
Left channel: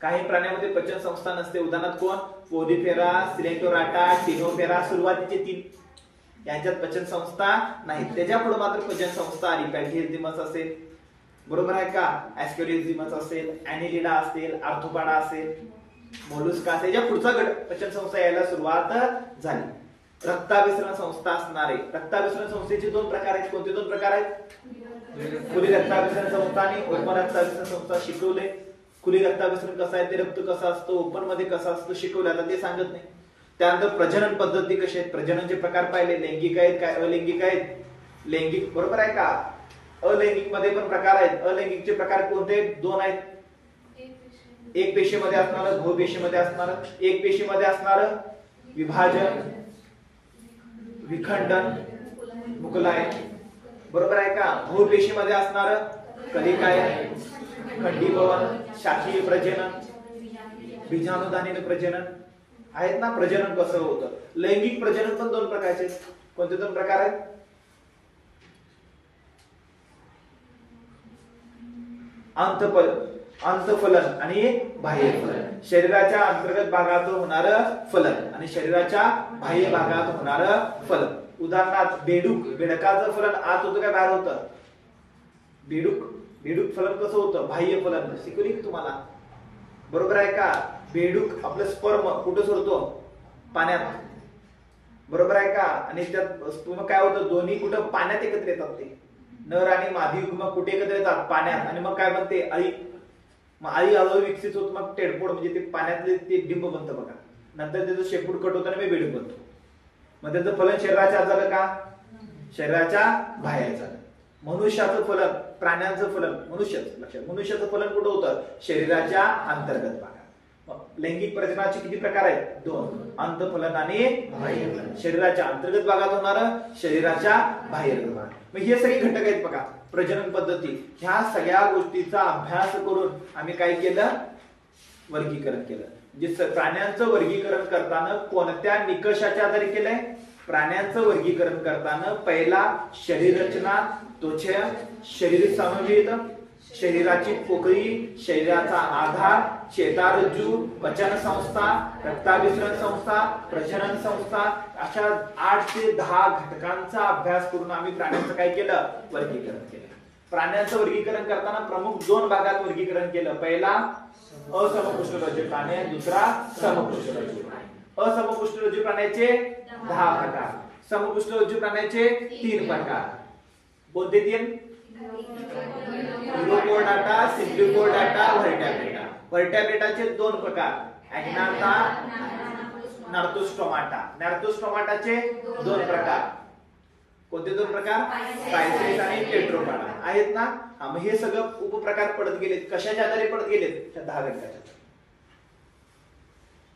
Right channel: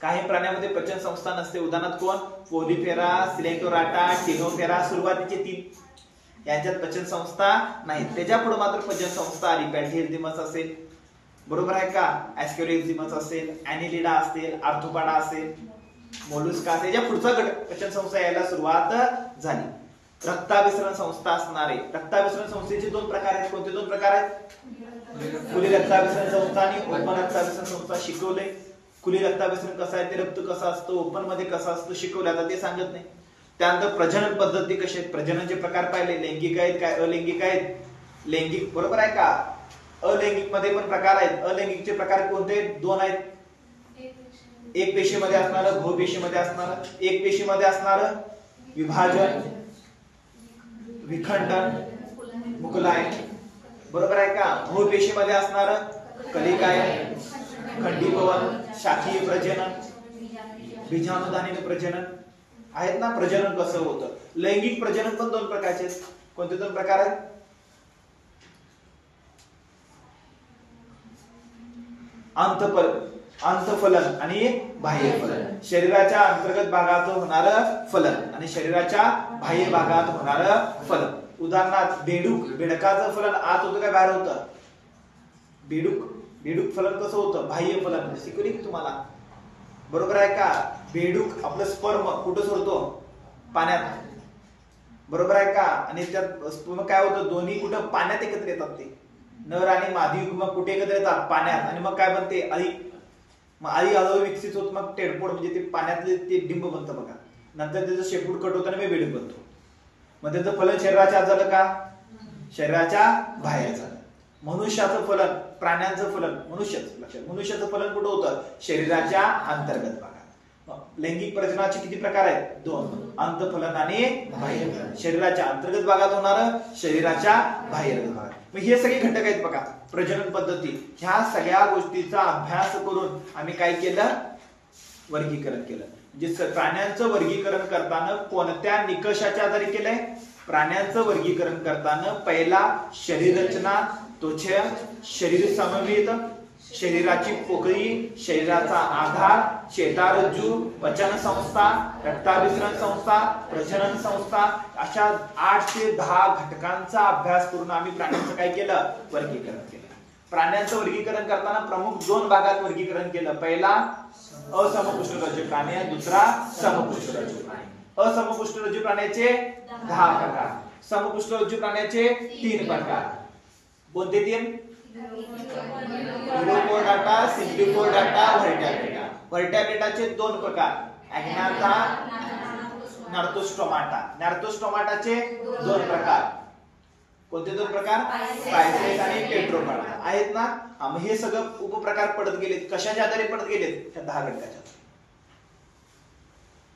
काही प्राण्यांमध्ये पचन संस्था नसते. उदाहरणार्थ कोण? पोलिफेरा, सिलेक्टोराटा, टिनोफेरा. सुरुवातीचे 3 यांच्यात पचन संस्था नाही. त्याच्या पुढे मात्र पचन संस्था आली. पॅल्टिहेल्थिमस असेल, बरोबर आहे का? ऍस्केरिझिमस असेल, ऍनिलिडा असेल, आर्थोपाडा असेल. मोलुस्का त्याच्या पुढचा घटक पचन संस्था यायला सुरुवात झाली. रक्ताभिसरण संस्था असणारे. रक्ताभिसरण संस्थेचे दोन प्रकार आहेत. कोणते दोन प्रकार आहेत? खुली रक्ताभिसरण संस्था आणि ओपन रक्ताभिसरण संस्था शिकवले. खुली रक्ताभिसरण कसं आहे, ते रक्त कसं असतं, ओपन मध्ये कसं असतं शिकवलं, आता ते सांगत नाही. त्यानंतर प्रजनन पद्धती कशी आहेत, प्रजननचे प्रकार पाहिले, लैंगिक आहेत काय अलैंगिक आहेत. लैंगिक बरोबर आहे का? अलैंगिक मध्ये पण प्रकार आहेत. अलैंगिकचे प्रकार कोणते? दोन आहेत. एक पेशीमध्ये असणारं, बहुपेशीमध्ये असणारं. एक पेशीमध्ये असणारं विभाजन, विखंडन, मुकुलाय बरोबर आहे का? बहुपेशीमध्ये असणारं कलिकाय, खंडीभवन, शाखीय प्रजनन, बीजाणुधानीय प्रजनन आहेत ना. प्रजनन कसं होतं? लैंगिक प्रजनन पण दोन प्रकारचे. कोणते दोन प्रकार आहेत? अंतफलन आणि बाह्यफलन. शरीराच्या अंतर्गत भागात होणारं फलन आणि शरीराच्या बाह्य भागात होणारं फलन. उदाहरणार्थ बेडूक, बेडकाचं फलन आत होतं काय बाहेर होतं? बेडूक फलन कसं होतं? बाह्य फलन. शिकवली तुम्हाला बरोबर आहे का? बेडूक आपलं स्पर्म कुठं सोडतो? पाण्यात बरोबर आहे का? आणि त्यात स्पर्म काय होतं? दोन्ही कुठं? पाण्यात एकत्र येतात. ते नर आणि मादी युग्म कुठे एकत्र येतात? पाण्यात. आणि मग काय बनते? आई. मग आई हळूहळू विकसित होत, मग टेडपोड म्हणजे ते पाण्यातले ते डिंब बनतं बघा. नंतर त्याचं शेपूट कट होतं आणि बेडूक बनतो. मग त्याचं फलन शरीराच्या आत झालं का? शरीराच्या बाहेर झालं. मनुष्याचं फलन, प्राण्यांचं फलन, मनुष्याचं फलन कुठं होतं? शरीराच्या अंतर्गत भागात. लैंगिक प्रजननाचे किती प्रकार आहेत? दोन. अंतफलन आणि बाह्यफलन. शरीराच्या अंतर्गत भागात होणारं, शरीराच्या बाहेर भागात. मग हे सगळे घटक आहेत बघा प्रजनन पद्धती. ह्या सगळ्या गोष्टीचा अभ्यास करून आम्ही काय केलं? वर्गीकरण केलं. म्हणजे प्राण्यांचं वर्गीकरण करताना कोणत्या निकषाच्या आधारे केलंय? प्राण्यांचं वर्गीकरण करताना पहिला शरीर रचना, त्वचा, शरीर सममित, शरीराची पोकळी, शरीराचा आधार, चेतारज्जू, पचन संस्था, रक्ताभिसरण संस्था, प्रजनन संस्था, अशा 8 ते 10 घटकांचा अभ्यास करून आम्ही प्राण्यांचं काय केलं? वर्गीकरण केलं. प्राण्यांचं वर्गीकरण करताना प्रमुख दोन भागात वर्गीकरण केलं. पहिला असमपुष्ठरज्जू प्राणी, दुसरा समपुष्ठरज्जू प्राणी. असमपुष्ठरज्जू प्राण्याचे 10 प्रकार, समपुष्ठरज्जू प्राण्याचे 3 प्रकार. कोणते 3? युरोकोर्डाटा, सिम्प्लिकोर्डाटा, व्हर्टॅब्रेटा. व्हर्टॅब्रेटाचे 2 प्रकार, अॅग्नाटा, नार्थोस्टोमाटा. नार्थोस्टोमाटाचे 2 प्रकार. कोणते 2 प्रकार? पायसेस आणि टेट्रोपाटा आहेत ना. मग हे सगळं उपप्रकार पडत गेलेत. कशाच्या आधारे पडत गेलेत? त्या 10 घटकाच्या.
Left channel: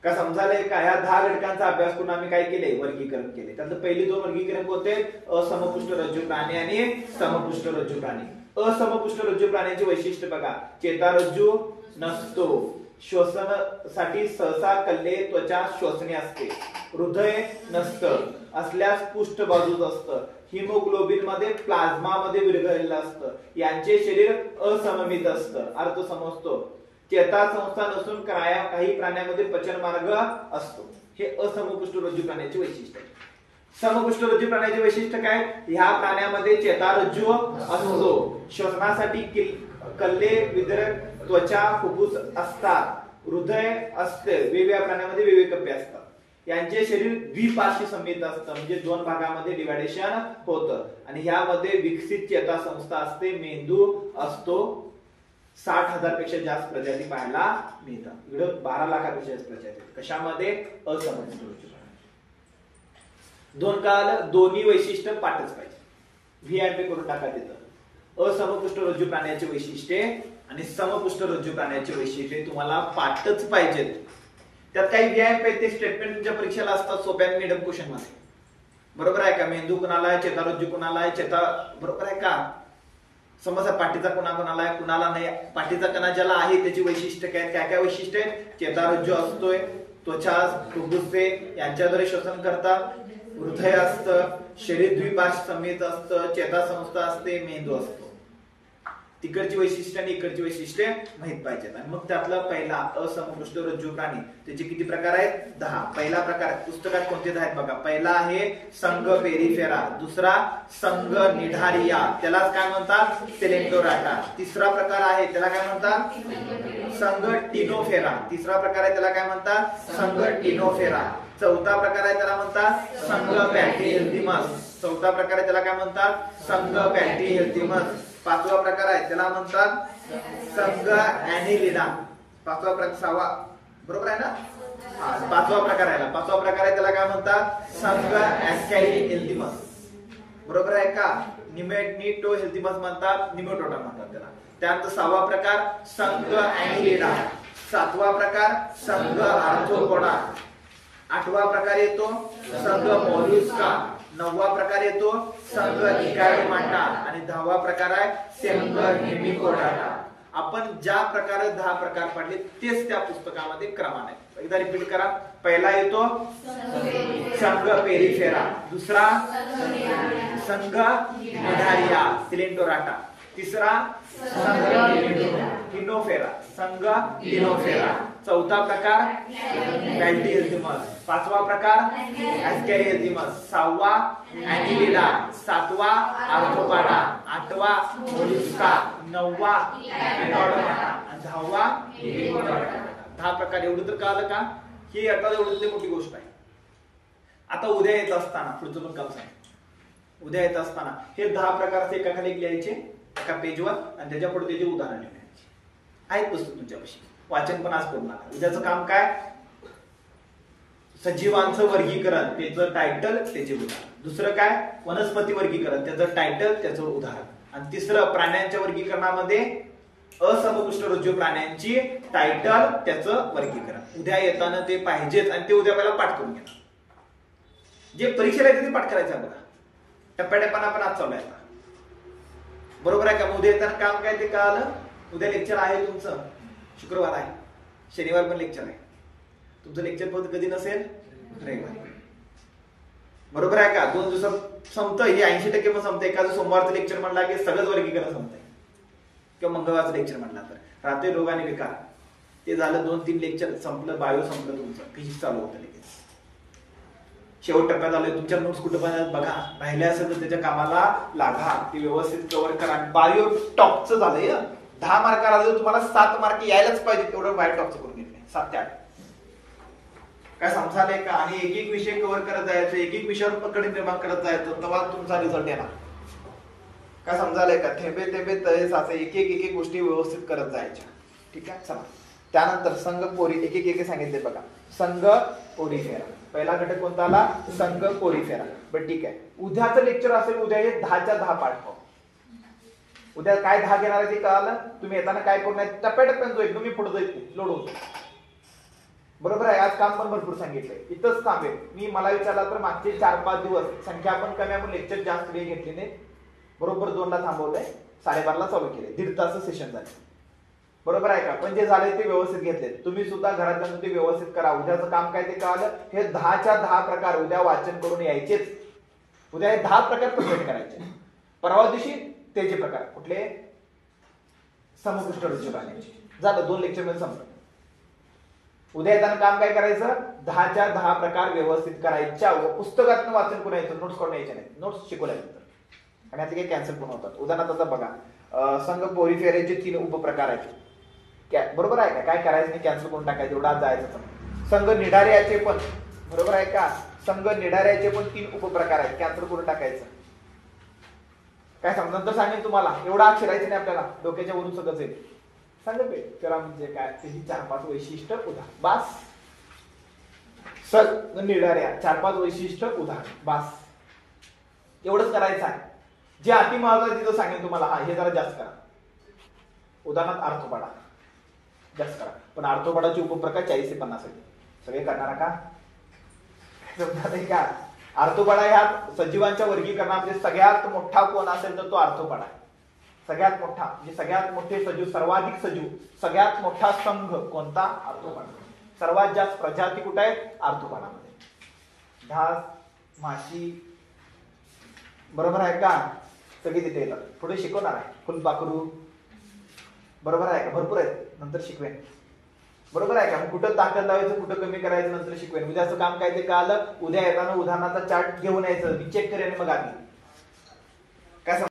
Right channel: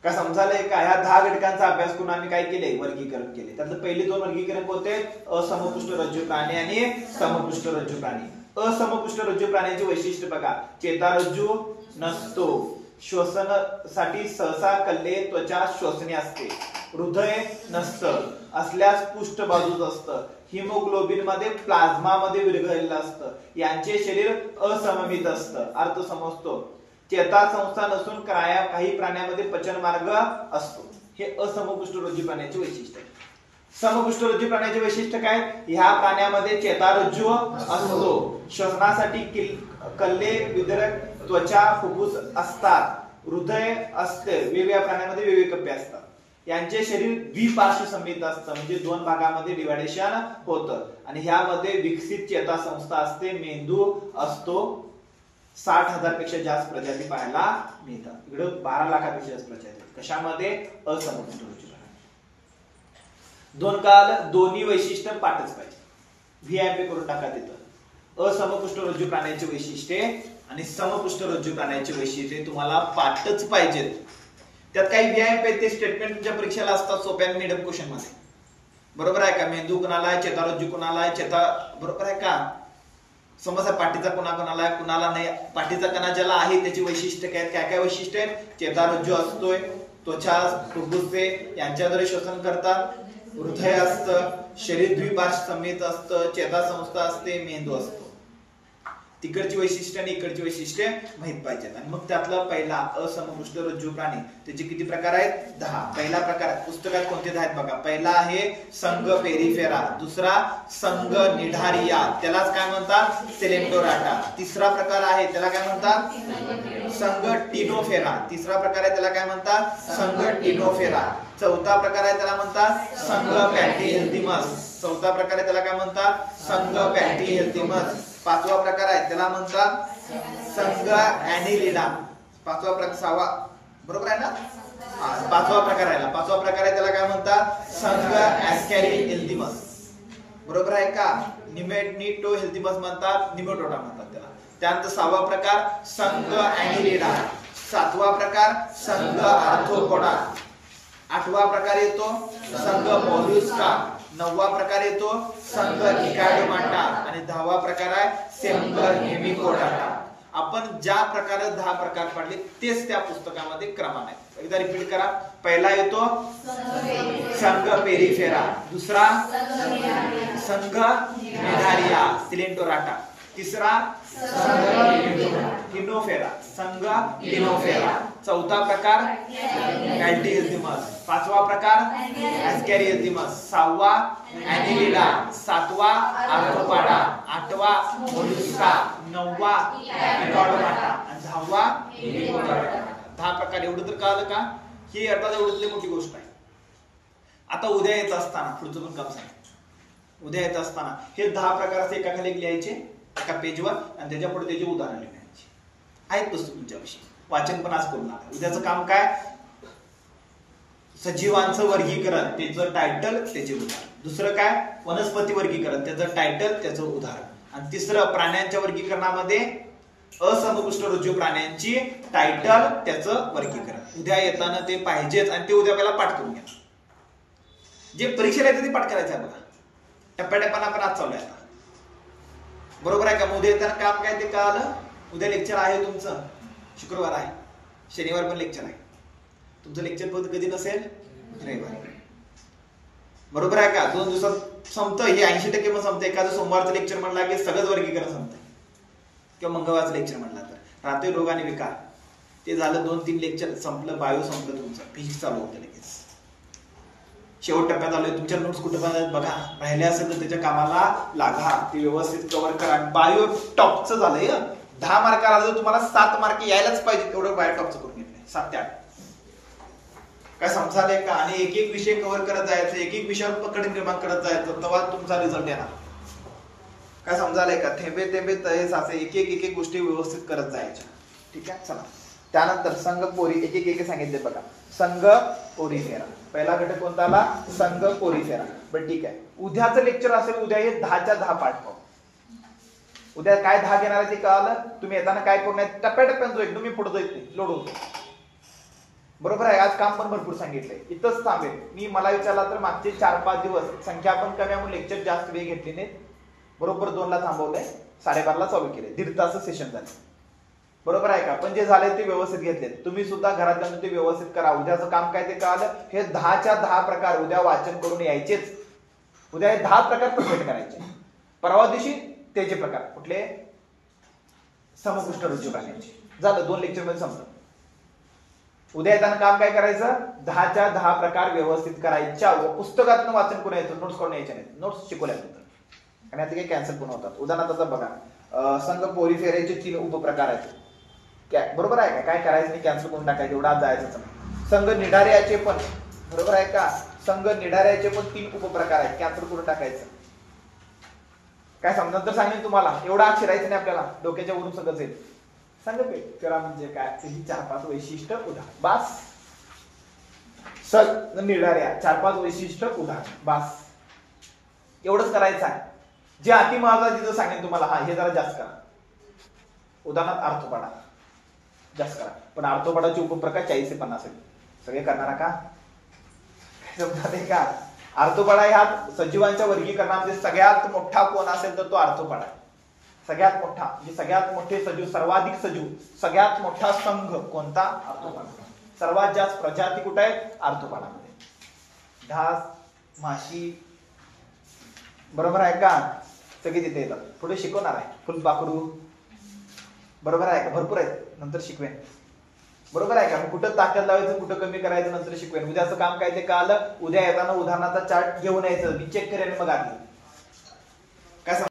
का समजायलंय का? ह्या 10 घटकांचा अभ्यास करून आम्ही काय केले? वर्गीकरण केले. त्यातलं पहिले 2 वर्गीकरण कोणते? असमपुष्ठरज्जू प्राणी आणि समपुष्ठरज्जू प्राणी. असमपुष्ठरज्जू प्राण्याचे वैशिष्ट्य बघा. चेतारज्जू नसतो. श्वसनासाठी सहसा कल्ले, त्वचा श्वसनी असते. हृदय नसतं, असल्यास पुष्ठ बाजूच असतं. हिमोग्लोबिन मध्ये प्लाझ्मा मध्ये विरघळलेलं असतं. यांचे शरीर असममित असतं. अर्थ समजतो. चेता संस्था नसून काही प्राण्यांमध्ये पचन मार्ग असतो. हे असमपुष्ठरज्जू प्राण्याचे वैशिष्ट्य आहे. समपुष्ठरज्जू प्राण्याचे वैशिष्ट्य काय? ह्या प्राण्यामध्ये चेतारज्जू असतो. श्वसनासाठी कल्ले, विदरक, त्वचा, फुफ्फुस असतात. हृदय असते. वेगवेगळ्या प्राण्यामध्ये वेगवेगळे कप्पे असतात. यांचे शरीर द्विपार्श्वी संमित असतं, म्हणजे 2 भागामध्ये डिव्हायडेशन होतं. आणि ह्यामध्ये विकसित चेता संस्था असते, मेंदू असतो. 60,000 पेक्षा जास्त प्रजाती पाहायला मिळतात. इकडे 12 लाखापेक्षा जास्त प्रजाती. कशामध्ये? असमपुष्ठरज्जू. 2 काल दोन्ही वैशिष्ट्य पाठच पाहिजे. व्हीआयपी करून टाका तिथं. असमपुष्ठरज्जू प्राण्याचे वैशिष्ट्ये आणि समपुष्ठरज्जू प्राण्याचे वैशिष्ट्ये तुम्हाला पाठच पाहिजेत. त्यात काही व्हीआयपी ते स्टेटमेंट तुमच्या परीक्षेला असतात सोप्या मिडियम क्वेश्चन मध्ये. बरोबर आहे का? मेंदू कुणाला आहे, चेतारज्जू कुणाला आहे, चेता बरोबर आहे का? समजा पाठीचा कोणाला आहे, कुणाला नाही. पाठीचा कणा ज्याला आहे त्याची वैशिष्ट्य काय काय वैशिष्ट्य? चेतारज्जू असतोय, त्वचा, फुफ्फुसे यांच्याद्वारे श्वसन करतात. हृदय असतं, शरीर द्विपार्श्वी संमित असतं, चेता संस्था असते, मेंदू असतो. तिकडची वैशिष्ट्य आणि इकडची वैशिष्ट्ये माहित पाहिजेत. आणि मग त्यातला पहिला असमपृष्ठ रज्जू प्राणी, त्याचे किती प्रकार आहेत? 10. पहिला प्रकार पुस्तकात कोणते 10 आहेत बघा. पहिला आहे संघ पेरिफेरा, दुसरा संघ निढारिया, त्यालाच काय म्हणतात? सेलेंटोराटा. तिसरा प्रकार आहे त्याला काय म्हणतात? संघ टिनोफेरा. तिसरा प्रकार आहे त्याला काय म्हणतात? संघ टिनोफेरा. चौथा प्रकार आहे त्याला म्हणतात संघ पॅटीहेल्थिमस. चौथा प्रकार आहे त्याला काय म्हणतात? संघ पॅटीहेल्थिमस. पाचवा प्रकार आहे त्याला म्हणतात संघ ॲनिलिडा. पाचवा प्रकार, सहावा बरोबर आहे ना? पाचवा प्रकार आहे. पाचवा प्रकार आहे त्याला काय म्हणतात? संघ ॲस्कॅरिहेल्थिमस. बरोबर आहे का? निमेटोहेल्थिमस म्हणतात, निमेटोडा म्हणतात त्याला. त्यानंतर सहावा प्रकार संघ ॲनिलिडा. सातवा प्रकार संघ आर्थ्रोपोडा. आठवा प्रकार येतो संघ मोलुस्का. नववा प्रकार येतो संघ निकॅडोमाटा. आणि 10वा प्रकार आहे संघ हेमिकोडाटा. आपण ज्या प्रकारे 10 प्रकार पडले तेच त्या पुस्तकामध्ये क्रमाने आहेत. एकदा रिपीट करा. पहिला येतो संघ पेरिफेरा, दुसरा संघ निढारिया सिलेंटोराटा, तिसरा संघ टिनोफेरा, संघ टिनोफेरा. चौथा प्रकार पॅटीहेल्थिमस. पाचवा प्रकार ॲस्कॅरिहेल्थिमस. सहावा ॲनिलिडा. सातवा आर्थ्रोपोडा. आठवा मोलुस्का. नववा निकॅडोमाटा आणि 10वा हेमिकोडाटा. 10 प्रकार. एवढं तर कळलं का? ही आता एवढी मोठी गोष्ट आहे. आता उद्या येत असताना पुढचं पण काम सांग. उद्या येत असताना हे 10 प्रकार एका खाली लिहायचे एका पेजवर आणि त्याच्या पुढे त्याचे उदाहरण लिहायचे आहेत. पुस्तक तुमच्यापाशी वाचन पण आज करू नका. उद्याचं काम काय? सजीवांचं वर्गीकरण, त्याचं टायटल, त्याचे उदाहरण. दुसरं काय? वनस्पती वर्गीकरण, त्याचं टायटल, त्याचं उदाहरण. आणि तिसरं प्राण्यांच्या वर्गीकरणामध्ये असमपृष्ठ रज्जू प्राण्यांची टायटल, त्याचं वर्गीकरण. उद्या येताना ते पाहिजेच आणि ते उद्या पहिला पाठ करून घ्या. जे परीक्षेला येते ते पाठ करायचं आहे बघा. टप्प्याटप्प्यानं आपण आज चालू आहे. बरोबर आहे का? उद्या येताना काम काय ते कळालं. उद्या लेक्चर आहे तुमचं, शुक्रवार आहे, शनिवार पण लेक्चर आहे. तुमचं लेक्चर पण कधी नसेल? रविवार. बरोबर आहे का? 2 दिवसात संपतं. हे 80% पण संपतं. एखादं सोमवारचं लेक्चर म्हणला की सगळंच वर्गीकरण संपतं. किंवा मंगळवारचं लेक्चर म्हणला तर रात्री रोग आणि विकार ते झालं. 2-3 लेक्चर संपलं. बायो संपलं तुमचं. फिजिक्स चालू होतं लगेच. शेवट टप्प्यात आलोय. तुमच्या नोट्स कुठं पण बघा. राहिले असेल तर त्याच्या कामाला लागा. ते व्यवस्थित कव्हर करा. बायो टॉपचं झालंय. 10 मार्काला जर तुम्हाला 7 मार्क यायलाच पाहिजे तेवढं बायो टॉपचं करून घेतलंय. 7 ते 8 काय समजालंय का? आणि एक एक विषय कव्हर करत जायचं, एक एक विषयावर पकड निर्माण करत जायचं, तेव्हा तुमचा रिझल्ट येणार. काय समजालंय का? थेंबे थेंबे तळे साचे. एक एक गोष्टी व्यवस्थित करत जायच्या. ठीक आहे. चला त्यानंतर संघ पोरी एक एक सांगितले बघा. संघ पोरीफेरा. पहिला घटक कोणता आला? संघ पोरीफेरा. बरं ठीक आहे. उद्याचं लेक्चर असेल. उद्या हे 10च्या 10 पाठ पाहू. उद्या काय 10 घेणार आहे ते कळालं. तुम्ही येताना काय करू नये, टप्प्याटप्प्यानं जो एकदम मी पुढे जायचे लोड होतो. बरोबर आहे. आज काम पण भरपूर सांगितलंय. इथंच थांबेल मी. मला विचारला तर मागचे 4-5 दिवस संख्या पण कमी आहे, लेक्चर जास्त वेळ घेतली नाहीत. बरोबर 2ला थांबवलंय, 12:30ला चालू केले. 1.5 तास सेशन झाले. बरोबर आहे का? पण जे झाले ते व्यवस्थित घेतले. तुम्ही सुद्धा घरात जाऊन ते व्यवस्थित करा. उद्याचं काम काय ते कळालं. हे 10च्या 10 प्रकार उद्या वाचन करून यायचेच. उद्या हे 10 प्रकार परफेक्ट करायचे. परवा दिवशी त्याचे प्रकार कुठले? समपृष्ठ रज्जू प्राण्यांचे. झालं. 2 लेक्चर मध्ये संपलं. उद्या येताना काम काय करायचं? 10च्या 10 प्रकार व्यवस्थित करायच्या. पुस्तकातून वाचन करून यायचं. नोट्स करून यायच्या नाही. नोट्स शिकवल्यानंतर. आणि आता काही कॅन्सल पण होतात. उदाहरणार्थ बघा. संघ पोरीफेराचे 3 उपप्रकार आहेत. बरोबर आहे का? काय करायचं नाही, कॅन्सल करून टाकायचं. एवढा जायचं. संघ निढारियाचे पण बरोबर आहे का? संघ निढारियाचे पण 3 उपप्रकार आहेत. कॅन्सल करून टाकायचं. काय समजा तर सांगेन तुम्हाला. एवढा आत शिरायचं नाही आपल्याला. डोक्याच्या वरून सगळंच येईल. संघ पेरिफेरा म्हणजे काय? त्याची 4-5 वैशिष्ट्य उदाहरण. बास. संघ निढारिया 4-5 वैशिष्ट्य उदाहरण. बास. एवढंच करायचं आहे. जे अति महत्वाचं तिथं सांगेन तुम्हाला. हा हे जरा जास्त करा. उदाहरणार्थ आर्थ्रोपोडा जास्त करा. पण आर्थ्रोपोडाचे उपप्रकार 40 ते 50 आहेत. सगळे करणार का? का? आर्थ्रोपोडा ह्या सजीवांच्या वर्गीकरणामध्ये सगळ्यात मोठा कोण असेल तर तो आर्थ्रोपोडा. सगळ्यात मोठा म्हणजे सगळ्यात मोठे सजीव, सर्वाधिक सजीव, सगळ्यात मोठा संघ कोणता? आर्थ्रोपोडा. सर्वात जास्त प्रजाती कुठे आहेत? आर्थ्रोपोडामध्ये. ढास, माशी. बरोबर आहे का? सगळे तिथे येतात. पुढे शिकवणार आहे. फुलपाखरू, बरोबर आहे का? भरपूर आहेत, नंतर शिकवेन. बरोबर आहे का? मग कुठं ताकद लावायचं, कुठं कमी करायचं नंतर शिकवेन. उद्याचं काम काय ते कळालं. उद्या येताना उदाहरणाचा चार्ट घेऊन यायचं, मी चेक करेन मग आधी. काय